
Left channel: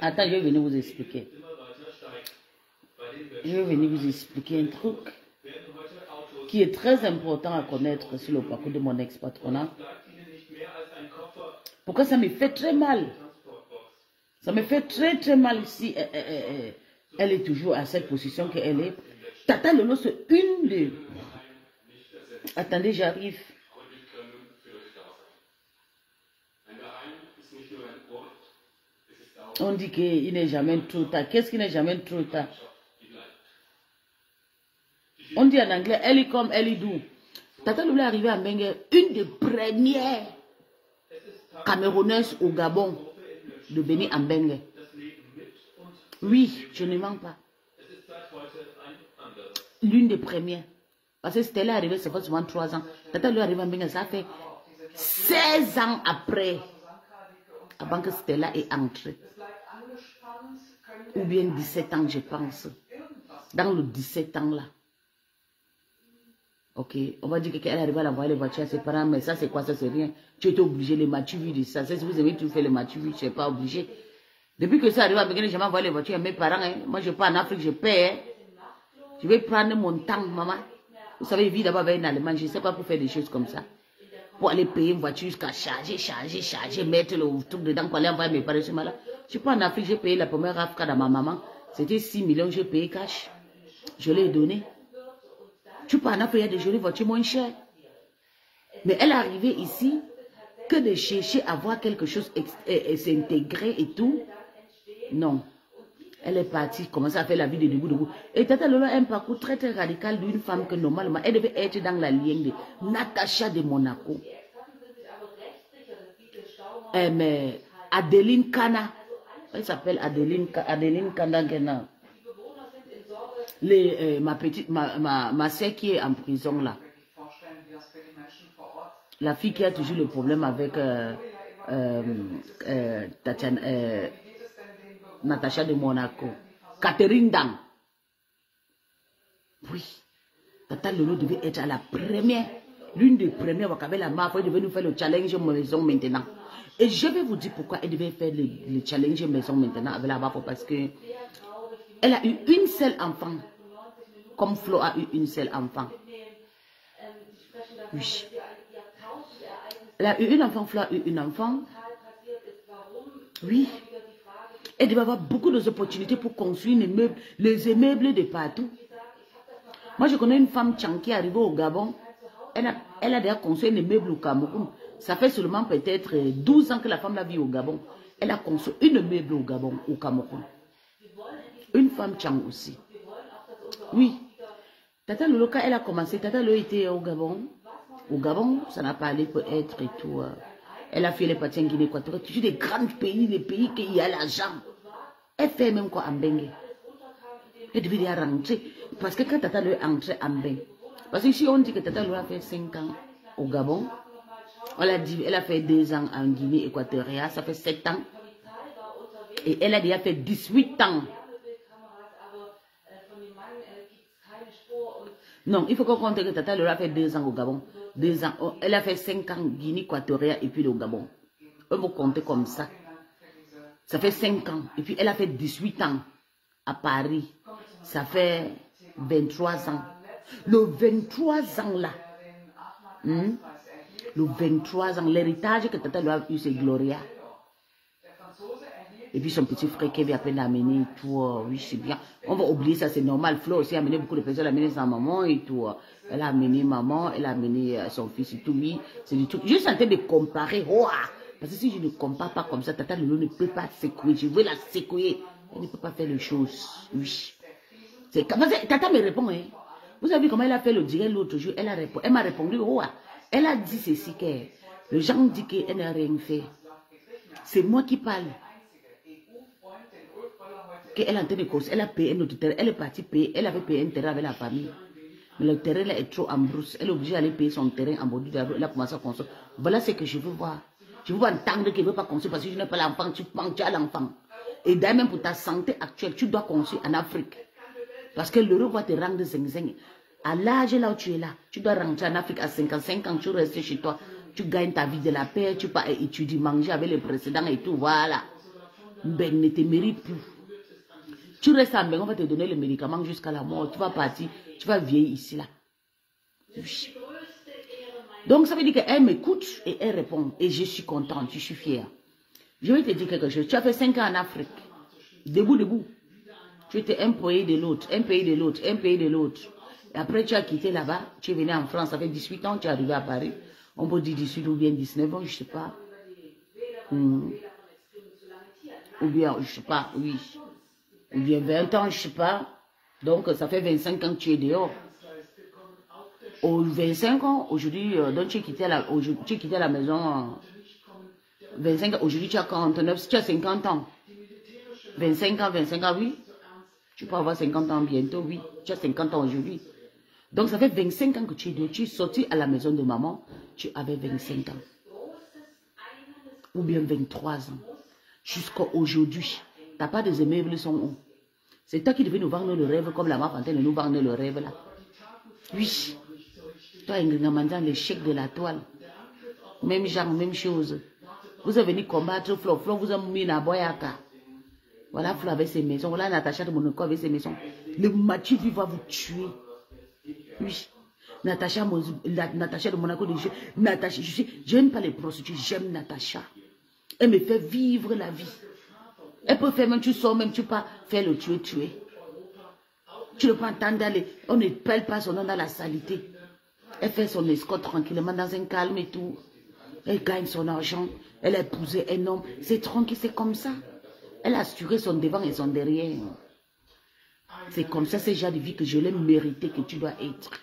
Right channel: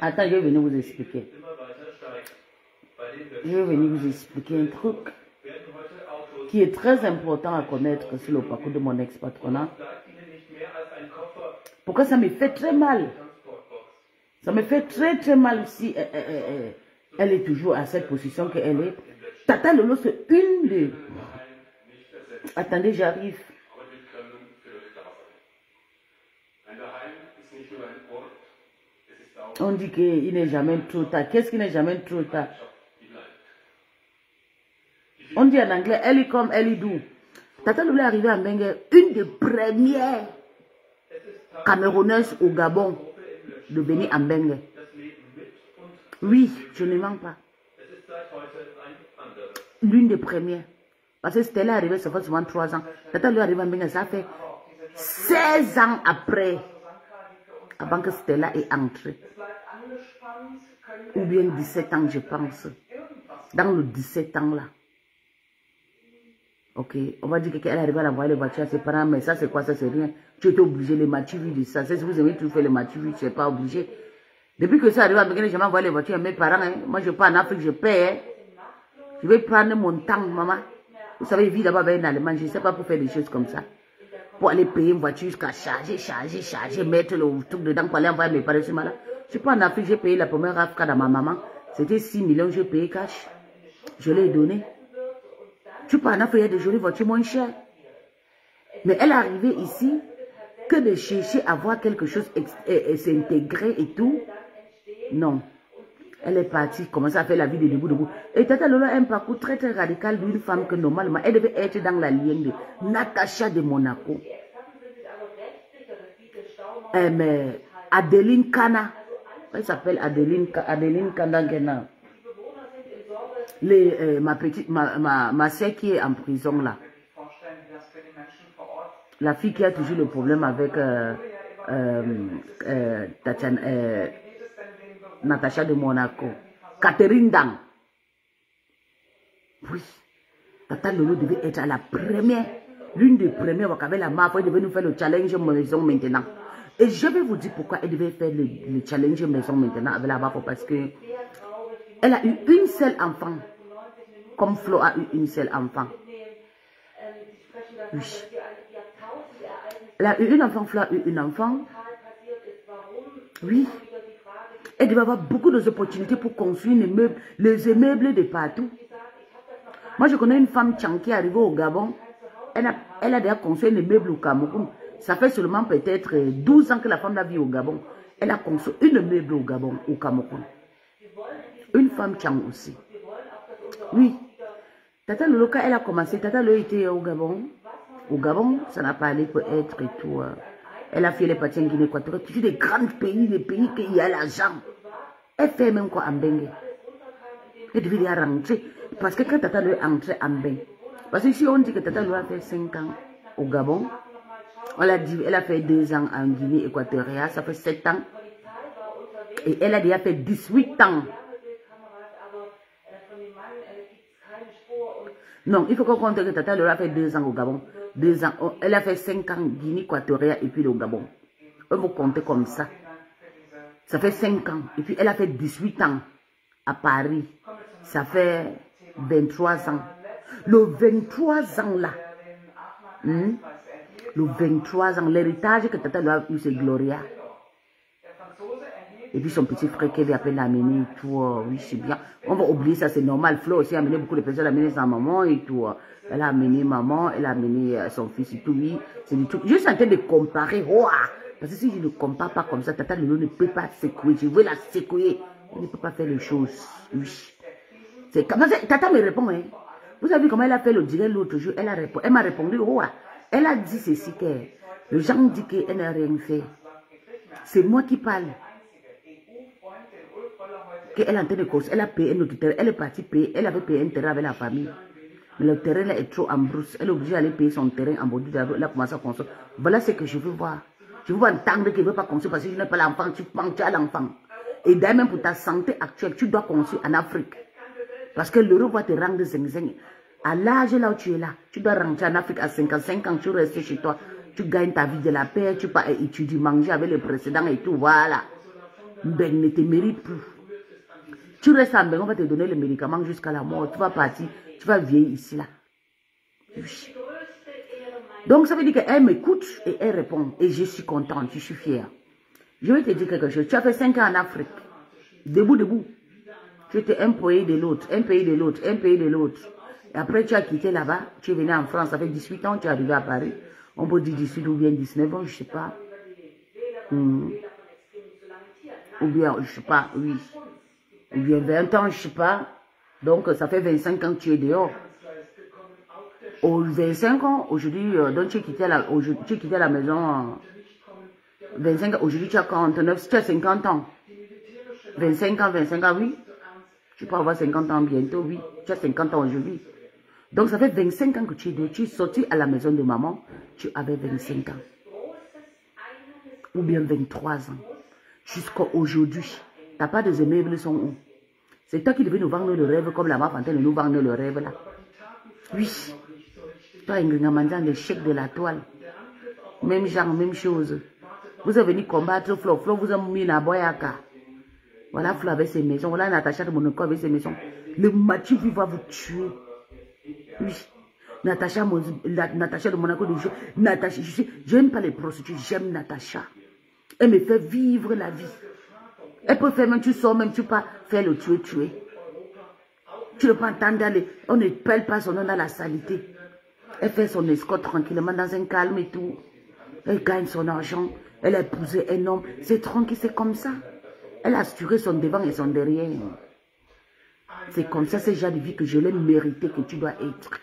Attends, je vais venir vous expliquer. Je vais venir vous expliquer un truc qui est très important à connaître sur le parcours de mon ex-patronat. Pourquoi ça me fait très mal? Ça me fait très mal si elle est toujours à cette position qu'elle est. Tata Lolo, c'est une des... Attendez, j'arrive. On dit qu'il n'est jamais trop tard. Qu'est-ce qui n'est jamais trop tard? On dit en anglais, elle est comme elle est doux. Tata Lolo est arrivée à Mbengue, une des premières Camerounaises au Gabon de venir à Mbengue. Oui, je ne mens pas. L'une des premières. Parce que Stella est arrivée, ça fait souvent 3 ans. Tata Lolo est arrivée à Mbengue, ça fait 16 ans après. Avant que Stella ait entré. Ou bien 17 ans, je pense. Dans le 17 ans là. Ok, on va dire qu'elle est arrivée à envoyer les voitures à ses parents, mais ça c'est quoi? Ça c'est rien. Tu étais obligé, les matchs de ça. Si vous aimez tout faire les matchs, tu n'es pas obligé. Depuis que ça arrive à Mbengue, j'ai envoyé les voitures à mes parents. Hein. Moi je pars en Afrique, je paie. Hein. Je vais prendre mon temps, maman. Vous savez, je vis d'abord avec un Allemand, je ne sais pas pour faire des choses comme ça. Pour aller payer une voiture jusqu'à charger, mettre le truc dedans pour aller envoyer mes parents. Je suis pas en Afrique, j'ai payé la première Afrique dans ma maman. C'était 6 millions, j'ai payé cash. Je l'ai donné. Tu peux en Afrique, il y a des jolies voitures moins chères. Mais elle est arrivée ici que de chercher à voir quelque chose et s'intégrer et tout. Non. Elle est partie, commencer à faire la vie de debout. Et Tata Lolo a un parcours très radical d'une femme que normalement, elle devait être dans la ligne de Natacha de Monaco. Mais Adeline Kana, elle s'appelle Adeline Kana. Ma soeur qui est en prison là. La fille qui a toujours le problème avec Natacha de Monaco. Catherine Dang. Oui. Tata Lolo devait être à la première. L'une des premières avec la mafia. Elle devait nous faire le challenge maison maintenant. Et je vais vous dire pourquoi elle devait faire le challenge maison maintenant avec la mafia. Parce que elle a eu une seule enfant. Comme Flo a eu une seule enfant. Oui. Elle a eu une enfant, Flo a eu une enfant. Oui. Elle devait avoir beaucoup d'opportunités pour construire les immeubles de partout. Moi, je connais une femme Tchang qui est arrivée au Gabon. Elle a déjà construit un immeuble au Cameroun. Ça fait seulement peut-être 12 ans que la femme la vit au Gabon. Elle a construit un immeuble au Gabon, au Cameroun. Une femme Tchang aussi. Oui. Tata Lolo, quand elle a commencé, Tata Lolo était au Gabon. Au Gabon, ça n'a pas allé peut-être et tout. Elle a fait les parties en Guinée équatoriale. Toujours des grands pays, les pays qui y a l'argent. Elle fait même quoi en Mbengue. Elle devait y rentrer. Parce que quand Tata Lolo est entrée en Mbengue, parce que si on dit que Tata Lolo a fait 5 ans au Gabon, on a dit, elle a fait 2 ans en Guinée équatoriale, ça fait 7 ans. Et elle a déjà fait 18 ans. Non, il faut qu'on compte que Tata Lolo a fait 2 ans au Gabon. 2 ans. Elle a fait 5 ans en Guinée équatoriale et puis au Gabon. On va compter comme ça. Ça fait 5 ans. Et puis, elle a fait 18 ans à Paris. Ça fait 23 ans. Le 23 ans là. Le 23 ans. L'héritage que Tata lui a eu, c'est Gloria. Et puis son petit frère qui vient à peine amener et tout. Oui, c'est bien. On va oublier ça, c'est normal. Flo aussi a amené beaucoup de personnes. Elle a amené sa maman et tout. Elle a amené maman, elle a amené son fils et tout. Oui, c'est du tout. Je suis en train de comparer. Wow. Parce que si je ne compare pas comme ça, Tata Lolo ne peut pas secouer. Je veux la secouer. Elle ne peut pas faire les choses. Oui. C'est comme ça. Tata me répond. Hein. Vous avez vu comment elle a fait le direct l'autre jour? Elle m'a répondu. Oh, elle a dit ceci que le gens dit qu'elle n'a rien fait. C'est moi qui parle. Elle est en train de causer, elle a payé notre terrain, elle est partie payer, elle avait payé un terrain avec la famille. Mais le terrain là est trop en brousse, elle est obligée d'aller payer son terrain en bordure de la rue, elle a commencé à construire. Voilà ce que je veux voir. Je veux entendre qu'elle ne veut pas construire parce que je n'ai pas l'enfant, tu penses, tu as l'enfant. Et d'ailleurs même pour ta santé actuelle, tu dois construire en Afrique. Parce que l'euro va te rendre zing-zing. À l'âge là où tu es là, tu dois rentrer en Afrique à 55 ans, tu restes chez toi, tu gagnes ta vie de la paix, tu pars étudier, manger avec les précédents et tout, voilà. Ben ne te mérite plus. Tu restes en Bénin, on va te donner les médicaments jusqu'à la mort. Tu vas partir, tu vas vieillir ici, là. Oui. Donc, ça veut dire qu'elle m'écoute et elle répond. Et je suis contente, je suis fière. Je vais te dire quelque chose. Tu as fait 5 ans en Afrique. Debout, debout. Tu étais un pays de l'autre, un pays de l'autre, un pays de l'autre. Après, tu as quitté là-bas. Tu es venu en France, ça fait 18 ans, tu es arrivé à Paris. On peut dire 18 ou bien 19 ans, je ne sais pas. Ou bien, je ne sais pas, oui. Ou bien 20 ans, je ne sais pas. Donc, ça fait 25 ans que tu es dehors. Aux 25 ans, aujourd'hui, donc tu as quitté la maison. 25 ans, aujourd'hui, tu as 49, tu as 50 ans. 25 ans, oui. Tu peux avoir 50 ans bientôt, oui. Tu as 50 ans aujourd'hui. Donc, ça fait 25 ans que tu es dehors. Tu es sorti à la maison de maman, tu avais 25 ans. Ou bien 23 ans. Jusqu'à aujourd'hui. Ta part des immeubles sont où? C'est toi qui devais nous vendre le rêve comme la Mafantaine nous vendre le rêve là. Oui. Toi, Ingrid, le chèque de la toile. Même genre, même chose. Vous êtes venu combattre Flo. Flo vous a mis à Boyaka. Voilà Flo avec ses maisons. Voilà Natacha de Monaco avec ses maisons. Le Mathieu va vous tuer. Oui. Natacha de Monaco. Natacha, je n'aime pas les prostituées. J'aime Natacha. Elle me fait vivre la vie. Elle peut faire même, tu sors même, tu peux pas faire le tuer. Tu ne peux pas entendre d'aller, on ne pèle pas son nom dans la saleté. Elle fait son escorte tranquillement dans un calme et tout. Elle gagne son argent. Elle a épousé un homme. C'est tranquille, c'est comme ça. Elle a assuré son devant et son derrière. C'est comme ça, c'est déjà de vie que je l'ai mérité, que tu dois être.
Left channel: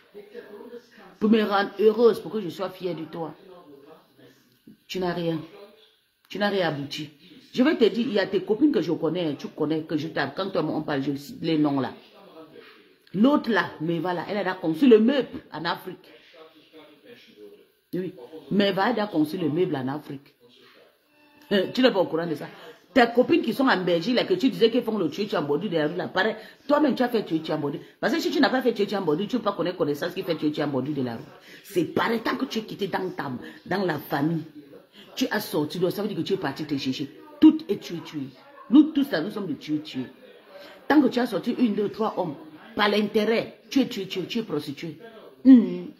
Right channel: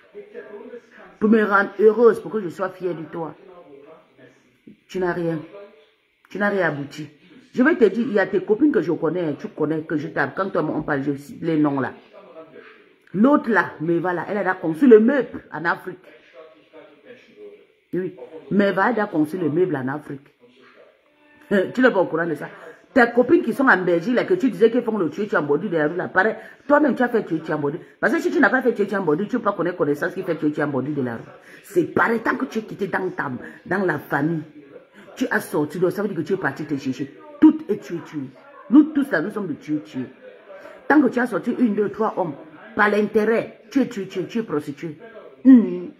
Pour me rendre heureuse, pour que je sois fière de toi. Tu n'as rien. Tu n'as rien abouti. Je vais te dire, il y a tes copines que je connais, tu connais, que je t'aime. Quand on parle, je cite les noms là. L'autre là, Meva là, elle a conçu le meuble en Afrique. Oui, Meva elle a conçu le meuble en Afrique. Tu n'es pas au courant de ça. Tes copines qui sont en Belgique, là, que tu disais qu'elles font le tuer Tiambodi de la rue là, pareil, toi-même tu as fait tuer Tiambodi. Parce que si tu n'as pas fait tuer Tiambodi, tu ne peux pas connaître connaissance qui fait tuer Tiambodi de la rue. C'est pareil, tant que tu es quitté dans la famille, tu as sorti, donc ça veut dire que tu es parti te chercher. Tout est tué. Nous tous là, nous sommes de tuer. Tant que tu as sorti 1, 2, 3 hommes, par l'intérêt, tu es prostitué. Oui.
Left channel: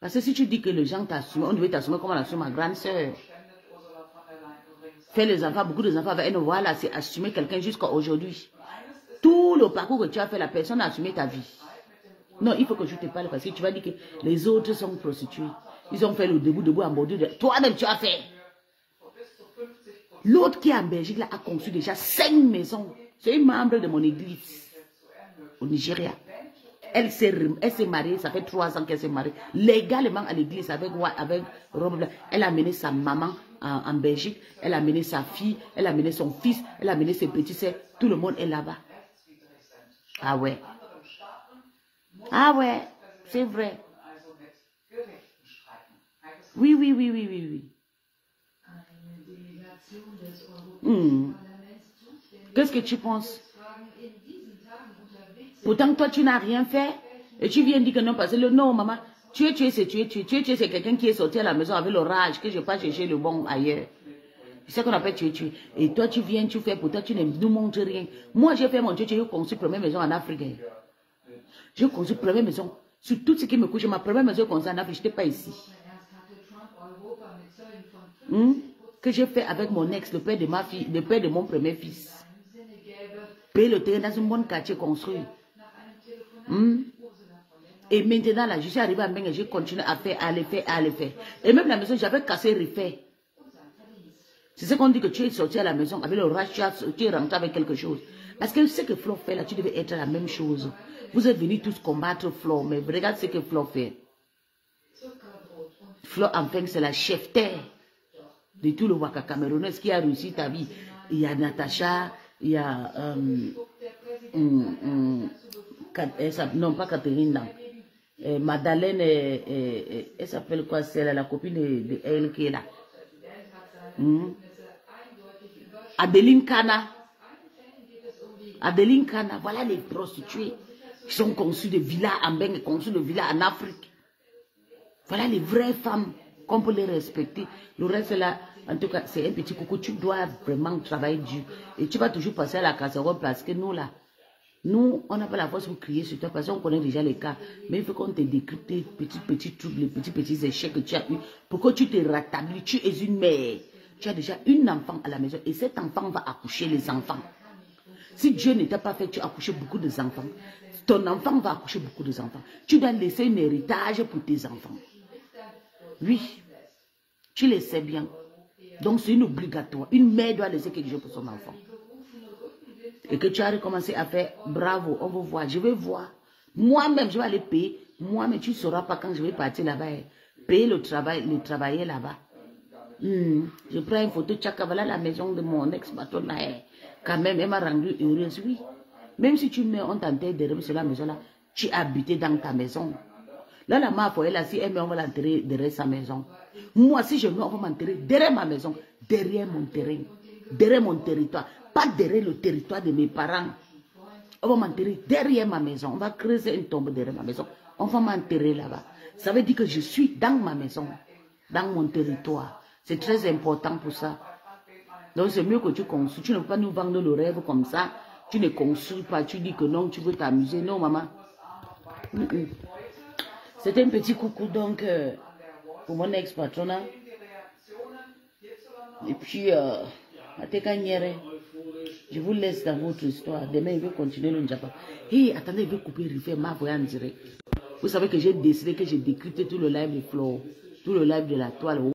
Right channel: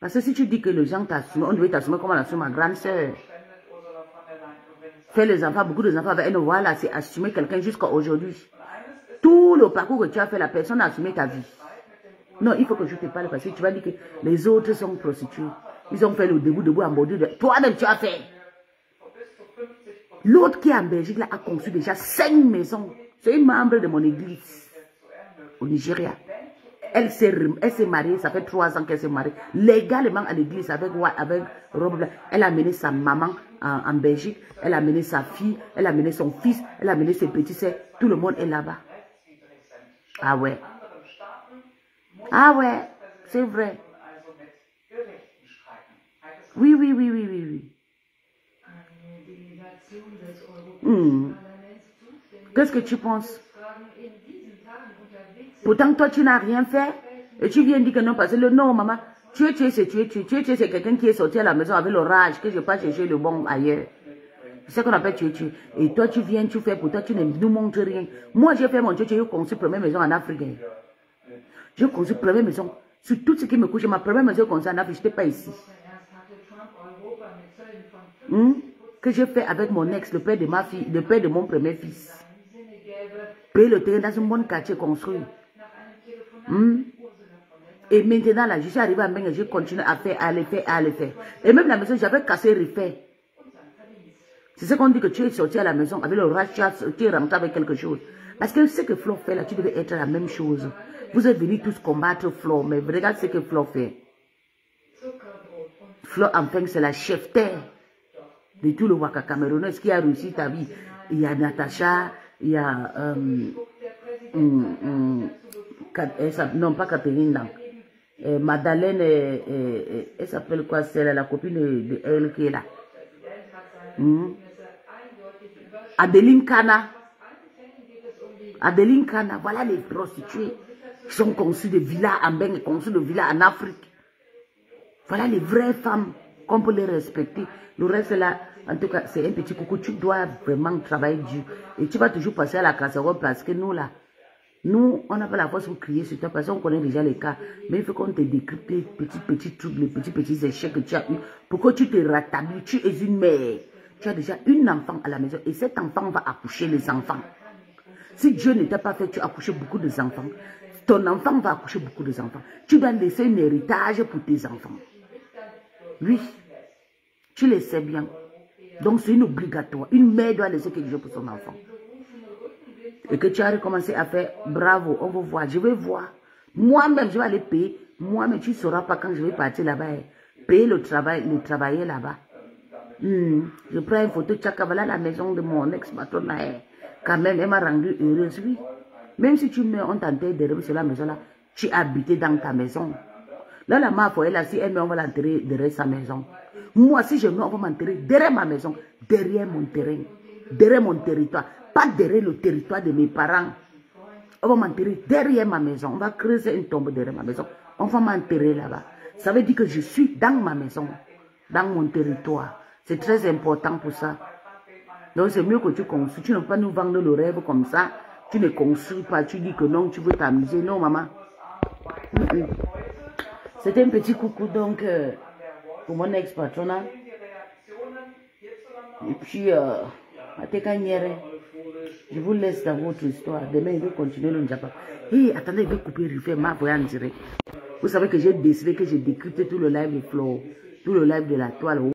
Parce que si tu dis que les gens t'assument, on devait t'assumer comme on assume ma grande soeur. Faire les enfants, beaucoup de enfants avec une voix là, c'est assumer quelqu'un jusqu'à aujourd'hui. Tout le parcours que tu as fait, la personne a assumé ta vie. Non, il faut que je te parle parce que tu vas dire que les autres sont prostitués. Ils ont fait le debout en bordure de... Toi-même, tu as fait. L'autre qui est en Belgique là, a conçu déjà 5 maisons. C'est une membre de mon église au Nigeria. Elle s'est mariée, ça fait 3 ans qu'elle s'est mariée. Légalement à l'église avec robe. Elle a amené sa maman en Belgique. Elle a amené sa fille. Elle a amené son fils. Elle a amené ses petits soeurs. Tout le monde est là-bas. Ah ouais. Ah ouais. C'est vrai. Oui. Qu'est-ce que tu penses? Pourtant, toi, tu n'as rien fait. Et tu viens dire que non, parce que le non, maman, Tuer, c'est tuer. Tuer, c'est quelqu'un qui est sorti à la maison avec l'orage, que je pas chercher le bon ailleurs. C'est ce qu'on appelle tuer. Et toi, tu viens, tu fais pour toi, tu ne nous montres rien. Moi, j'ai fait mon tuer, j'ai construit première maison en Afrique. J'ai construit première maison. Sur tout ce qui me couche, ma première maison construite en Afrique, je n'étais pas ici. Que j'ai fait avec mon ex, le père de ma fille, le père de mon premier fils. Payer le terrain dans un bon quartier construit. Et maintenant, là, je suis arrivé à Mengue, j'ai continué à faire, à les faire. Et même la maison, j'avais cassé, refait. C'est ce qu'on dit que tu es sorti à la maison avec le rage, tu es rentré avec quelque chose. Parce que ce que Flo fait là, tu devais être la même chose. Vous êtes venus tous combattre Flo, mais regarde ce que Flo fait. Flo, enfin, c'est la chef-terre de tout le Waka Camerounais qui a réussi ta vie. Il y a Natacha, il y a... non, pas Catherine, non. Madeleine, elle s'appelle quoi, c'est la copine de elle qui est là. Adeline Kana. Adeline Kana, voilà les prostituées qui sont conçues de villas en Bengue, conçues de villas en Afrique. Voilà les vraies femmes qu'on peut les respecter. Le reste là, en tout cas, c'est un petit coucou. Tu dois vraiment travailler dur. Et tu vas toujours passer à la casserole parce que nous là, nous, on n'a pas la force pour crier sur toi parce qu'on connaît déjà les cas. Mais il faut qu'on te décrypte les petits trucs, les petits échecs que tu as eu pour que tu te rétablis. Tu es une mère. Tu as déjà une enfant à la maison et cet enfant va accoucher les enfants. Si Dieu n'était pas fait, tu as accouché beaucoup d'enfants. Ton enfant va accoucher beaucoup d'enfants. Tu dois laisser un héritage pour tes enfants. Oui, tu le sais bien. Donc c'est une obligatoire. Une mère doit laisser quelque chose pour son enfant. Et que tu as recommencé à faire, bravo, on va voir, je vais voir. Moi-même, je vais aller payer. Moi-même, tu ne sauras pas quand je vais partir là-bas. Payer le travailler là-bas. Je prends une photo, tchaka, voilà la maison de mon ex-patron. Quand même, elle m'a rendu heureuse, oui. Même si tu meurs, on t'enterre derrière sur la maison là, tu as habité dans ta maison. Là, la mère, là, si elle meurt, on va l'enterrer derrière sa maison. Moi, si je meurs, on va m'enterrer derrière ma maison, derrière mon terrain, derrière mon territoire. Pas derrière le territoire de mes parents. On va m'enterrer derrière ma maison. On va creuser une tombe derrière ma maison. On va m'enterrer là-bas. Ça veut dire que je suis dans ma maison, dans mon territoire. C'est très important pour ça. Donc c'est mieux que tu construis. Tu ne peux pas nous vendre le rêve comme ça. Tu ne construis pas. Tu dis que non, tu veux t'amuser. Non, maman. C'était un petit coucou donc pour mon ex-patronat. Et puis, je vous laisse dans votre histoire. Demain, il va continuer le Njapa. Hey, attendez, il va couper, refaire ma voix en direct. Vous savez que j'ai décidé que j'ai décrypté tout le live de Flo, tout le live de la toile.